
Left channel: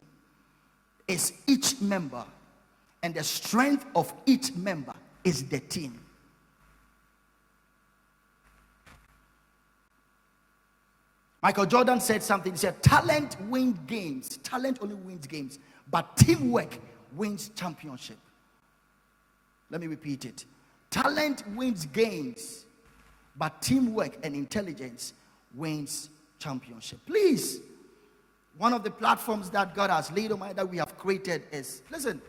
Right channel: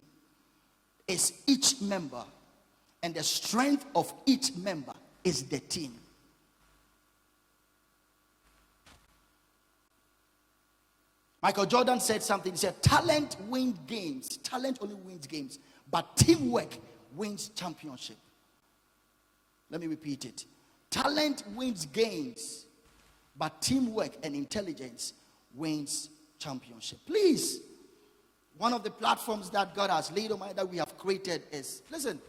is each member, and the strength of each member is the team. Michael Jordan said something. He said, talent wins games. Talent only wins games, but teamwork wins championship. Let me repeat it. Talent wins games, but teamwork and intelligence wins championship. Please, one of the platforms that God has laid on my that we have created is, listen,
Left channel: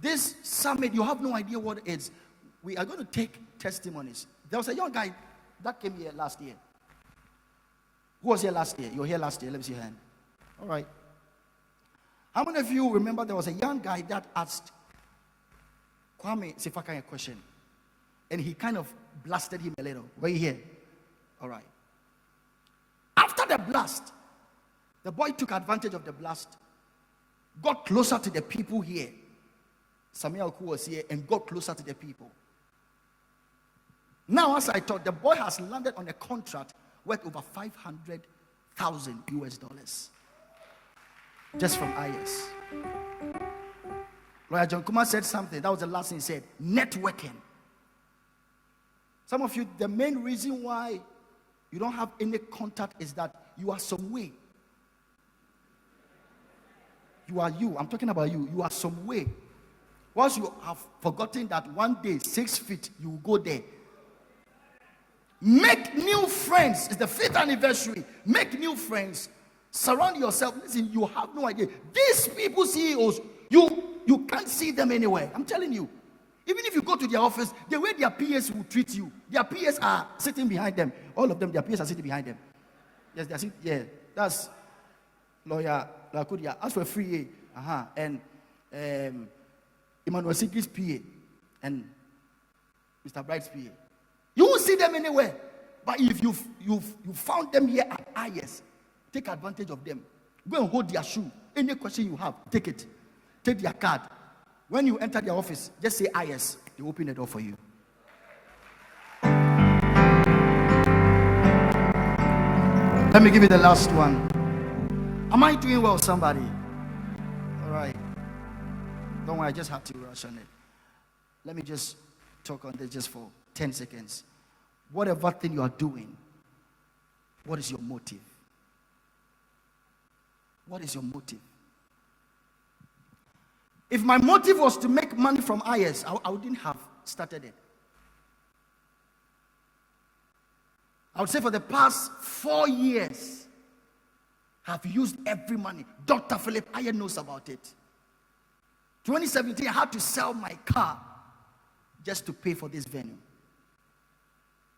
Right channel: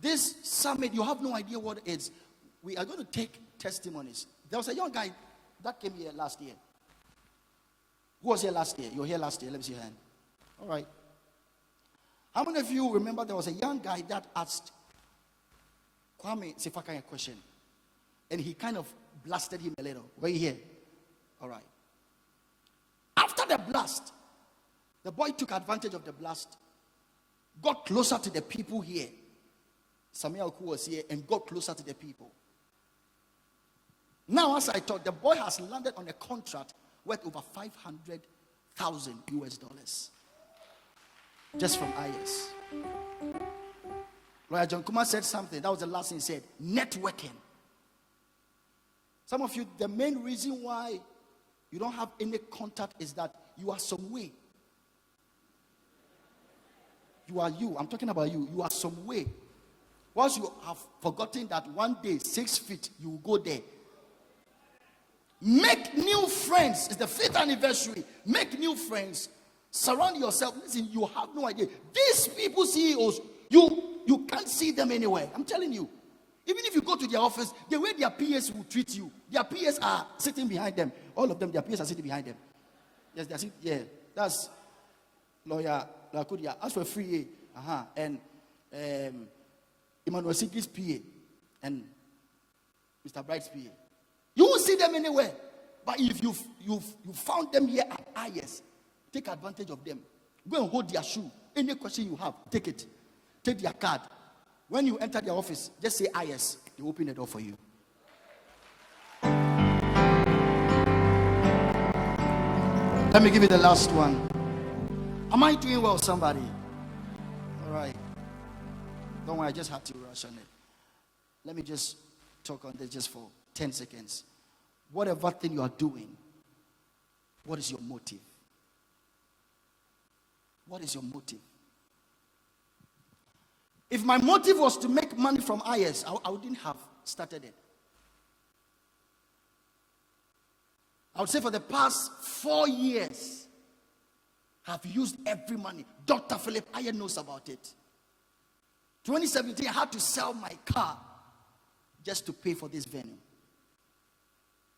this summit, you have no idea what it is. We are going to take testimonies. There was a young guy that came here last year. Who was here last year? You were here last year. Let me see your hand. All right. How many of you remember there was a young guy that asked Kwame Sefaka a question? And he kind of blasted him a little. Were you here? All right. After the blast, the boy took advantage of the blast, got closer to the people here. Samuel Oku was here and got closer to the people. Now, as I thought, the boy has landed on a contract worth over $500,000 US just from IYES. Lawyer John KUMAH said something. That was the last thing he said. Networking. Some of you, the main reason why you don't have any contact is that you are some way. You are you. I'm talking about you. You are some way. Once you have forgotten that one day, 6 feet, you will go there. Make new friends. It's the 5th anniversary. Make new friends. Surround yourself. Listen, you have no idea. These people, CEOs, you can't see them anywhere. I'm telling you. Even if you go to their office, the way their PAs will treat you, their PAs are sitting behind them. All of them, their PAs are sitting behind them. Yes, they're sitting, yeah. That's Lawyer Lakudia. As for free, and Emmanuel Sigi's PA and Mr. Bright's PA. You won't see them anywhere. But if you found them here at IYES, take advantage of them. Go and hold their shoe. Any question you have, take it. Take their card. When you enter their office, just say IYES. They open the door for you. Let me give you the last one. Am I doing well, somebody? All right. Don't worry, I just have to rush on it. Let me just talk on this just for 10 seconds. Whatever thing you are doing, what is your motive? What is your motive? If my motive was to make money from IYES, I wouldn't have started it. I would say for the past 4 years, I've used every money. Dr. Philip Ayer knows about it. 2017, I had to sell my car just to pay for this venue.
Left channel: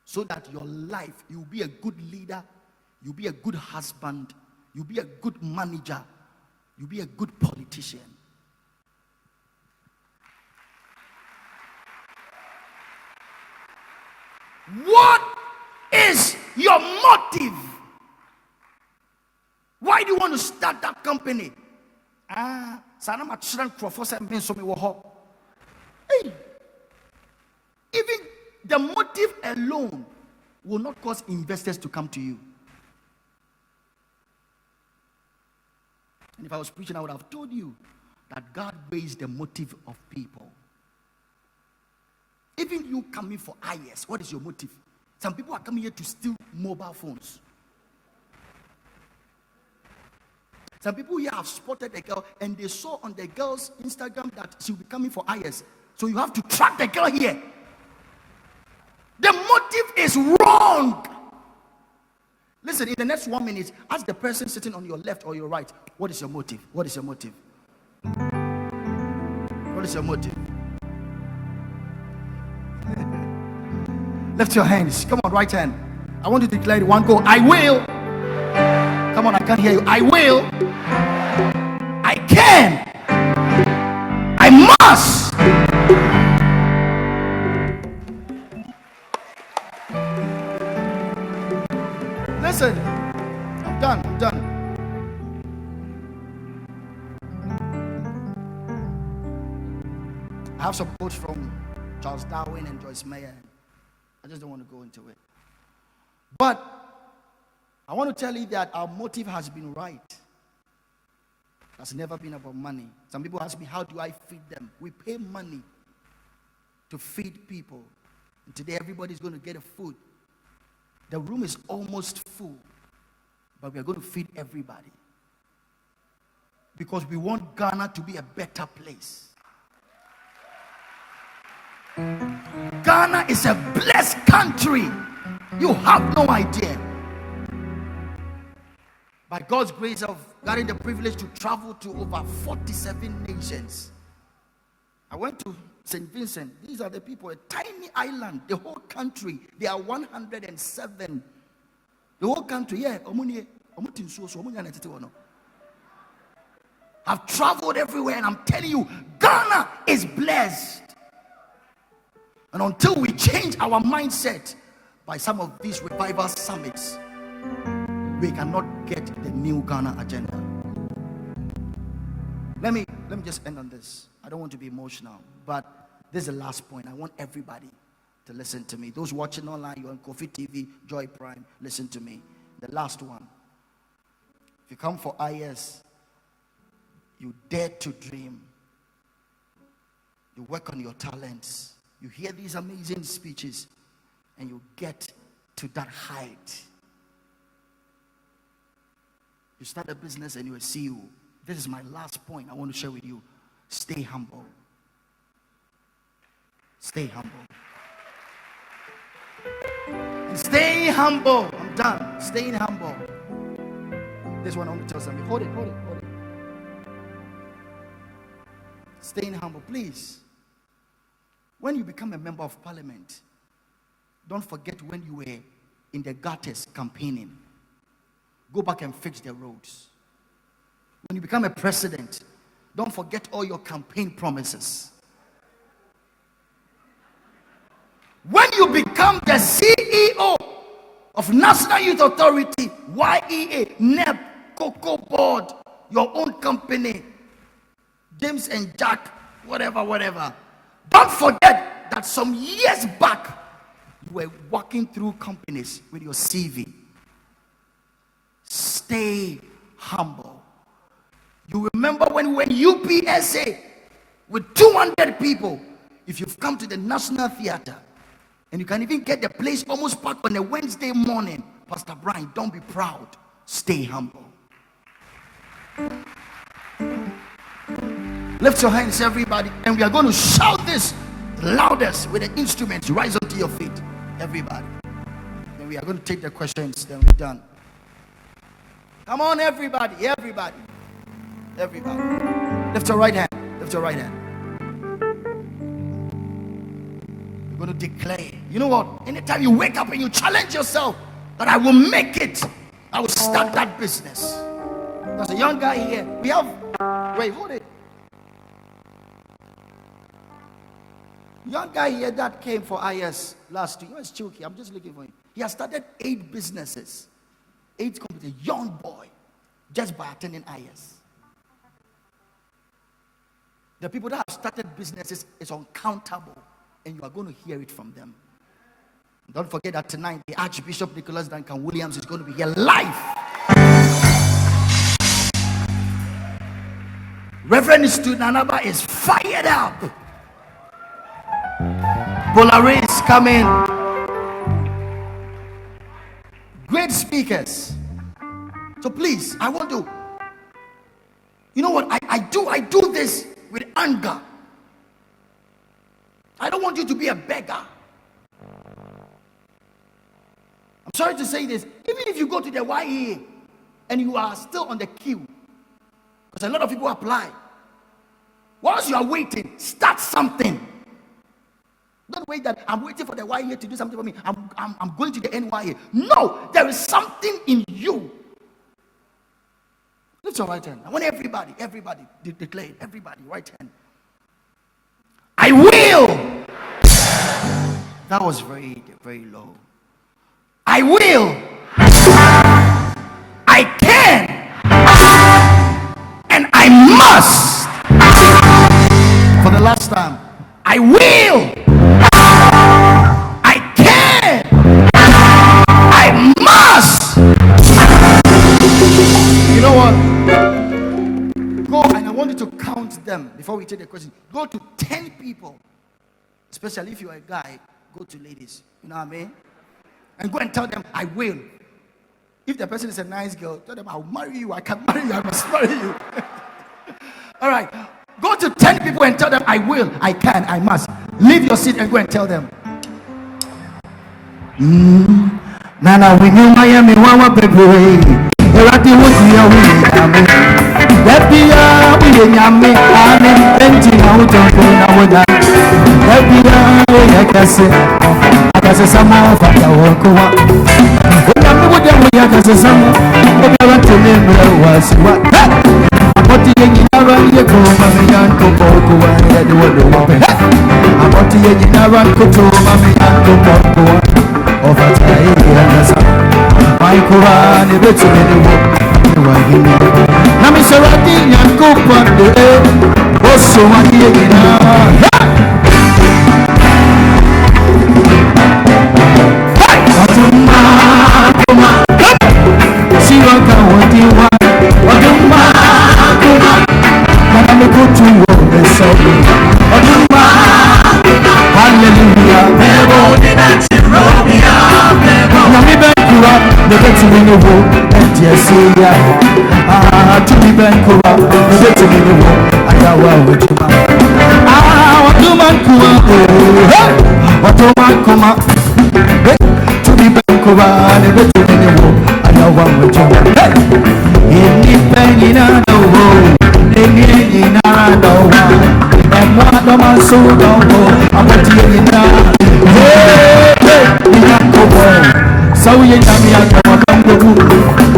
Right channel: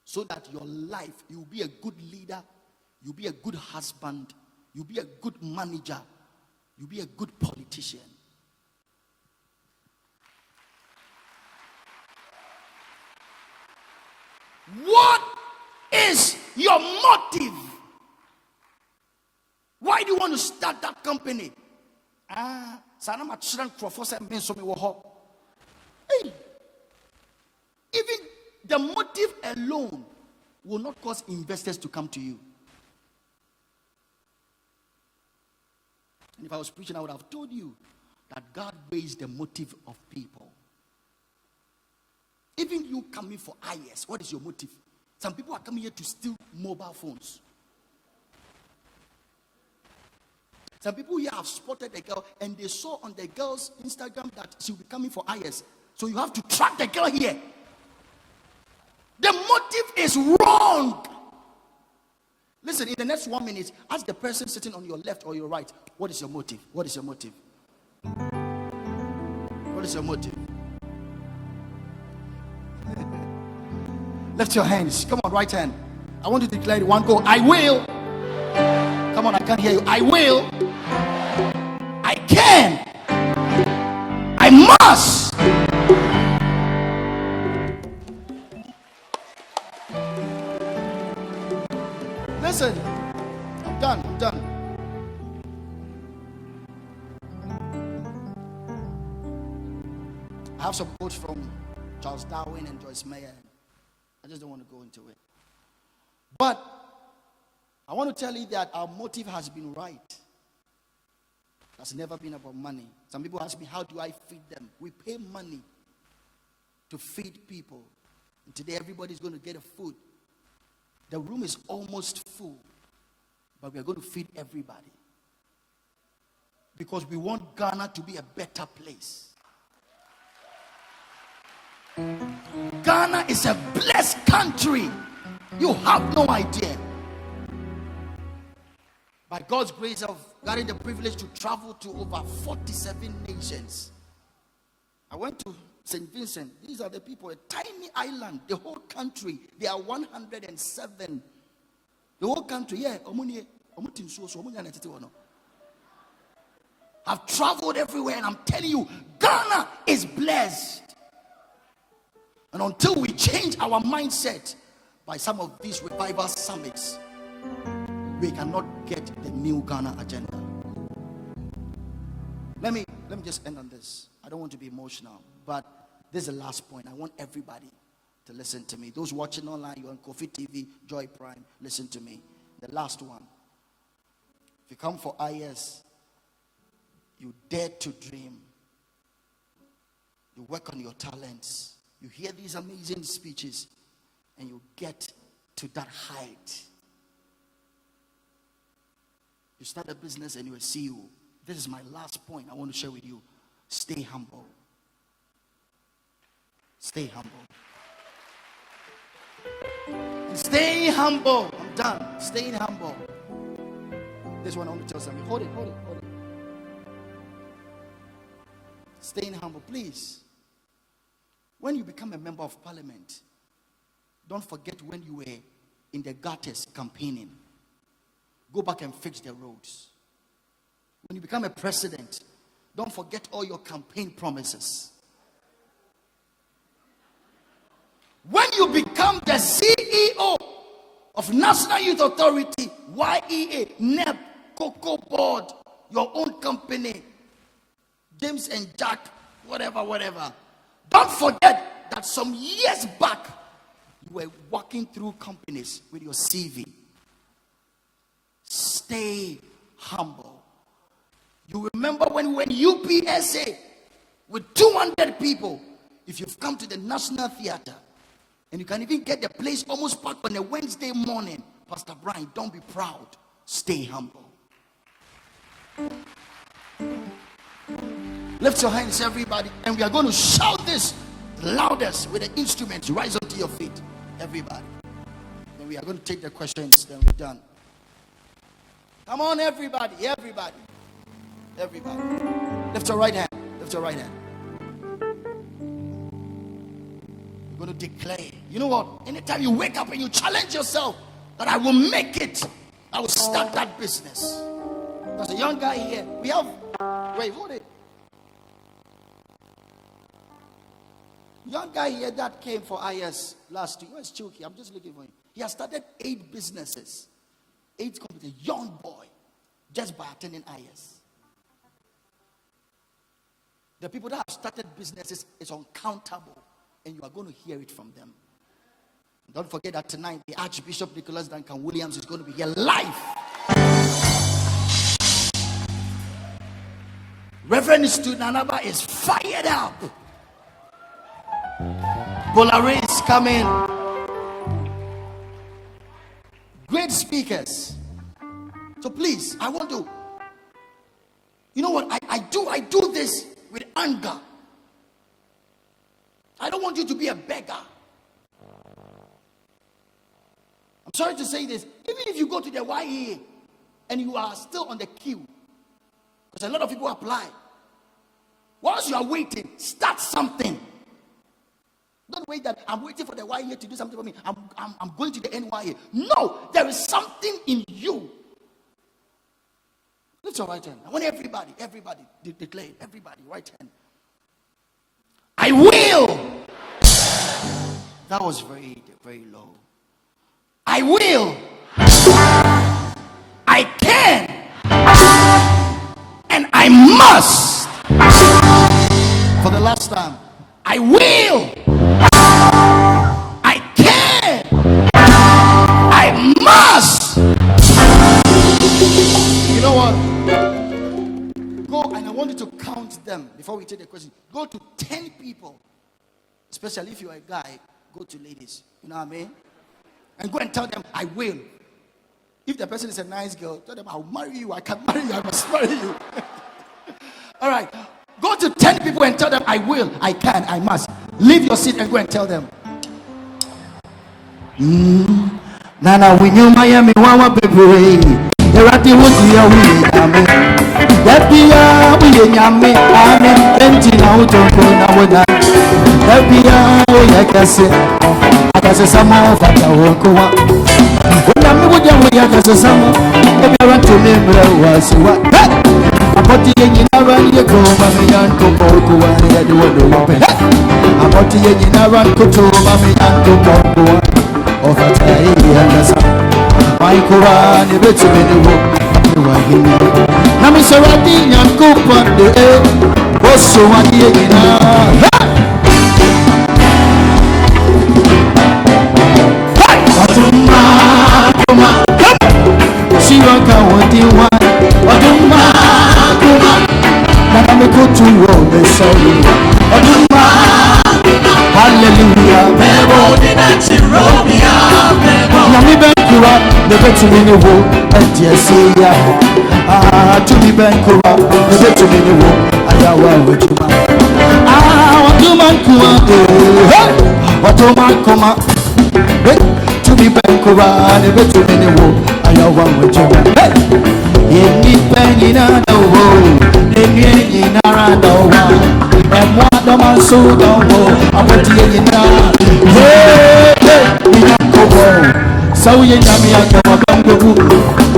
So that your life, you'll be a good leader, you'll be a good husband, you'll be a good manager, you'll be a good politician. What is your motive? Why do you want to start that company? Hey, even the motive alone will not cause investors to come to you. And if I was preaching, I would have told you that God weighs the motive of people. Even you coming for IYES, what is your motive? Some people are coming here to steal mobile phones. Some people here have spotted a girl and they saw on the girl's Instagram that she'll be coming for IYES. So you have to track the girl here. The motive is wrong. Listen, in the next 1 minute, ask the person sitting on your left or your right, what is your motive? What is your motive? What is your motive? Lift your hands. Come on, right hand. I want you to declare it. One go. I will. Come on, I can't hear you. I will. I can. I must. Listen, I'm done. I have some quotes from Charles Darwin and Joyce Meyer. I just don't want to go into it. But I want to tell you that our motive has been right. It has never been about money. Some people ask me, how do I feed them? We pay money to feed people. And today everybody's going to get a food. The room is almost full. But we are going to feed everybody. Because we want Ghana to be a better place. Ghana is a blessed country. You have no idea. By God's grace, I've gotten the privilege to travel to over 47 nations. I went to St. Vincent. These are the people, a tiny island, the whole country. They are 107. The whole country, yeah. I've traveled everywhere and I'm telling you, Ghana is blessed. And until we change our mindset by some of these revival summits, we cannot get the new Ghana agenda. Let me just end on this. I don't want to be emotional, but this is the last point. I want everybody to listen to me. Those watching online, you're on Kofi TV, Joy Prime, listen to me. The last one. If you come for IYES, you dare to dream. You work on your talents. You hear these amazing speeches and you get to that height. You start a business and you're a CEO. This is my last point I want to share with you. Stay humble. Stay humble. Stay humble. I'm done. Staying humble. This one I want to tell somebody. Hold it. Staying humble, please. When you become a member of parliament, don't forget when you were in the gutters campaigning. Go back and fix the roads. When you become a president, don't forget all your campaign promises. When you become the CEO of National Youth Authority, YEA, NEIP, Cocoa Board, your own company, James and Jack, whatever. Don't forget that some years back, you were walking through companies with your CV. Stay humble. You remember when we were in UPSA with 200 people. If you've come to the National Theater and you can even get the place almost packed on a Wednesday morning, Pastor Brian, don't be proud. Stay humble. Lift your hands, everybody, and we are going to shout this loudest with the instruments. Rise up to your feet, everybody. Then we are going to take the questions, then we're done. Come on, everybody, everybody, everybody. Lift your right hand, lift your right hand. We're going to declare. You know what? Anytime you wake up and you challenge yourself that I will make it, I will start that business. There's a young guy here. We have, wait, hold it. Young guy here that came for IYES last week. Where's Chuki? I'm just looking for him. He has started 8 businesses. 8 companies. A young boy. Just by attending IYES. The people that have started businesses is uncountable. And you are going to hear it from them. Don't forget that tonight the Archbishop Nicholas Duncan Williams is going to be here live. Reverend Stu Nanaba is fired up. Bolare is coming. Great speakers. So please, I want to, you know what, I do this with anger. I don't want you to be a beggar. I'm sorry to say this. Even if you go to the YEA and you are still on the queue, because a lot of people apply. Whilst you are waiting, start something. Don't wait that I'm waiting for the YEA to do something for me. I'm going to the NYA. No, there is something in you. Lift your right hand. I want everybody declare it. Everybody, right hand. I will. That was very, very low. I will. I can. And I must. For the last time. I will. I can. I must. You know what? Go, and I want you to count them before we take the question. Go to 10 people. Especially if you are a guy, go to ladies. You know what I mean? And go and tell them, I will. If the person is a nice girl, tell them, I'll marry you. I can marry you. I must marry you. All right. Go to 10 people and tell them, I will, I can, I must. Leave your seat and go and tell them. Nana, we knew Miami, Wawa, baby. Erati wuti ya wili yame. Ebi ya wili yame. Ame, benji na utongo na wada. Ebi ya wili kase. Akase samo fata wokowa. Wena mbuja wili akase samo. Ebi ya watu mimura wasiwa. Apoti yenye naran ye koma miyanko poko wa yedi wadu wape. Apoti yenye naran kutuma miyanko poko wa. Ofata ya hii wangasa. Maikura ni betu meniwo. Wangini. Nami serati nyankupa de. Oso wadi yenye na. Watuma kuma. Siwaka wadiwa. Watuma. Nana kutu wode sawi. Oduma. Hallelujah. Mebo dina chirobia. Nami benkura. Nebe tumini wo. Enti esiya. Tumi benkura. Nebe tumini wo. Ayawa wajuma. Watuma kuma. Watuma kuma. Tumi benkura. Nebe tumini wo. Ayawa wajuma. Inni penina no. Inni naranda. And one of my soul don't go. I want to hear you now. Hey, we can't go home. So you know me, I come go.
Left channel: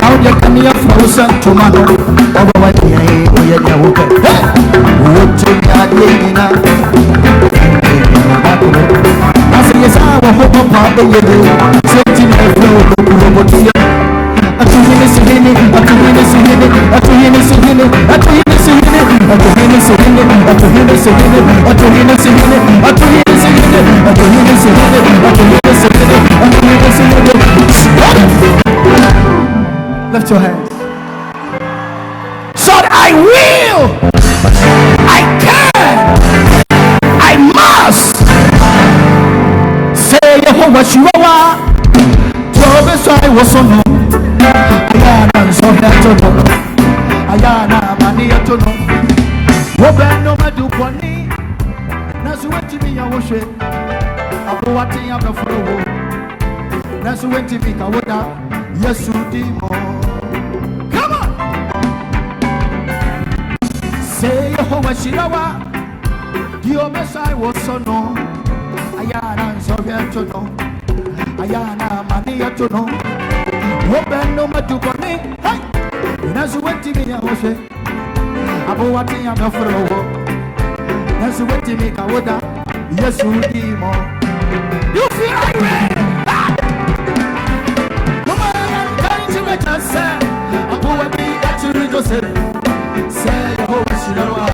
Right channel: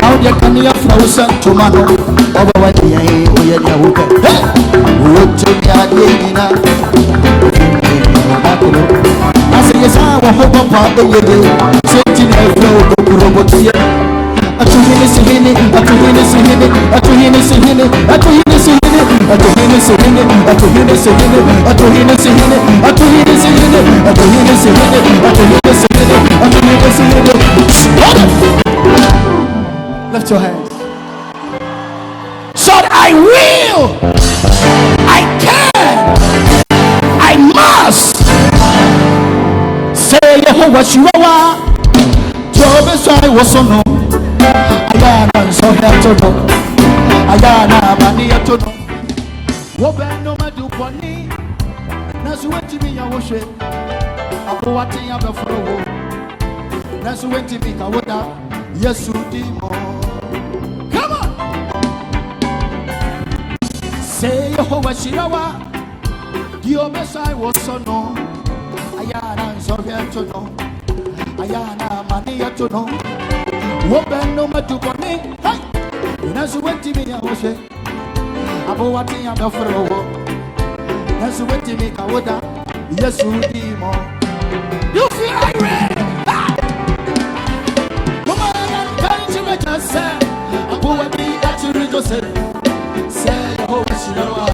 How you can hear frozen tomato? Over what you ain't, we are open. Hey, what to me, I did now. I say, yes, I will hope up the way. Sitting in the floor, I to him is in it, I to him is in it, I to him is in it, I to him is in it, I to him is in it, I to him is in it, I to him is in it, I to him is in it, I to him is in it, I to him is in it, I to him is in it. Lift your hands. So I will, I can, I must say Jehovah Shua. Job is I was so no. I am so that Ayana mani to no. Wobe no madu poni. Nasu wenti mi ya woshe. Apo wati ya befro. Nasu wenti mi ka woda. Yesu di mo. Come on. Say Yehovah Shirawa. Dio Messiah was so no. Ayana so get to no. Ayana mani to no. Wobe no madu poni. Hey. Nasu wenti mi ya woshe. Apo wati ya befro. Nasu wenti mi ka woda. Yesu di mo. You feel irate? Come on, I'm going to make us say, I'm going to be at you, Joseph. Say, oh, Shirawa.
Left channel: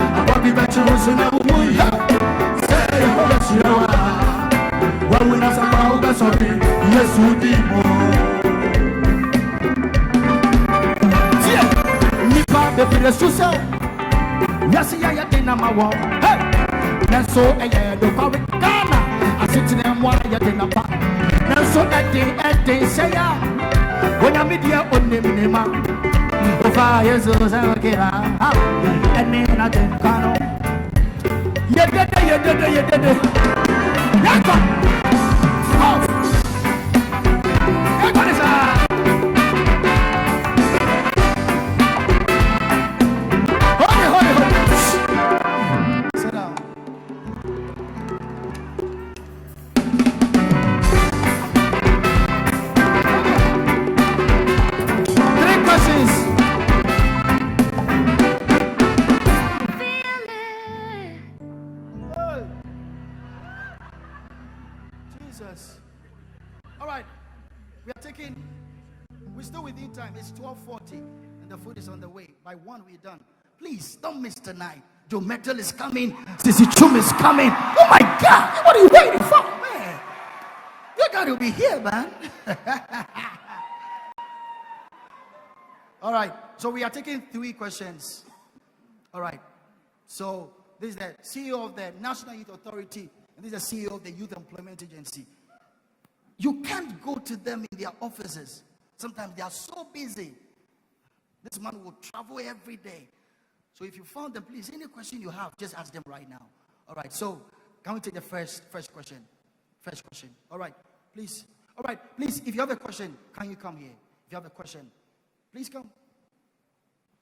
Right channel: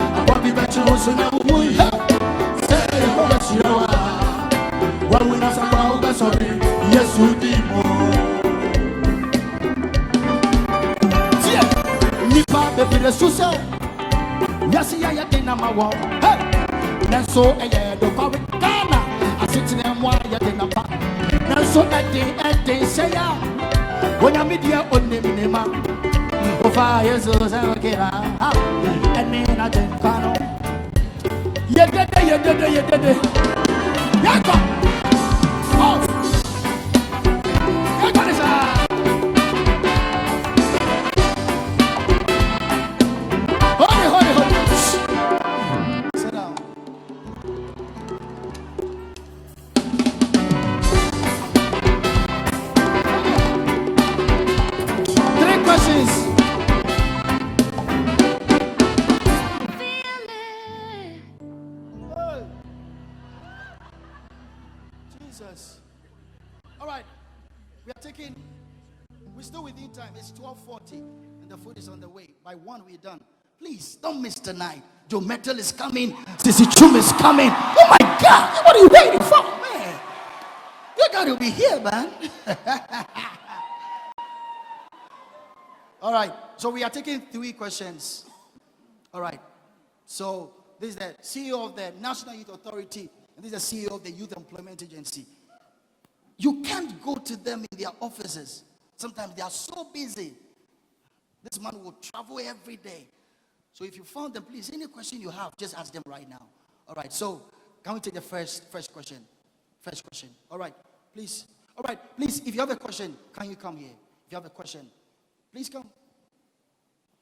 I'm going to be at you, Joseph. Say, oh, Shirawa. When we not about the sorry, yes, you did more. Nipa, baby, the Susan. Yes, I am my wall. Hey, that's so, the public Ghana. I sit in them while you're in a park. So that they say, when I'm with you on the minima, of 5 years old, and then I didn't know. You did it. Sit down. Jesus. All right. We're still within time. It's 12:40 and the food is on the way. By 1, we're done. Please don't miss tonight. Joe Metal is coming. Sissy Chum is coming. Oh my God. What are you waiting for? Man, you got to be here, man. All right. So we are taking 3 questions. All right. So this is the CEO of the National Youth Authority. And this is the CEO of the Youth Employment Agency. You can't go to them in their offices. Sometimes they are so busy. This man will travel every day. So if you found them, please, any question you have, just ask them right now. All right. So can we take the first question? First question. All right. Please. All right. Please, if you have a question, can you come here? If you have a question, please come.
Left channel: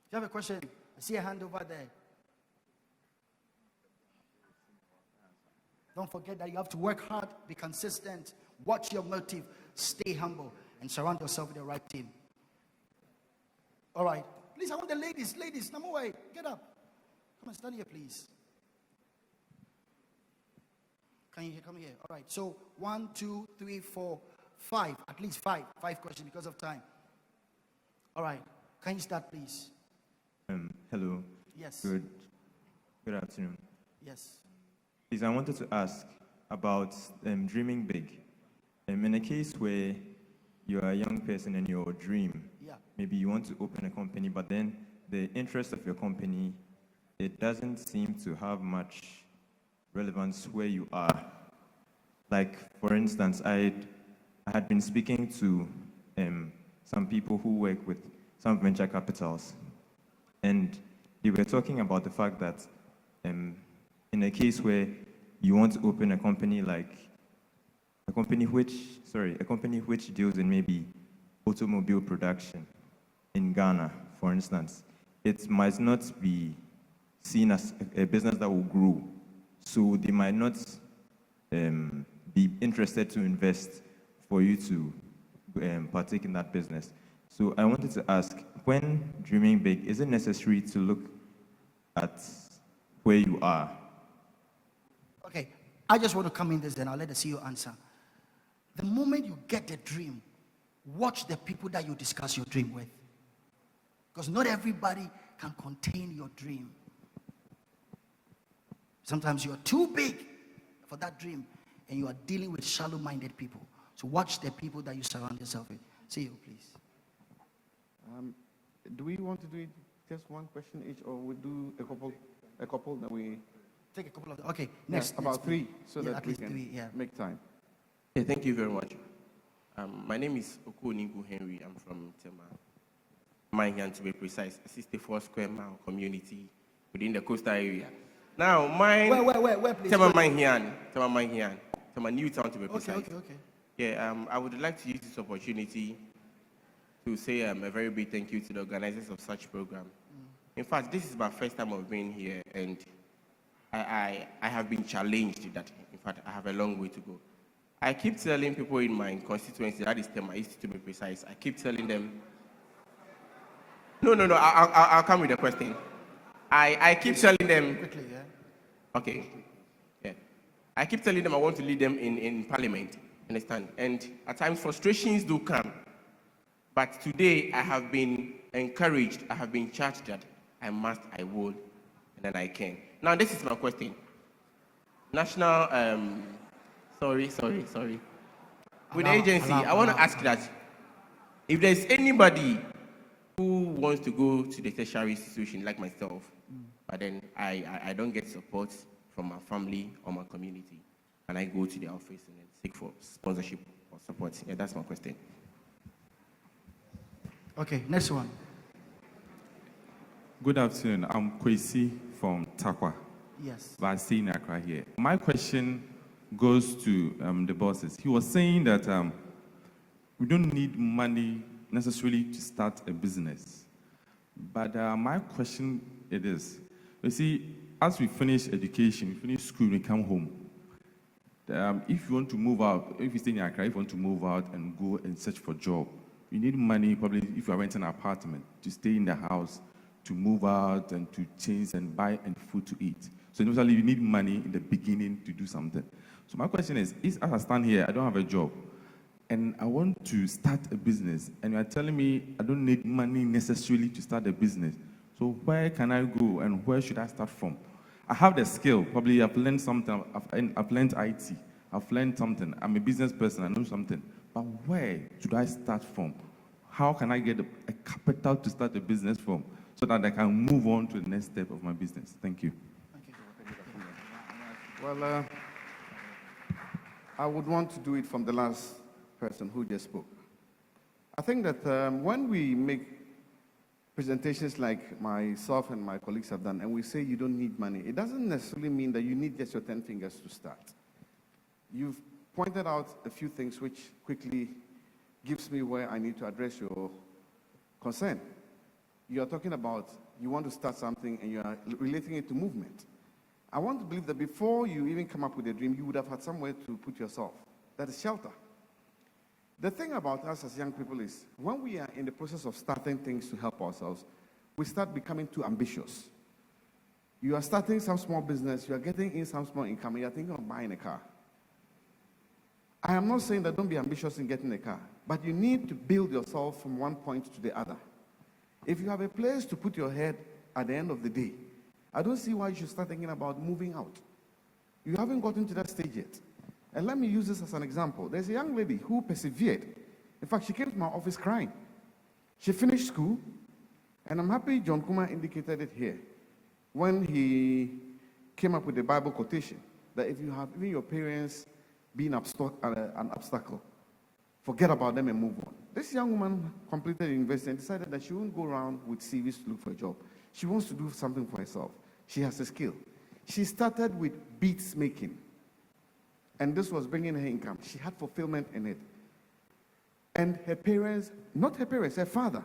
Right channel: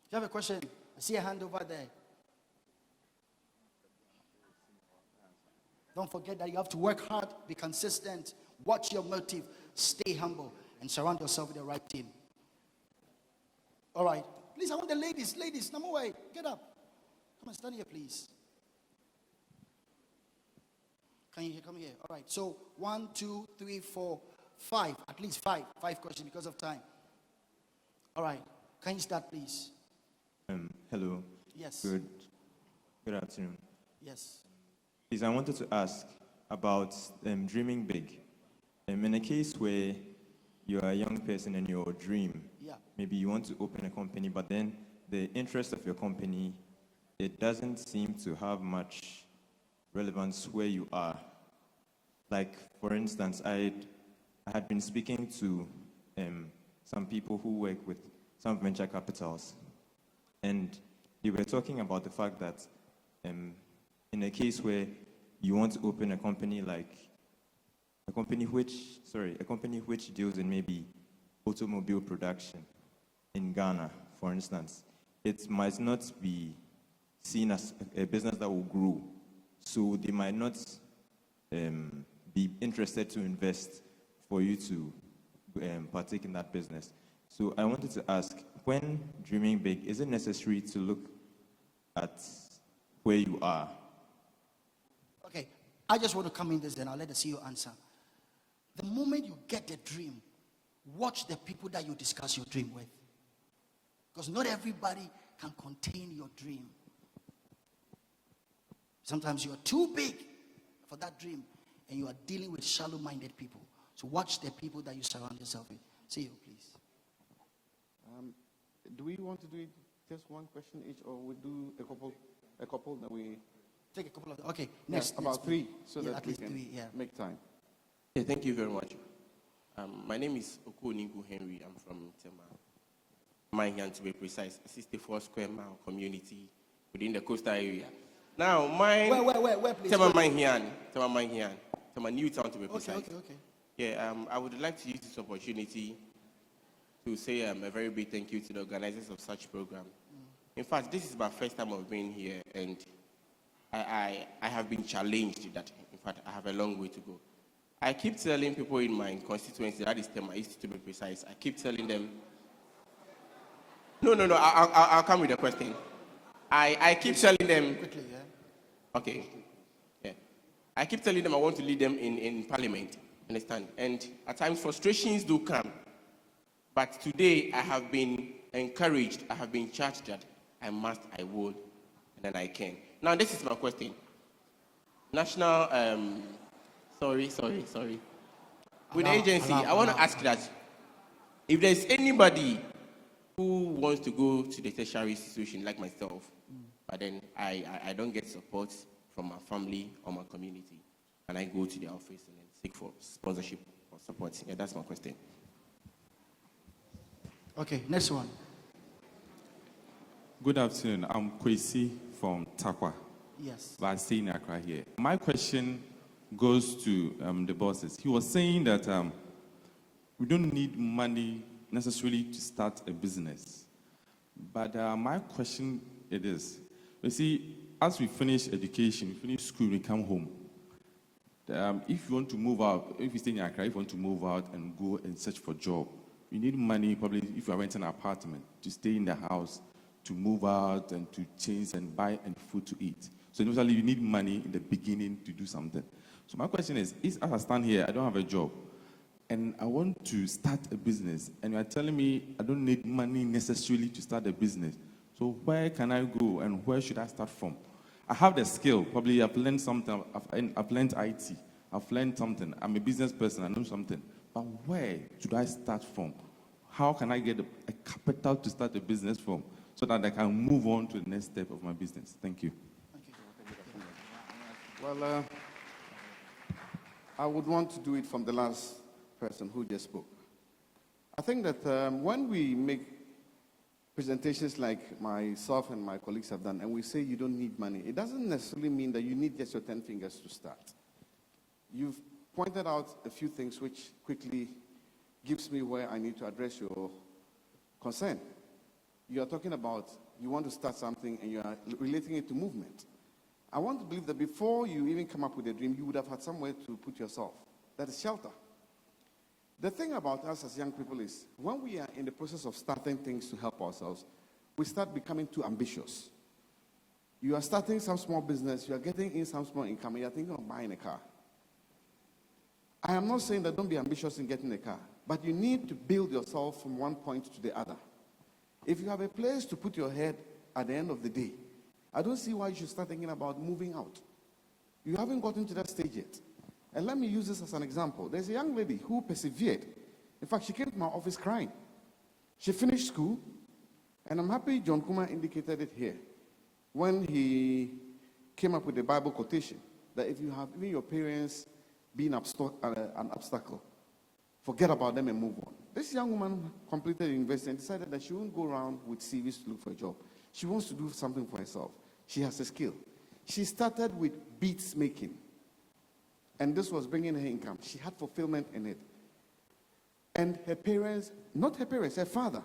If you have a question, I see a hand over there. Don't forget that you have to work hard, be consistent, watch your motive, stay humble, and surround yourself with the right team. All right. Please, I want the ladies. Ladies, number way. Get up. Come on, stand here, please. Can you come here? All right. So 1, 2, 3, 4, 5. At least 5. 5 questions because of time. All right. Can you start, please? Hello. Yes. Good afternoon. Yes. Please, I wanted to ask about dreaming big. In a case where you are a young person and your dream, maybe you want to open a company, but then the interest of your company, it doesn't seem to have much relevance where you are. Like, for instance, I had been speaking to some people who work with some venture capitals, and they were talking about the fact that in a case where you want to open a company like a company which deals in maybe automobile production in Ghana, for instance, it might not be seen as a business that will grow. So they might not be interested to invest for you to partake in that business. So I wanted to ask, when dreaming big, is it necessary to look at where you are? Okay, I just want to come in this, then I'll let the CEO answer. The moment you get a dream, watch the people that you discuss your dream with. Because not everybody can contain your dream. Sometimes you're too big for that dream, and you are dealing with shallow-minded people. So watch the people that you surround yourself with. CEO, please. Do we want to do it just one question each, or we do a couple that we take a couple of? Okay, next. About 3, so that at we least can 3, make time. Okay, thank you very much. My name is Okoninku Henry. I'm from Tema. Manhian to be precise, 64 square mile community within the coastal area. Now, mine. Where, please? Tema New Town to be precise. Okay. Yeah, I would like to use this opportunity to say a very big thank you to the organizers of such program. In fact, this is my first time of being here, and I have been challenged that, in fact, I have a long way to go. I keep telling people in my constituency, that is Tema East to be precise, I keep telling them, no, I'll come with the question. I keep telling them, Quickly, yeah. okay, yeah. I keep telling them I want to lead them in parliament, understand? And at times frustrations do come. But today I have been encouraged, I have been charged that I must, I will, and then I can. Now this is my question. National, sorry. With the agency, I want to ask that if there's anybody who wants to go to the tertiary institution like myself, but then I don't get support from my family or my community, and I go to the office and then seek for sponsorship or support. Yeah, that's my question. Okay, next one. Good afternoon. I'm Kwesi from Takwa. Yes. But I'm staying in Accra here. My question goes to the bosses. He was saying that we don't need money necessarily to start a business. But my question it is, you see, as we finish education, we finish school, we come home. If you want to move out, if you stay in Accra, if you want to move out and go and search for a job, you need money, probably if you are renting an apartment, to stay in the house, to move out and to change and buy and food to eat. So usually you need money in the beginning to do something. So my question is as I stand here, I don't have a job, and I want to start a business, and you are telling me I don't need money necessarily to start a business. So where can I go and where should I start from? I have the skill, probably I've learned something, I've learned IT, I've learned something, I'm a business person, I know something. But where should I start from? How can I get a capital to start a business from so that I can move on to the next step of my business? Thank you. Well, I would want to do it from the last person who just spoke. I think that when we make presentations like myself and my colleagues have done, and we say you don't need money, it doesn't necessarily mean that you need just your 10 fingers to start. You've pointed out a few things which quickly gives me where I need to address your concern. You are talking about you want to start something and you are relating it to movement. I want to believe that before you even come up with a dream, you would have had somewhere to put yourself. That is shelter. The thing about us as young people is when we are in the process of starting things to help ourselves, we start becoming too ambitious. You are starting some small business, you are getting in some small income, and you are thinking of buying a car. I am not saying that don't be ambitious in getting a car, but you need to build yourself from one point to the other. If you have a place to put your head at the end of the day, I don't see why you should start thinking about moving out. You haven't gotten to that stage yet. And let me use this as an example. There's a young lady who persevered. In fact, she came to my office crying. She finished school, and I'm happy John KUMAH indicated it here when he came up with the Bible quotation that if you have even your parents being an obstacle, forget about them and move on. This young woman completed university and decided that she won't go around with CVs to look for a job. She wants to do something for herself. She has a skill. She started with beads making, and this was bringing her income. She had fulfillment in it. And her parents, not her parents, her father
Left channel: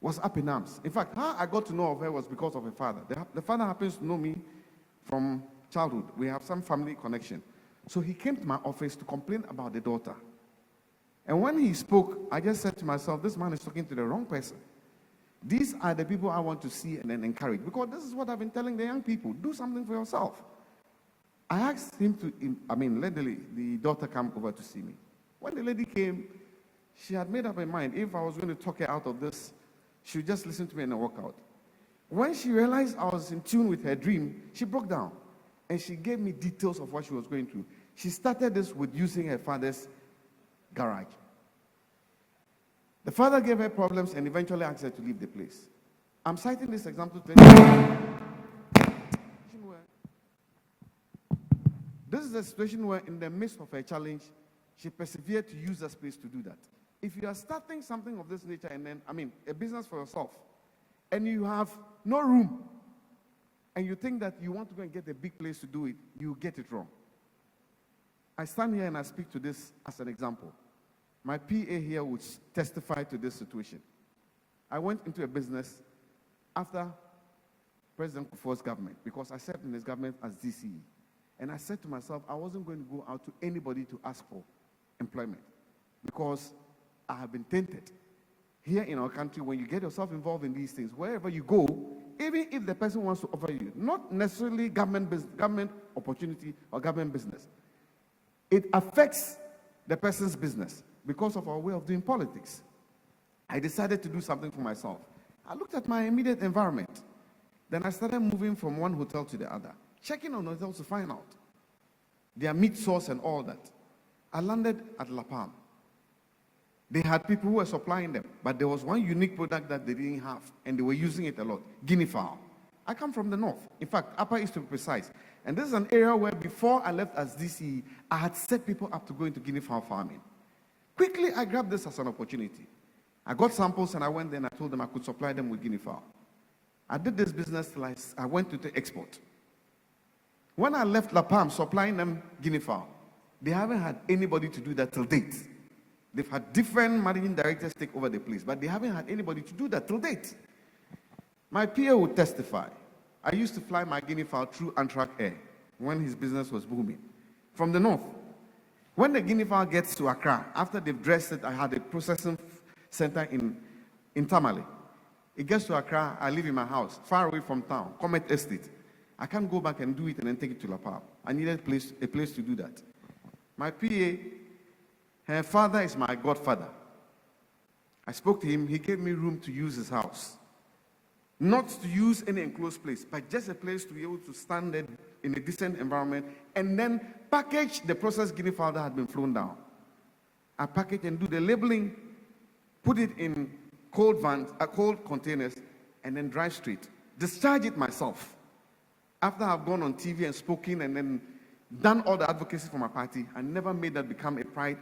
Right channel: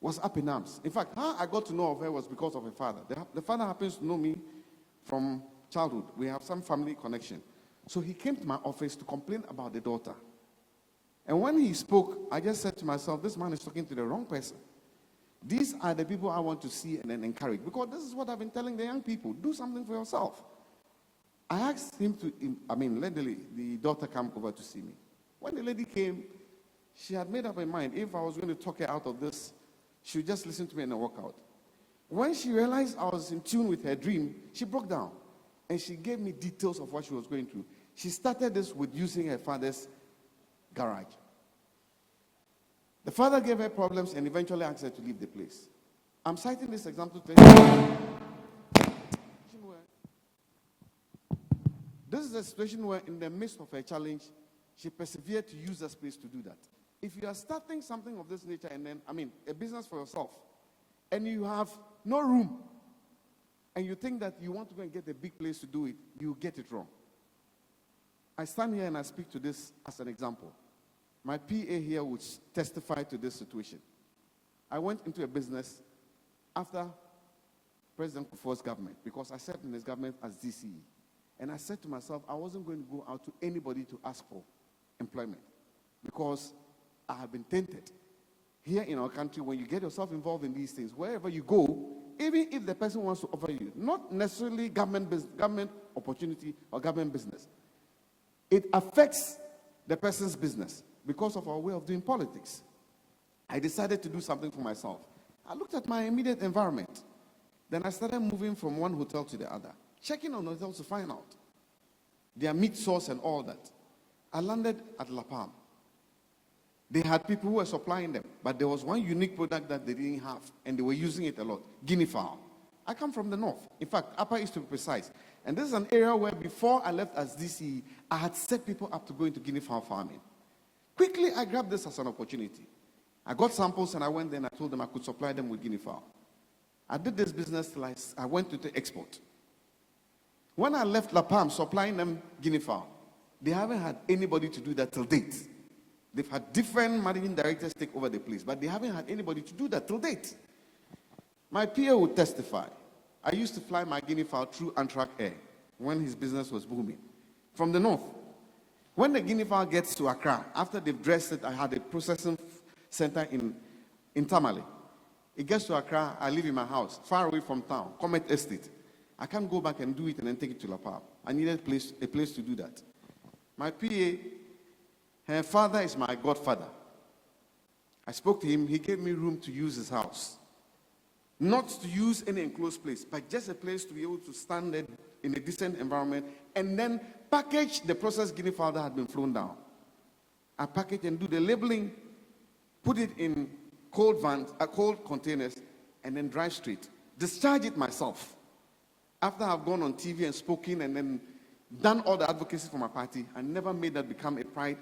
was up in arms. In fact, how I got to know of her was because of her father. The father happens to know me from childhood. We have some family connection. So he came to my office to complain about the daughter. And when he spoke, I just said to myself, this man is talking to the wrong person. These are the people I want to see and then encourage. Because this is what I've been telling the young people. Do something for yourself. I asked him to, let the daughter come over to see me. When the lady came, she had made up her mind. If I was going to talk her out of this, she would just listen to me and walk out. When she realized I was in tune with her dream, she broke down. And she gave me details of what she was going through. She started this with using her father's garage. The father gave her problems and eventually asked her to leave the place. I'm citing this example to this is a situation where in the midst of her challenge, she persevered to use that space to do that. if you are starting something of this nature and then, a business for yourself, and you have no room, and you think that you want to go and get a big place to do it, you get it wrong. I stand here and I speak to this as an example. My PA here would testify to this situation. I went into a business after President Kufuor's government, because I served in his government as DCE. And I said to myself, I wasn't going to go out to anybody to ask for employment, because I have been tainted. Here in our country, when you get yourself involved in these things, wherever you go, even if the person wants to offer you, not necessarily government opportunity or government business, it affects the person's business because of our way of doing politics. I decided to do something for myself. I looked at my immediate environment. Then I started moving from one hotel to the other, checking on hotels to find out their meat source and all that. I landed at La Palma. They had people who were supplying them, but there was one unique product that they didn't have, and they were using it a lot, guinea fowl. I come from the north. In fact, Upper East to be precise. And this is an area where before I left as DCE, I had set people up to go into guinea fowl farming. Quickly, I grabbed this as an opportunity. I got samples and I went there and I told them I could supply them with guinea fowl. I did this business till I went to the export. When I left La Palma supplying them guinea fowl, they haven't had anybody to do that till date. They've had different managing directors take over the place, but they haven't had anybody to do that till date. My PA would testify. I used to fly my guinea fowl through Antrak Air when his business was booming. From the north. When the guinea fowl gets to Accra, after they've dressed it, I had a processing center in Tamale. It gets to Accra, I live in my house, far away from town, Comet Estate. I can't go back and do it and then take it to La Palma. I needed a place to do that. My PA, her father is my godfather. I spoke to him, he gave me room to use his house. Not to use any enclosed place, but just a place to be able to stand there in a decent environment and then package the processed guinea fowl that had been flown down. I package and do the labeling, put it in cold containers, and then drive straight. Discharge it myself. After I've gone on TV and spoken and then done all the advocacy for my party, I never made that become a pride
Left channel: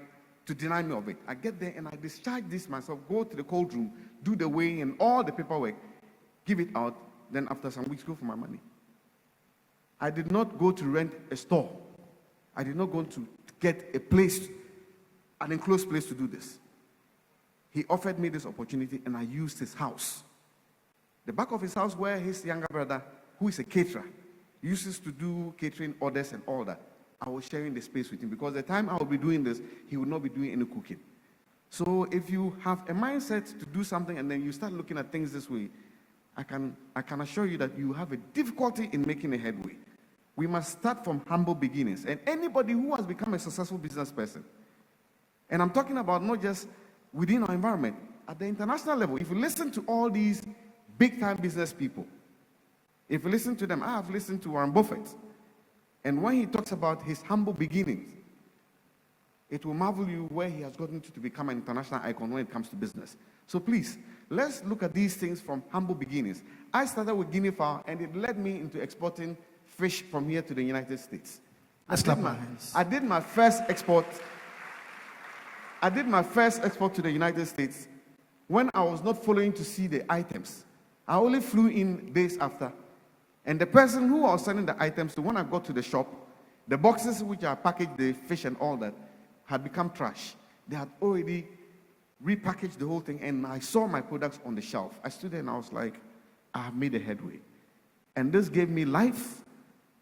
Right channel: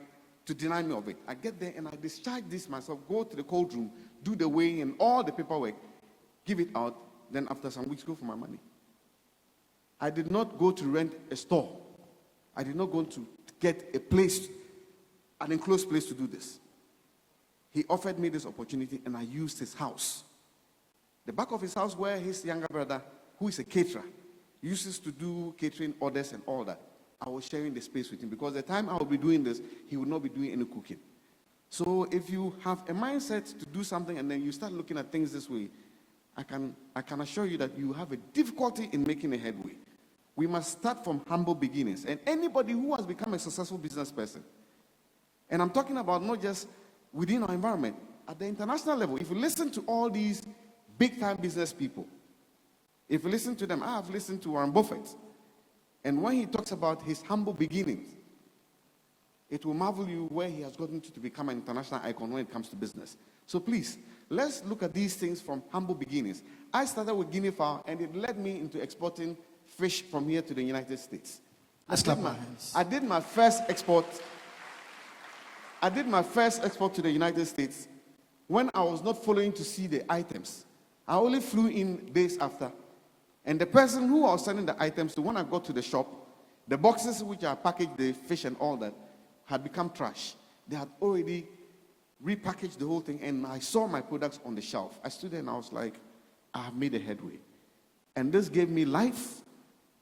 to deny me of it. I get there and I discharge this myself, go to the cold room, do the weighing and all the paperwork, give it out, then after some weeks go for my money. I did not go to rent a store. I did not go to get a place, an enclosed place to do this. He offered me this opportunity and I used his house. The back of his house where his younger brother, who is a caterer, uses to do catering orders and all that. I was sharing the space with him because the time I will be doing this, he would not be doing any cooking. So if you have a mindset to do something and then you start looking at things this way, I can assure you that you have a difficulty in making a headway. We must start from humble beginnings. And anybody who has become a successful business person, and I'm talking about not just within our environment, at the international level, if you listen to all these big-time business people, if you listen to them, I have listened to Warren Buffett, and when he talks about his humble beginnings, it will marvel you where he has gotten to become an international icon when it comes to business. So please, let's look at these things from humble beginnings. I started with guinea fowl, and it led me into exporting fish from here to the United States. I did my first export to the United States when I was not following to see the items. I only flew in days after. And the person who I was sending the items to, when I got to the shop, the boxes which I packaged the fish and all that had become trash. They had already repackaged the whole thing, and I saw my products on the shelf. I stood there and I was like, I have made a headway. And this gave me life.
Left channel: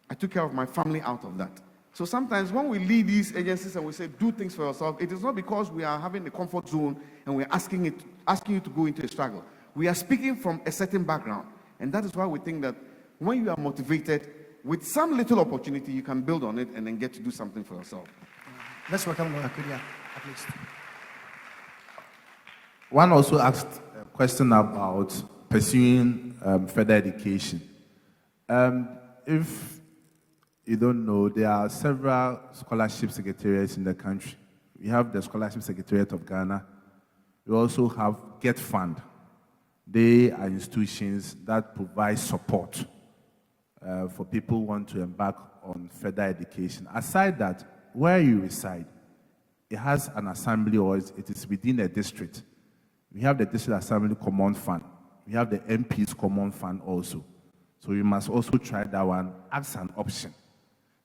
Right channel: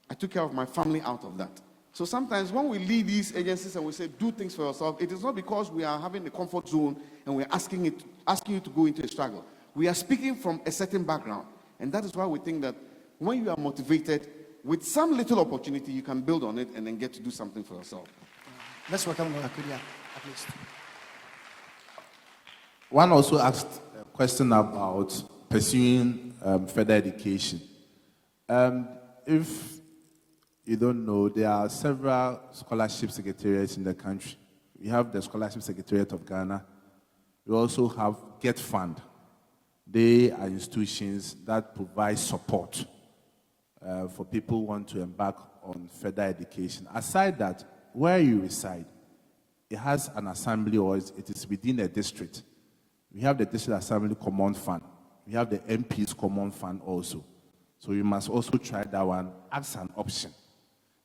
I took care of my family out of that. So sometimes when we lead these agencies and we say, do things for yourself, it is not because we are having a comfort zone and we're asking you to go into a struggle. We are speaking from a certain background. And that is why we think that when you are motivated, with some little opportunity, you can build on it and then get to do something for yourself. Let's welcome Akudia, at least. One also asked a question about pursuing further education. If you don't know, there are several scholarship secretariats in the country. We have the Scholarship Secretariat of Ghana. We also have Get Fund. They are institutions that provide support for people who want to embark on further education. Aside that, where you reside, it has an assembly, or it is within a district. We have the district assembly common fund. We have the MP's common fund also. So you must also try that one as an option.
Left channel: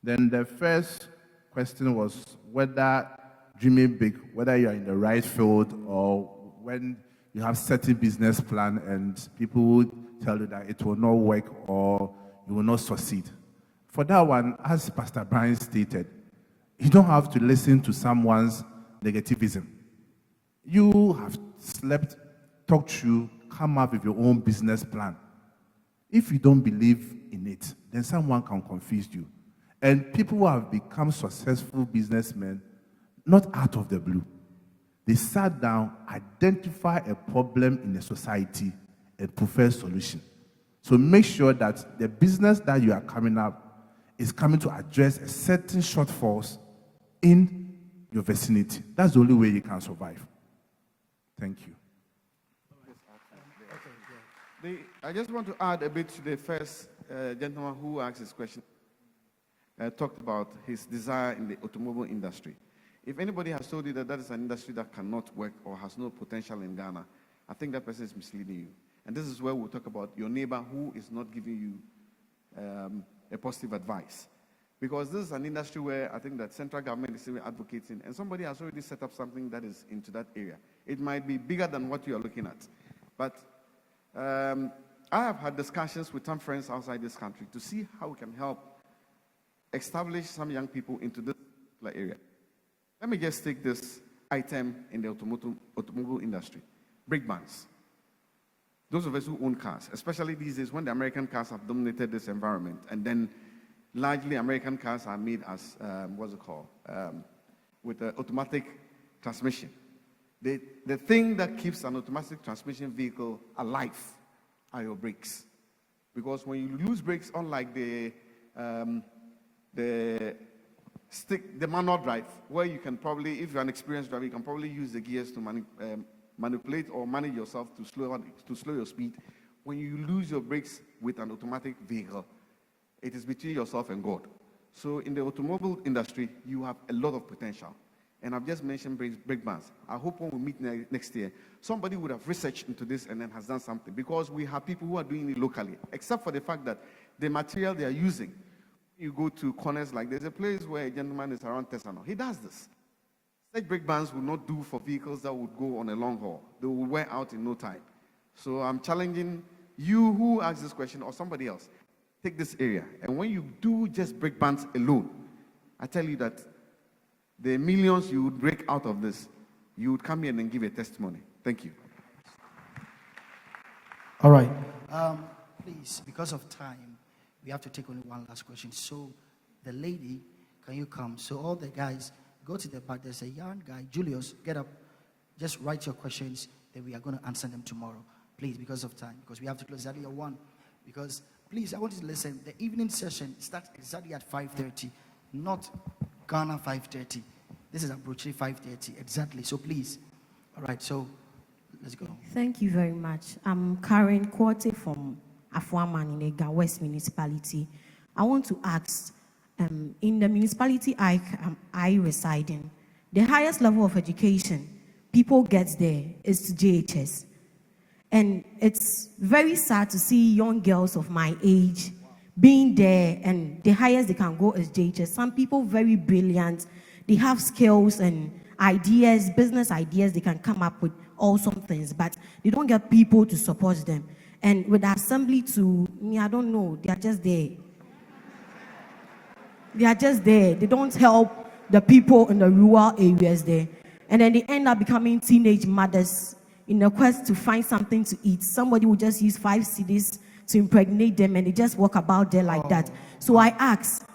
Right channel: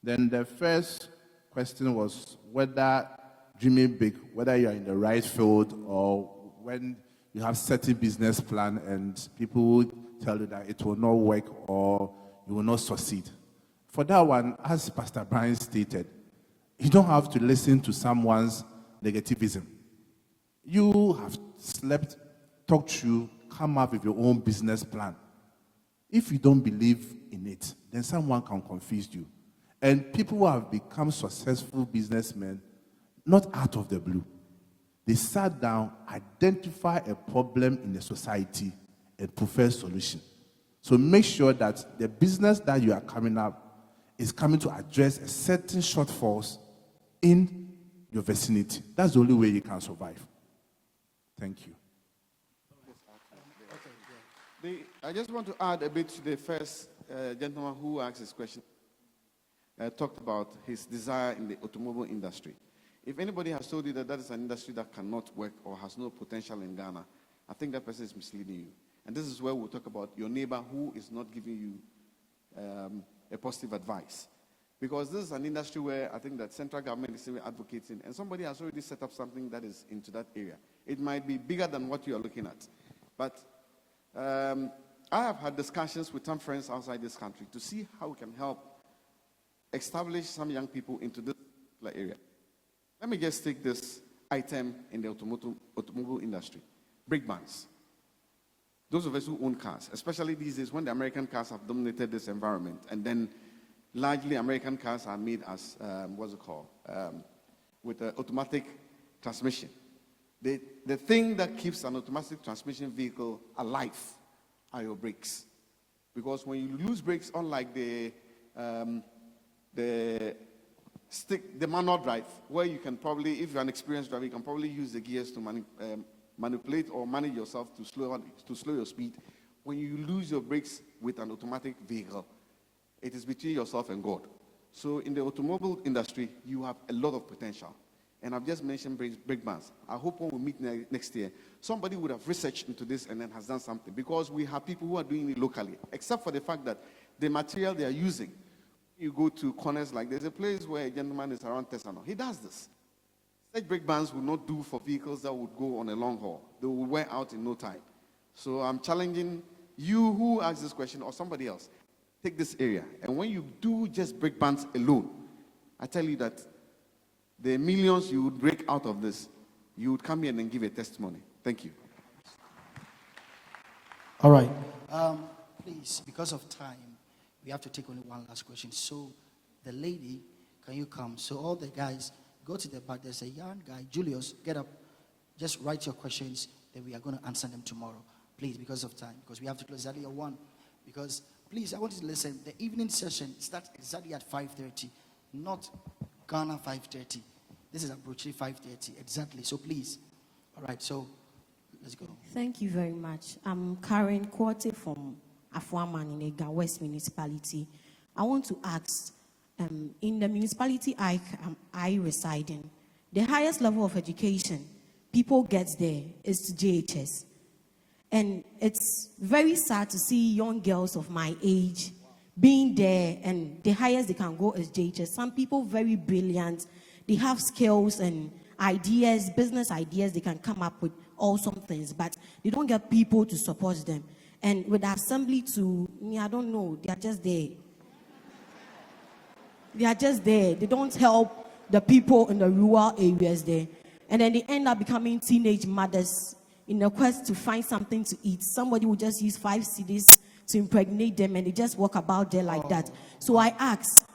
Then the first question was whether dreaming big, whether you are in the right field, or when you have certain business plan and people will tell you that it will not work or you will not succeed. For that one, as Pastor Brian stated, you don't have to listen to someone's negativism. You have slept, talked through, come up with your own business plan. If you don't believe in it, then someone can confuse you. And people who have become successful businessmen, not out of the blue. They sat down, identify a problem in the society, and prefer solution. So make sure that the business that you are coming up is coming to address a certain shortfalls in your vicinity. That's the only way you can survive. Thank you. I just want to add a bit to the first gentleman who asked this question. Talked about his desire in the automobile industry. If anybody has told you that that is an industry that cannot work or has no potential in Ghana, I think that person is misleading you. And this is where we'll talk about your neighbor who is not giving you a positive advice. Because this is an industry where I think that central government is still advocating, and somebody has already set up something that is into that area. It might be bigger than what you are looking at. But I have had discussions with some friends outside this country to see how we can help establish some young people into this area. Let me just take this item in the automobile industry. Brake bands. Those of us who own cars, especially these days when the American cars have dominated this environment, and then largely American cars are made as, with an automatic transmission. The thing that keeps an automatic transmission vehicle alive are your brakes. Because when you lose brakes, unlike the manual drive, where you can probably, if you're an experienced driver, you can probably use the gears to manipulate or manage yourself to slow your speed. When you lose your brakes with an automatic vehicle, it is between yourself and God. So in the automobile industry, you have a lot of potential. And I've just mentioned brake bands. I hope when we meet next year, somebody would have researched into this and then has done something, because we have people who are doing it locally, except for the fact that the material they are using, you go to corners, like there's a place where a gentleman is around Tesano. He does this. Such brake bands will not do for vehicles that would go on a long haul. They will wear out in no time. So I'm challenging you who asked this question, or somebody else, take this area. And when you do just brake bands alone, I tell you that the millions you would break out of this, you would come here and give a testimony. Thank you. All right. Please, because of time, we have to take only one last question. So, the lady, can you come? So, all the guys, go to the part. There's a young guy, Julius, get up. Just write your questions, then we are going to answer them tomorrow. Please, because of time, because we have to close exactly at 1. Because, please, I want you to listen. The evening session starts exactly at 5:30, not Ghana 5:30. This is approaching 5:30, exactly. So, please. All right, so, let's go. Thank you very much. I'm Karen Quarte from Afuaman in the West Municipality. I want to ask, in the municipality I reside in, the highest level of education people get there is to JHS. And it's very sad to see young girls of my age being there, and the highest they can go is JHS. Some people very brilliant, they have skills and ideas, business ideas, they can come up with awesome things, but they don't get people to support them. And with the assembly to me, I don't know, they are just there. They are just there. They don't help the people in the rural areas there. And then they end up becoming teenage mothers in a quest to find something to eat. Somebody will just use 5 cedis to impregnate them, and they just walk about there like that. So I ask,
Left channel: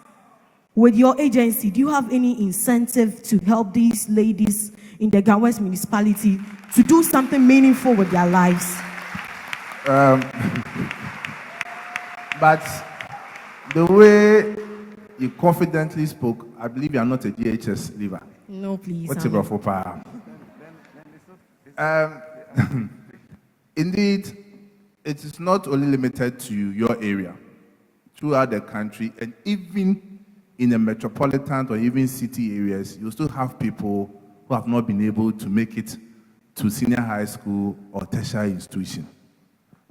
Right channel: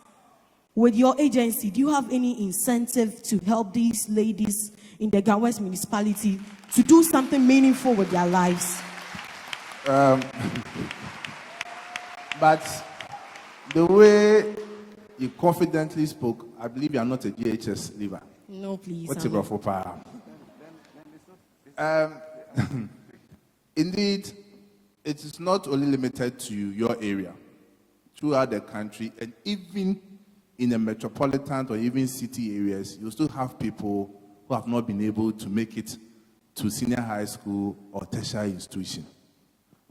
with your agency, do you have any incentive to help these ladies in the Gawes municipality to do something meaningful with their lives? But the way you confidently spoke, I believe you are not a GHS leaver. No, please. What's it for power? Indeed, it is not only limited to your area. Throughout the country, and even in the metropolitan or even city areas, you still have people who have not been able to make it to senior high school or tertiary institution.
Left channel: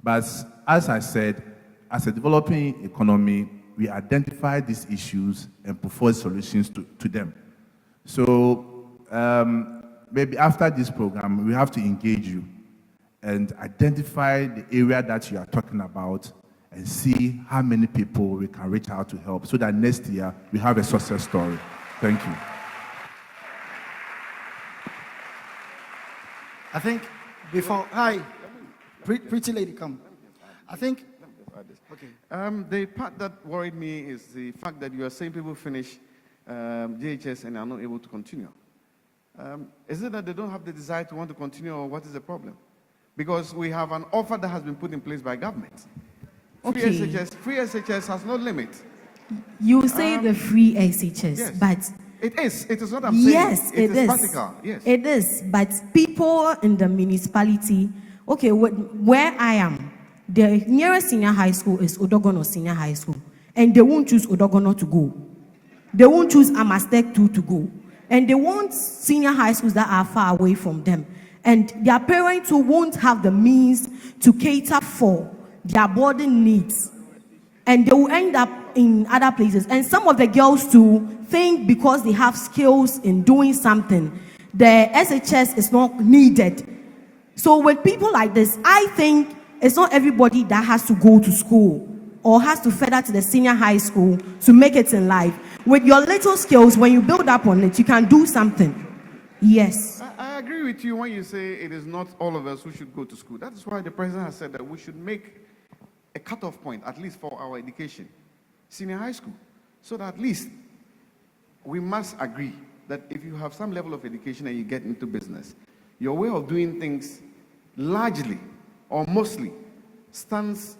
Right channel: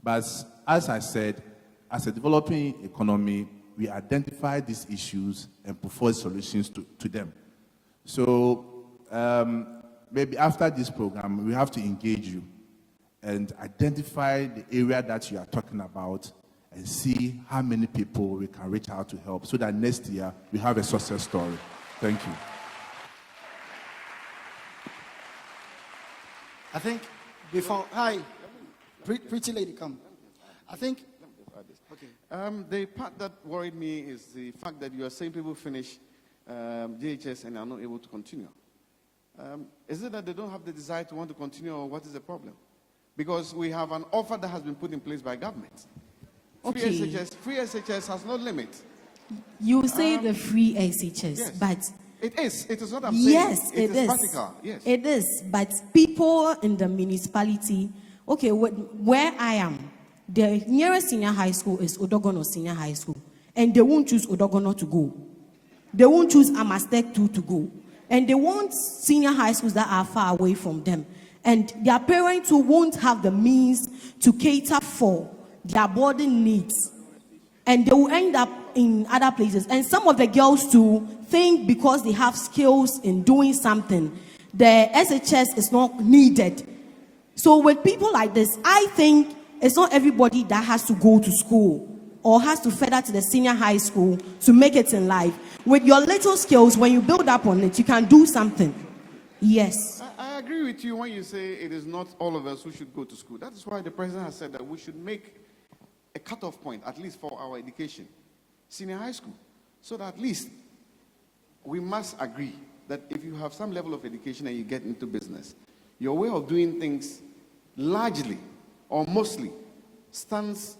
But as I said, as a developing economy, we identify these issues and propose solutions to them. So maybe after this program, we have to engage you and identify the area that you are talking about and see how many people we can reach out to help so that next year we have a success story. Thank you. I think before, hi, pretty lady, come. I think, okay. The part that worried me is the fact that you are saying people finish JHS and are not able to continue. Is it that they don't have the desire to want to continue, or what is the problem? Because we have an offer that has been put in place by government. Okay. Free SHS has no limit. You say the free SHS, yes. but it is what I'm saying. yes, it is. Practical. Yes, it is. But people in the municipality, okay, where I am, the nearest senior high school is Odogono Senior High School, and they won't choose Odogono to go. They won't choose Amastek 2 to go, and they want senior high schools that are far away from them, and their parents who won't have the means to cater for their boarding needs, and they will end up in other places. And some of the girls too think because they have skills in doing something, the SHS is not needed. So with people like this, I think it's not everybody that has to go to school or has to further to the senior high school to make it in life. With your little skills, when you build up on it, you can do something. Yes. I agree with you when you say it is not all of us who should go to school. That is why the president has said that we should make a cutoff point, at least for our education, senior high school, so that at least we must agree that if you have some level of education and you get into business, your way of doing things largely or mostly stands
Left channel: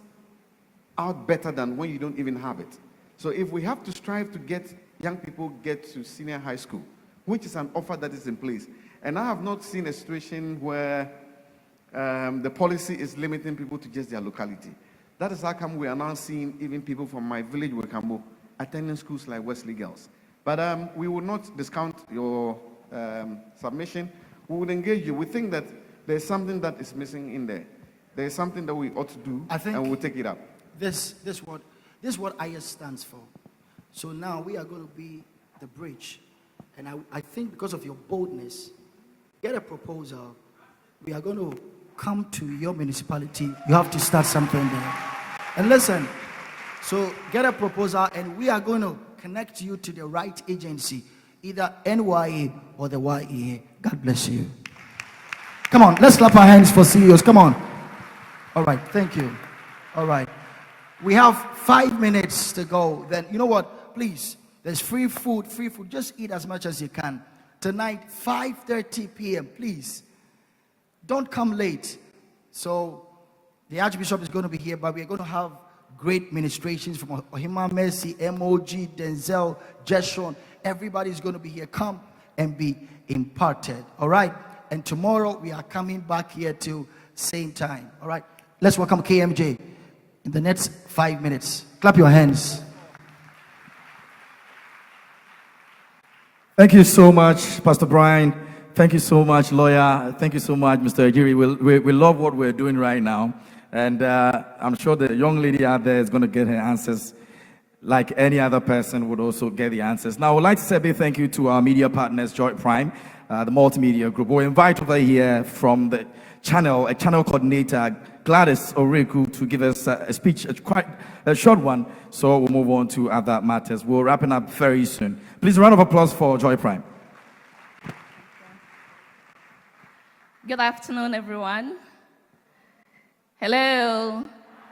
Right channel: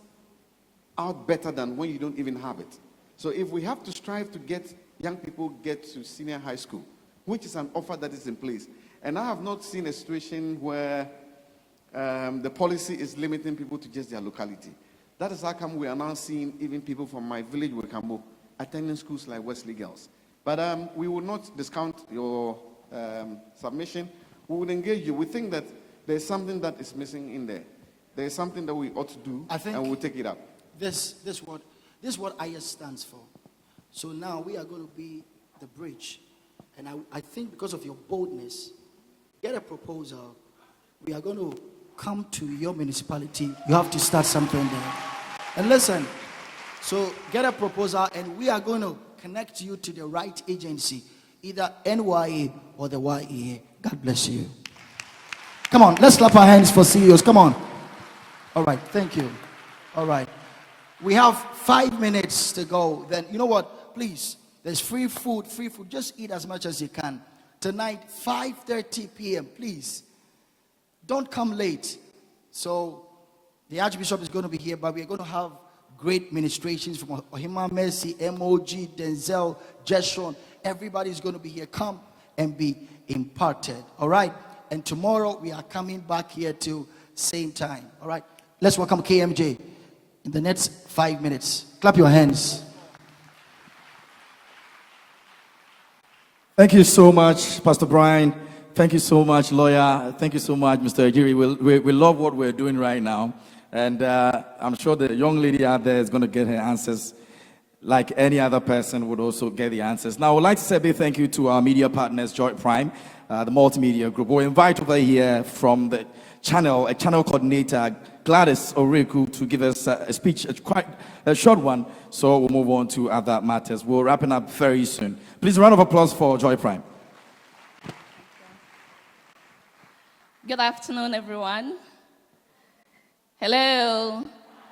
out better than when you don't even have it. So if we have to strive to get young people get to senior high school, which is an offer that is in place, and I have not seen a situation where the policy is limiting people to just their locality. That is how come we are now seeing even people from my village, Wekamo, attending schools like Wesley Girls. But we will not discount your submission. We would engage you. We think that there's something that is missing in there. There's something that we ought to do, and we'll take it up. This is what IYES stands for. So now we are going to be the bridge. And I think because of your boldness, get a proposal. We are going to come to your municipality. You have to start something there. And listen, so get a proposal, and we are going to connect you to the right agency, either NYA or the YEA. God bless you. Come on, let's clap our hands for CEOs. Come on. All right, thank you. All right. We have 5 minutes to go. Then, you know what? Please, there's free food. Just eat as much as you can. Tonight, 5:30 p.m., please. Don't come late. So, the Archbishop is going to be here, but we're going to have great ministrations from Ohima Mercy, MOG, Denzel, Jeshon. Everybody's going to be here. Come and be imparted. All right? And tomorrow, we are coming back here to same time. All right? Let's welcome KMJ in the next 5 minutes. Clap your hands. Thank you so much, Pastor Brian. Thank you so much, lawyer. Thank you so much, Mr. Ejiri. We love what we're doing right now. And I'm sure the young lady out there is going to get her answers like any other person would also get the answers. Now, I would like to say a big thank you to our media partners, Joy Prime, the multimedia group. We'll invite over here from the channel, a channel coordinator, Gladys Oreku, to give us a speech, quite a short one. So we'll move on to other matters. We're wrapping up very soon. Please, a round of applause for Joy Prime. Good afternoon, everyone. Hello.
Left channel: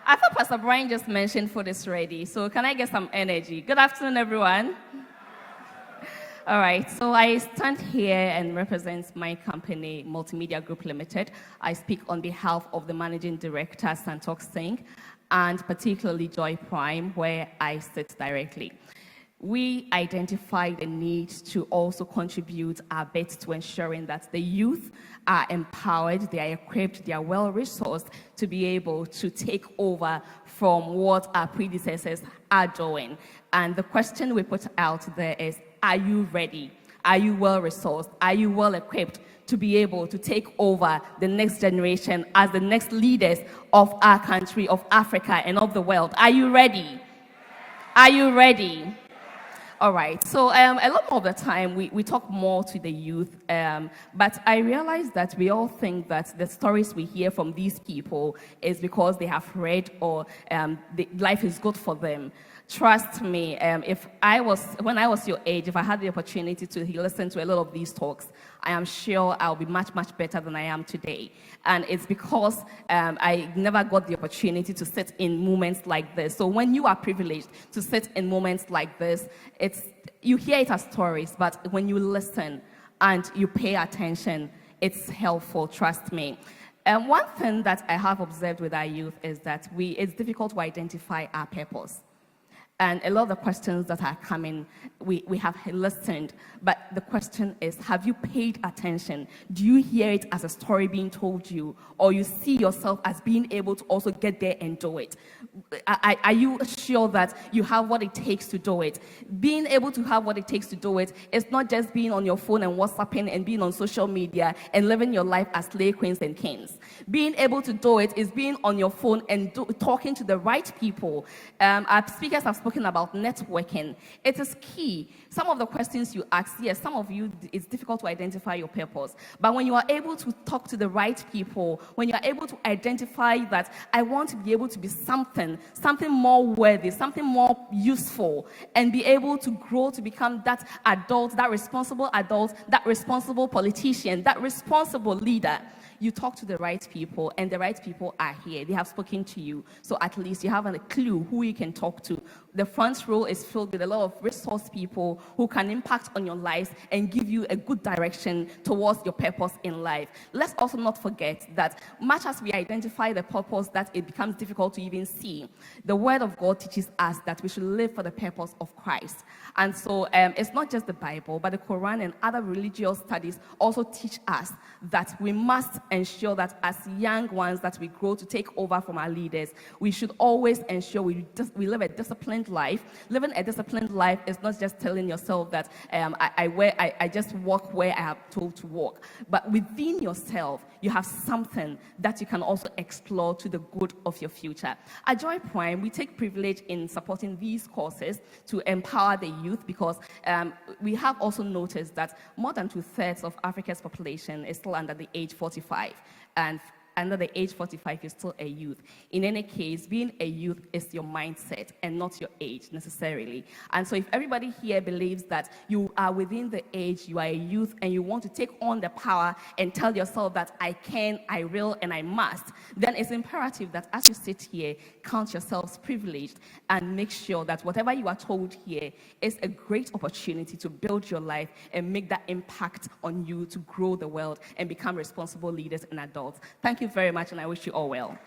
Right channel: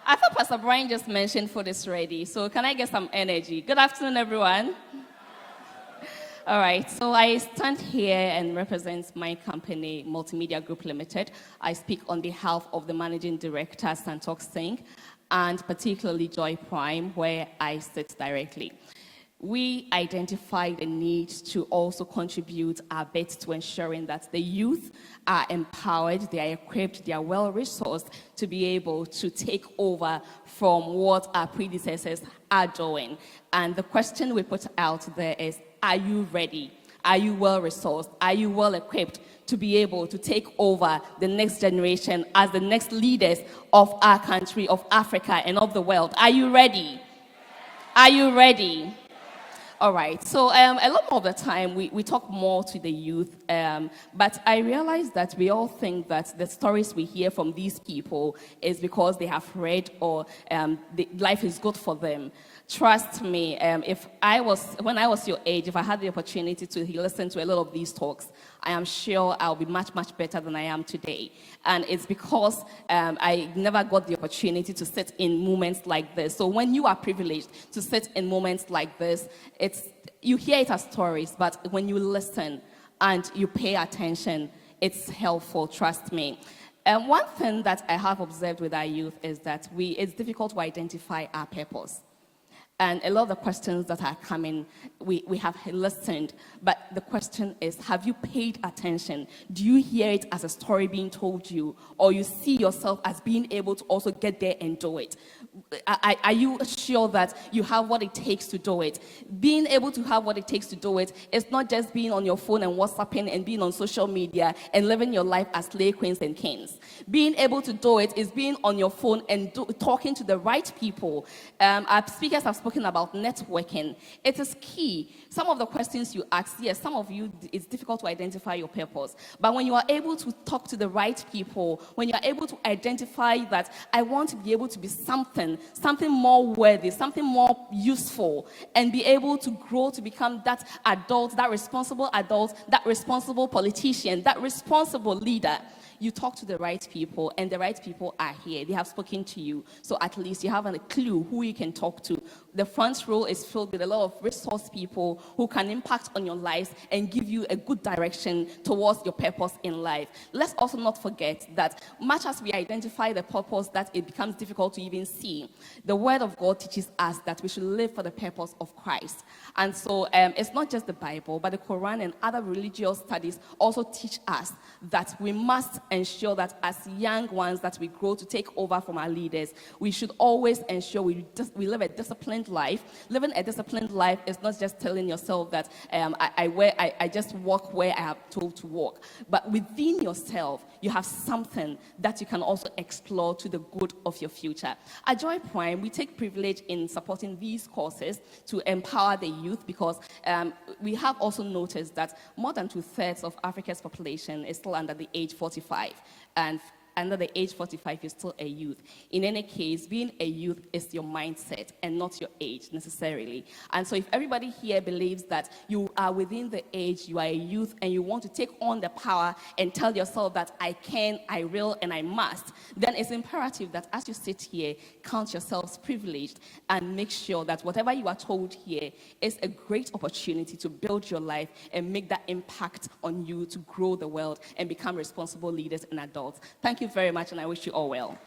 I thought Pastor Brian just mentioned food is ready, so can I get some energy? Good afternoon, everyone. All right, so I stand here and represent my company, Multimedia Group Limited. I speak on behalf of the Managing Director, Santok Singh, and particularly Joy Prime, where I sit directly. We identify the need to also contribute our bit to ensuring that the youth are empowered, they are equipped, they are well-resourced to be able to take over from what our predecessors are doing. And the question we put out there is, are you ready? Are you well resourced? Are you well equipped to be able to take over the next generation as the next leaders of our country, of Africa, and of the world? Are you ready? Are you ready? All right, so a lot of the time we talk more to the youth, but I realize that we all think that the stories we hear from these people is because they have read or life is good for them. Trust me, when I was your age, if I had the opportunity to listen to a lot of these talks, I am sure I'll be much, much better than I am today. And it's because I never got the opportunity to sit in moments like this. So when you are privileged to sit in moments like this, you hear it as stories, but when you listen and you pay attention, it's helpful, trust me. And one thing that I have observed with our youth is that it's difficult to identify our purpose. And a lot of the questions that are coming, we have listened, but the question is, have you paid attention? Do you hear it as a story being told you, or you see yourself as being able to also get there and do it? Are you sure that you have what it takes to do it? Being able to have what it takes to do it is not just being on your phone and WhatsApping and being on social media and living your life as slay queens and kings. Being able to do it is being on your phone and talking to the right people. Our speakers have spoken about networking. It is key. Some of the questions you ask, yes, some of you, it's difficult to identify your purpose. But when you are able to talk to the right people, when you are able to identify that I want to be able to be something more worthy, something more useful, and be able to grow to become that adult, that responsible politician, that responsible leader, you talk to the right people, and the right people are here. They have spoken to you, so at least you have a clue who you can talk to. The front row is filled with a lot of resource people who can impact on your lives and give you a good direction towards your purpose in life. Let's also not forget that much as we identify the purpose, that it becomes difficult to even see, the Word of God teaches us that we should live for the purpose of Christ. And so it's not just the Bible, but the Quran and other religious studies also teach us that we must ensure that as young ones that we grow to take over from our leaders, we should always ensure we live a disciplined life. Living a disciplined life is not just telling yourself that I just walk where I am told to walk, but within yourself, you have something that you can also explore to the good of your future. At Joy Prime, we take privilege in supporting these courses to empower the youth, because we have also noticed that more than 2/3 of Africa's population is still under the age 45, and under the age 45, you're still a youth. In any case, being a youth is your mindset and not your age necessarily. And so if everybody here believes that you are within the age, you are a youth, and you want to take on the power and tell yourself that I can, I will, and I must, then it's imperative that as you sit here, count yourselves privileged and make sure that whatever you are told here is a great opportunity to build your life and make that impact on you to grow the world and become responsible leaders and adults. Thank you very much, and I wish you all well.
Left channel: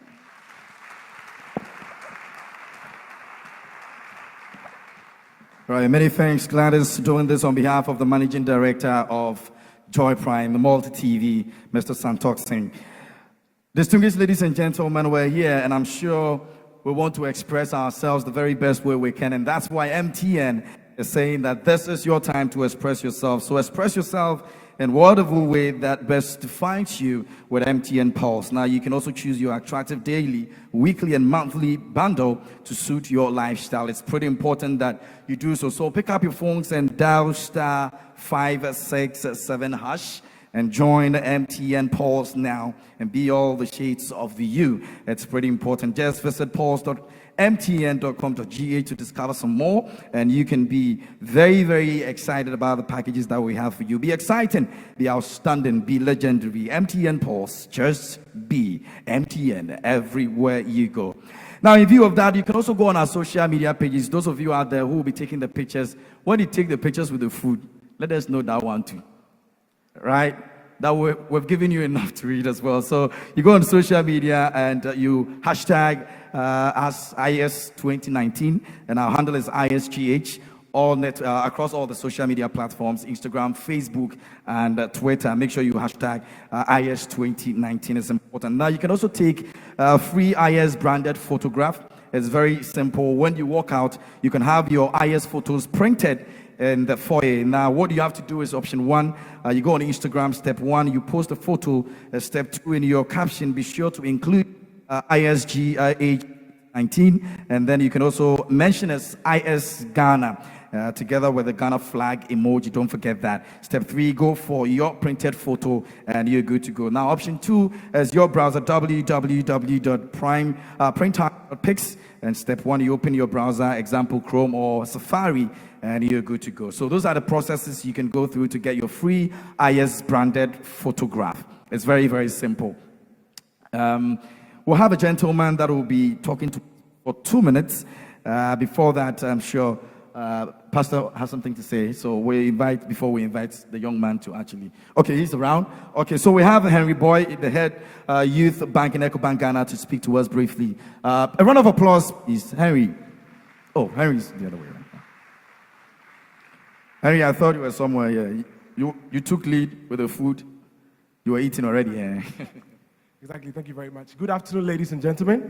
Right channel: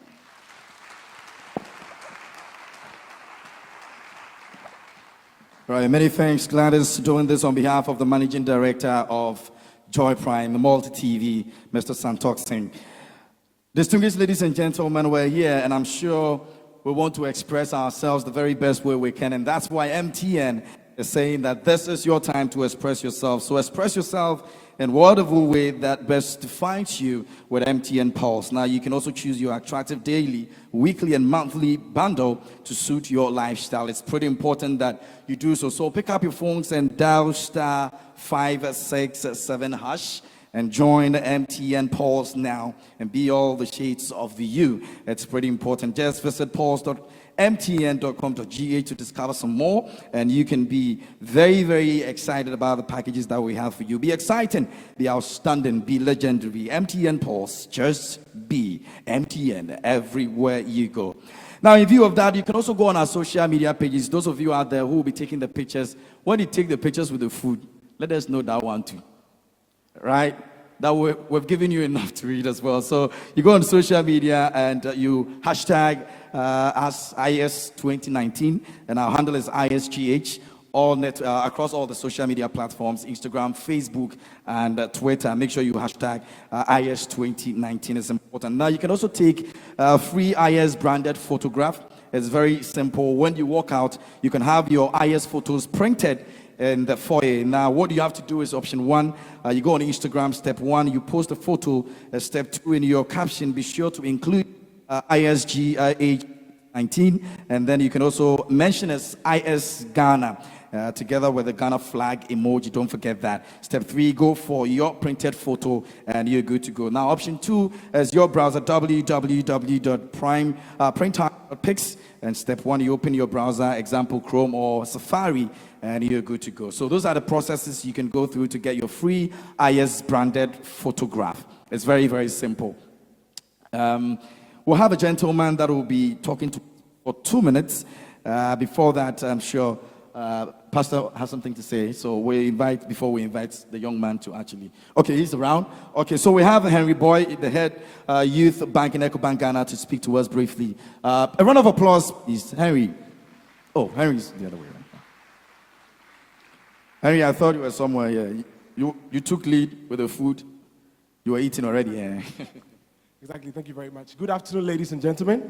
Right, many thanks, Gladys, doing this on behalf of the Managing Director of Joy Prime, the Multi-TV, Mr. Santok Singh. Distinguished ladies and gentlemen, we're here, and I'm sure we want to express ourselves the very best way we can, and that's why MTN is saying that this is your time to express yourself. So express yourself in whatever way that best defines you with MTN Pulse. Now, you can also choose your attractive daily, weekly, and monthly bundle to suit your lifestyle. It's pretty important that you do so. So pick up your phones and dial *567# and join MTN Pulse now and be all the shades of you. It's pretty important. Just visit pulse.mtn.com.ga to discover some more, and you can be very, very excited about the packages that we have for you. Be exciting, be outstanding, be legendary. MTN Pulse, just be MTN everywhere you go. Now, in view of that, you can also go on our social media pages. Those of you out there who will be taking the pictures, when you take the pictures with the food, let us know that one too. Right? That we've given you enough to read as well. So you go on social media and you hashtag as IYES 2019, and our handle is ISGH, across all the social media platforms, Instagram, Facebook, and Twitter. Make sure you hashtag IYES 2019 is important. Now, you can also take a free IYES branded photograph. It's very simple. When you walk out, you can have your IYES photos printed in the foyer. Now, what you have to do is option 1. You go on Instagram, step 1. You post a photo. Step 2, in your caption, be sure to include ISG age 19, and then you can also mention as IS Ghana. Together with the Ghana flag emoji, don't forget that. Step 3, go for your printed photo and you're good to go. Now, option 2 is your browser, www.printer.pix. And step 1, you open your browser, example Chrome or Safari, and you're good to go. So those are the processes you can go through to get your free IS branded photograph. It's very, very simple. We'll have a gentleman that will be talking to for 2 minutes. Before that, I'm sure Pastor has something to say, so before we invite the young man to actually. Okay, he's around. Okay, so we have Henry Boy, the head youth bank in EcoBank Ghana, to speak to us briefly. A round of applause, please. Henry. Oh, Henry's the other way around. Henry, I thought you were somewhere here. You took lead with the food. You were eating already. Exactly, thank you very much. Good afternoon, ladies and gentlemen.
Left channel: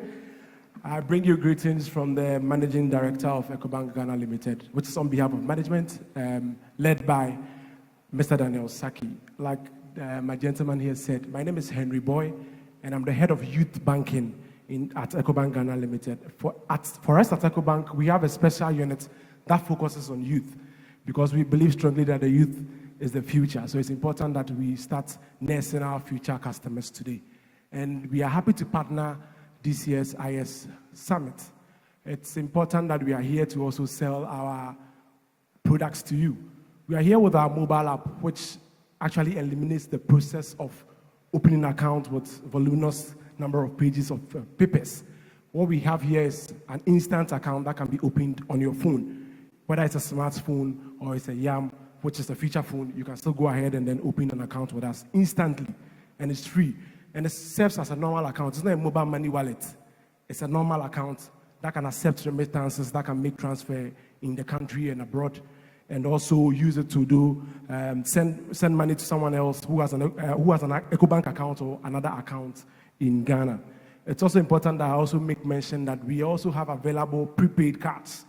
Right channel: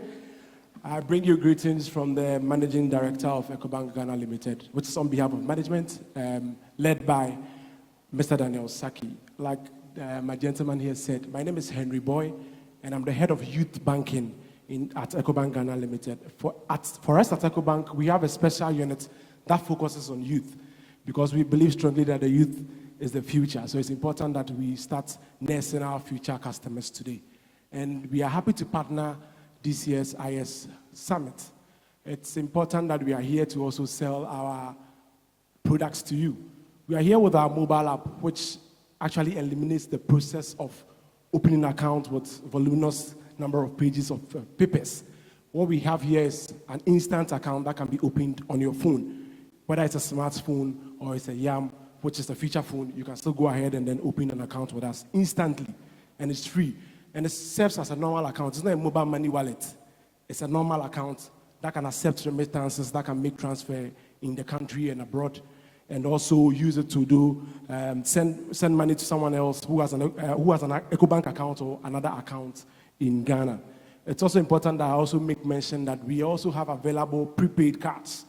I bring you greetings from the Managing Director of EcoBank Ghana Limited, which is on behalf of management, led by Mr. Daniel Saki. Like my gentleman here said, my name is Henry Boy, and I'm the head of youth banking at EcoBank Ghana Limited. For us at EcoBank, we have a special unit that focuses on youth, because we believe strongly that the youth is the future. So it's important that we start nursing our future customers today. And we are happy to partner this year's IS Summit. It's important that we are here to also sell our products to you. We are here with our mobile app, which actually eliminates the process of opening an account with voluminous number of pages of papers. What we have here is an instant account that can be opened on your phone. Whether it's a smartphone or it's a YAM, which is a feature phone, you can still go ahead and then open an account with us instantly, and it's free. And it serves as a normal account. It's not a mobile money wallet. It's a normal account that can accept remittances, that can make transfer in the country and abroad, and also use it to do send money to someone else who has an EcoBank account or another account in Ghana. It's also important that I also make mention that we also have available prepaid cards.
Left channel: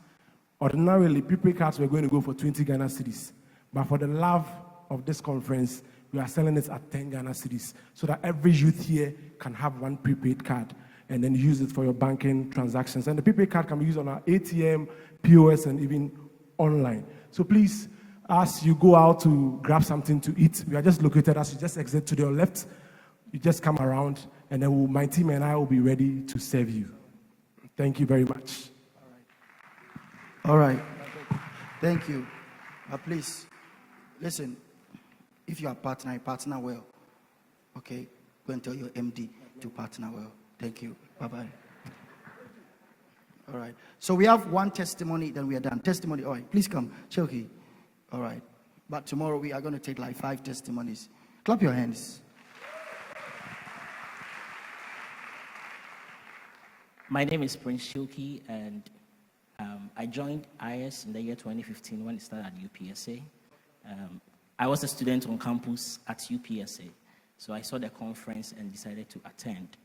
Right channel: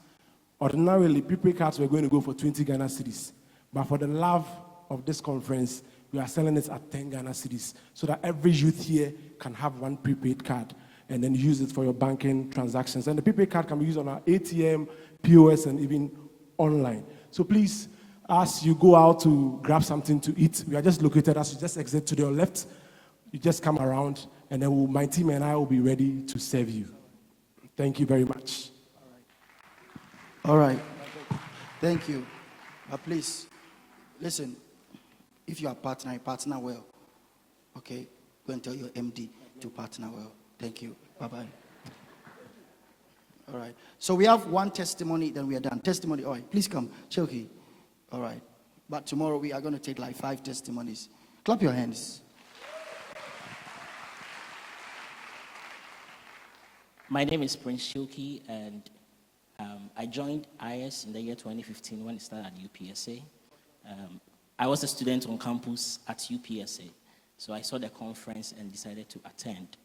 Ordinarily, prepaid cards were going to go for 20 Ghana cedis, but for the love of this conference, we are selling it at 10 Ghana cedis, so that every youth here can have one prepaid card and then use it for your banking transactions. And the prepaid card can be used on our ATM, POS, and even online. So please, as you go out to grab something to eat, we are just located as you just exit to your left. You just come around, and then my team and I will be ready to serve you. Thank you very much. All right. Thank you. Please, listen. If you are partner well. Okay? Go and tell your MD to partner well. Thank you. Bye-bye. All right. So we have one testimony, then we are done. Testimony. All right. Please come. Choki. All right. But tomorrow we are going to take like 5 testimonies. Clap your hands. My name is Prince Shoki, and I joined IS in the year 2015 when it started at UPSA. I was a student on campus at UPSA, so I saw the conference and decided to attend.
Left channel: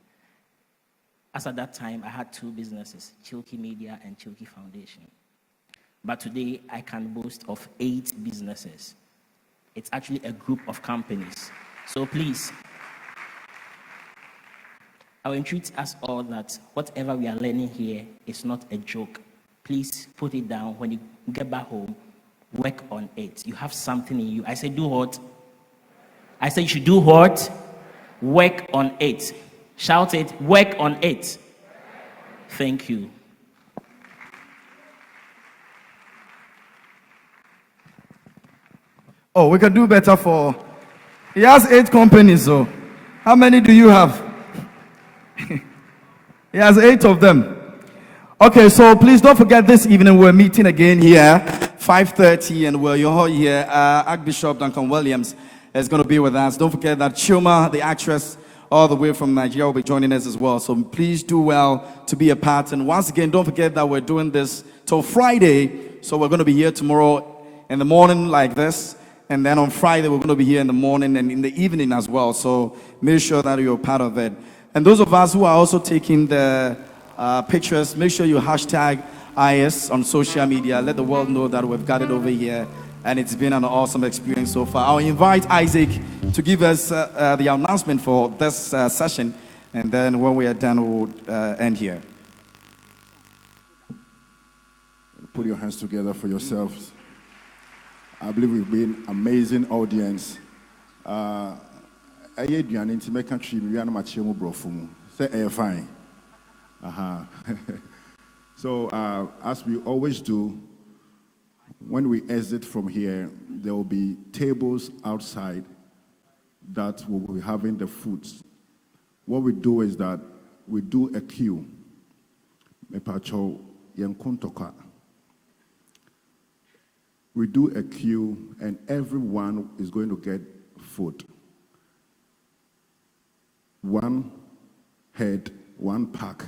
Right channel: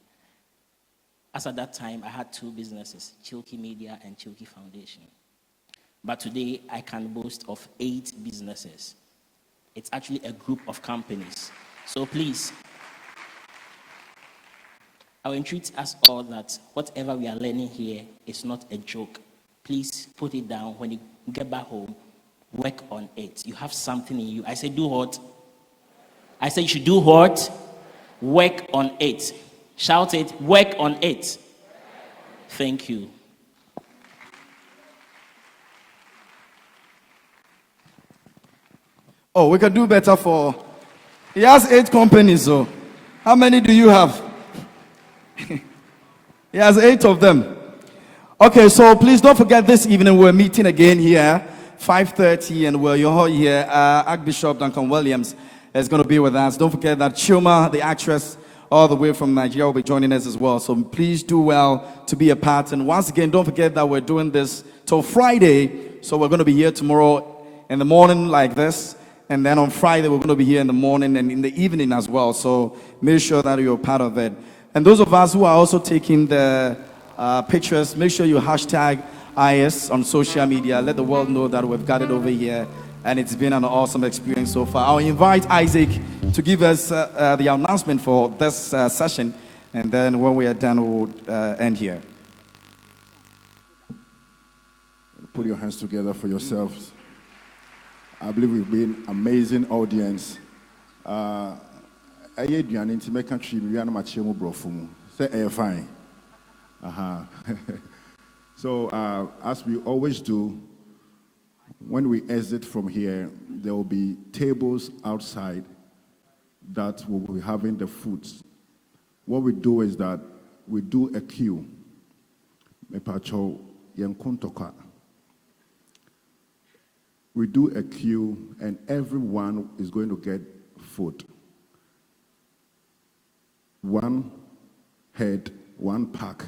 As at that time, I had 2 businesses, Chilki Media and Chilki Foundation. But today, I can boast of 8 businesses. It's actually a group of companies. So please, I will entreat us all that whatever we are learning here is not a joke. Please put it down. When you get back home, work on it. You have something in you. I say do what? I say you should do what? Work on it. Shout it, work on it. Thank you. Oh, we can do better for... He has 8 companies, so how many do you have? He has 8 of them. Okay, so please don't forget this evening we're meeting again here, 5:30, and we're here. Archbishop Duncan Williams is going to be with us. Don't forget that KUMAH, the actress, all the way from Nigeria, will be joining us as well. So please do well to be a part. And once again, don't forget that we're doing this till Friday. So we're going to be here tomorrow in the morning like this. And then on Friday, we're going to be here in the morning and in the evening as well. So make sure that you're part of it. And those of us who are also taking the pictures, make sure you hashtag IS on social media. Let the world know that we've got it over here and it's been an awesome experience so far. I'll invite Isaac to give us the announcement for this session, and then when we are done, we'll end here. Put your hands together for yourselves. I believe we've been an amazing audience. Fine. So, as we always do, when we exit from here, there will be tables outside that will be having the foods. What we do is that we do a queue. We do a queue, and everyone is going to get food. One head, one pack.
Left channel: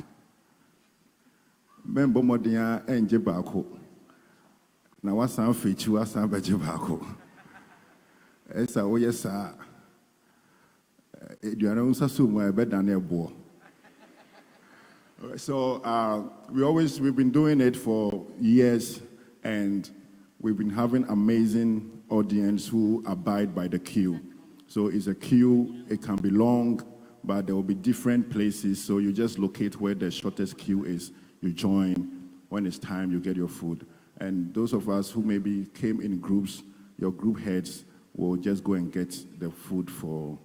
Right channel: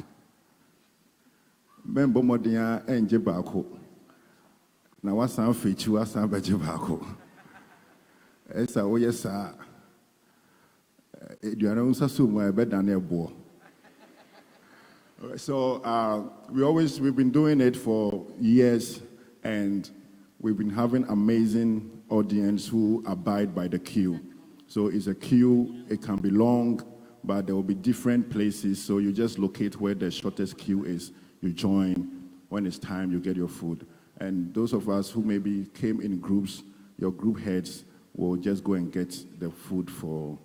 Remember, Modia and Jebako. Now, what's our feature? What's our Jebako? Yes, sir. Yes, sir. You are also somewhere better than your boy. So, we've been doing it for years, and we've been having amazing audience who abide by the queue. So it's a queue, it can be long, but there will be different places. So you just locate where the shortest queue is. You join. When it's time, you get your food. And those of us who maybe came in groups, your group heads will just go and get the food for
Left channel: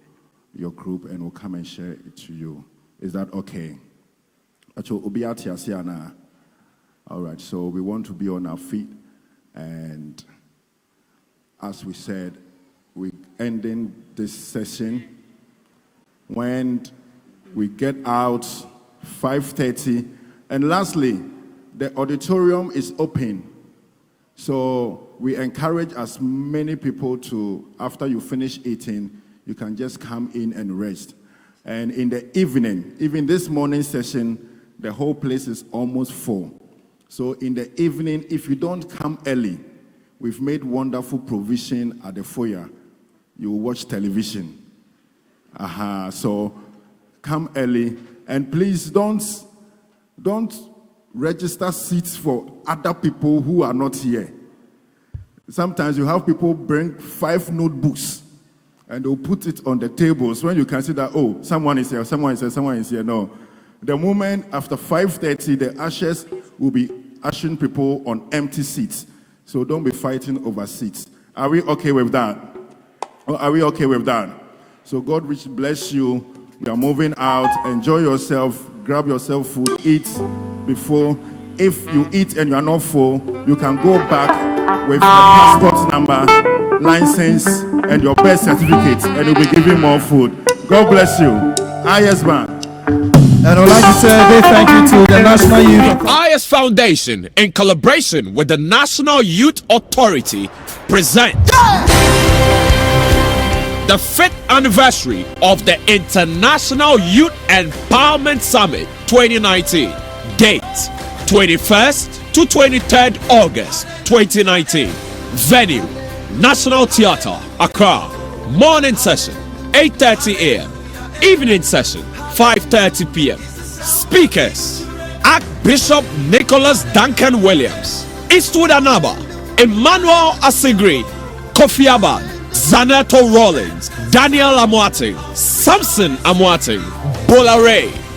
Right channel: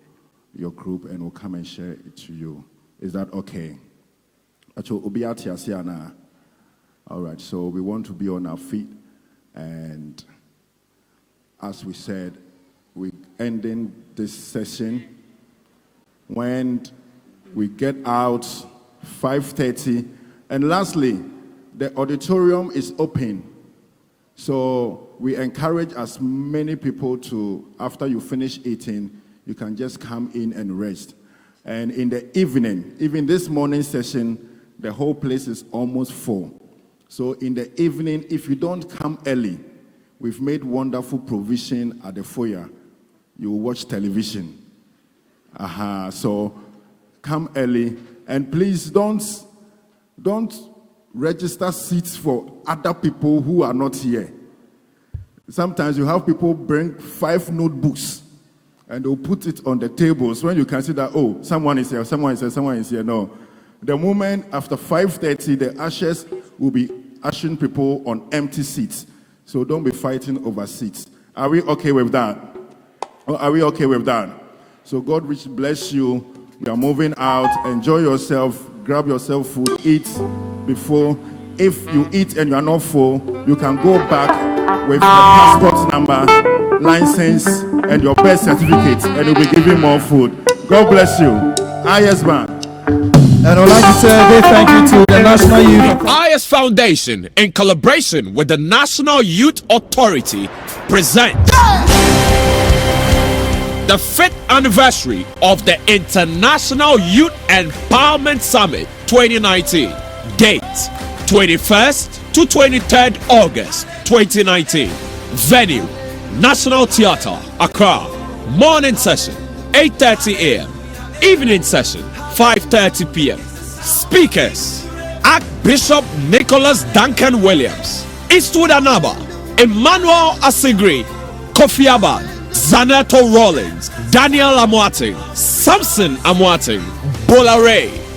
your group and will come and share it to you. Is that okay? All right, so we want to be on our feet. And as we said, we're ending this session. When we get out, 5:30. And lastly, the auditorium is open. So we encourage as many people to, after you finish eating, you can just come in and rest. And in the evening, even this morning session, the whole place is almost full. So in the evening, if you don't come early, we've made wonderful provision at the foyer. You will watch television. So come early, and please don't register seats for other people who are not here. Sometimes you have people bring 5 notebooks, and they'll put it on the tables when you can see that, oh, someone is here, someone is here, someone is here. No. The moment after 5:30, the ushers will be ushering people on empty seats. So don't be fighting over seats. Are we okay with that? Are we okay with that? So God bless you. You are moving out. Enjoy yourself. Grab yourself food. Eat before. If you eat and you are not full, you can go back with your passport number, license, and your birth certificate, and they will give you more food. God bless you. IYES Bank. The IYES Foundation, in collaboration with the National Youth Authority, presents the 5th anniversary of the International Youth Empowerment Summit 2019. Date 21st to 23rd August 2019. Venue National Theatre, Accra. Morning session 8:30 a.m. Evening session 5:30 p.m. Speakers: Archbishop Nicholas Duncan Williams, Eastwood Anaba, Emmanuel Asigri, Kofi Abad, Zaneto Rollins, Daniel Amoating, Samson Amoating, Bola Ray,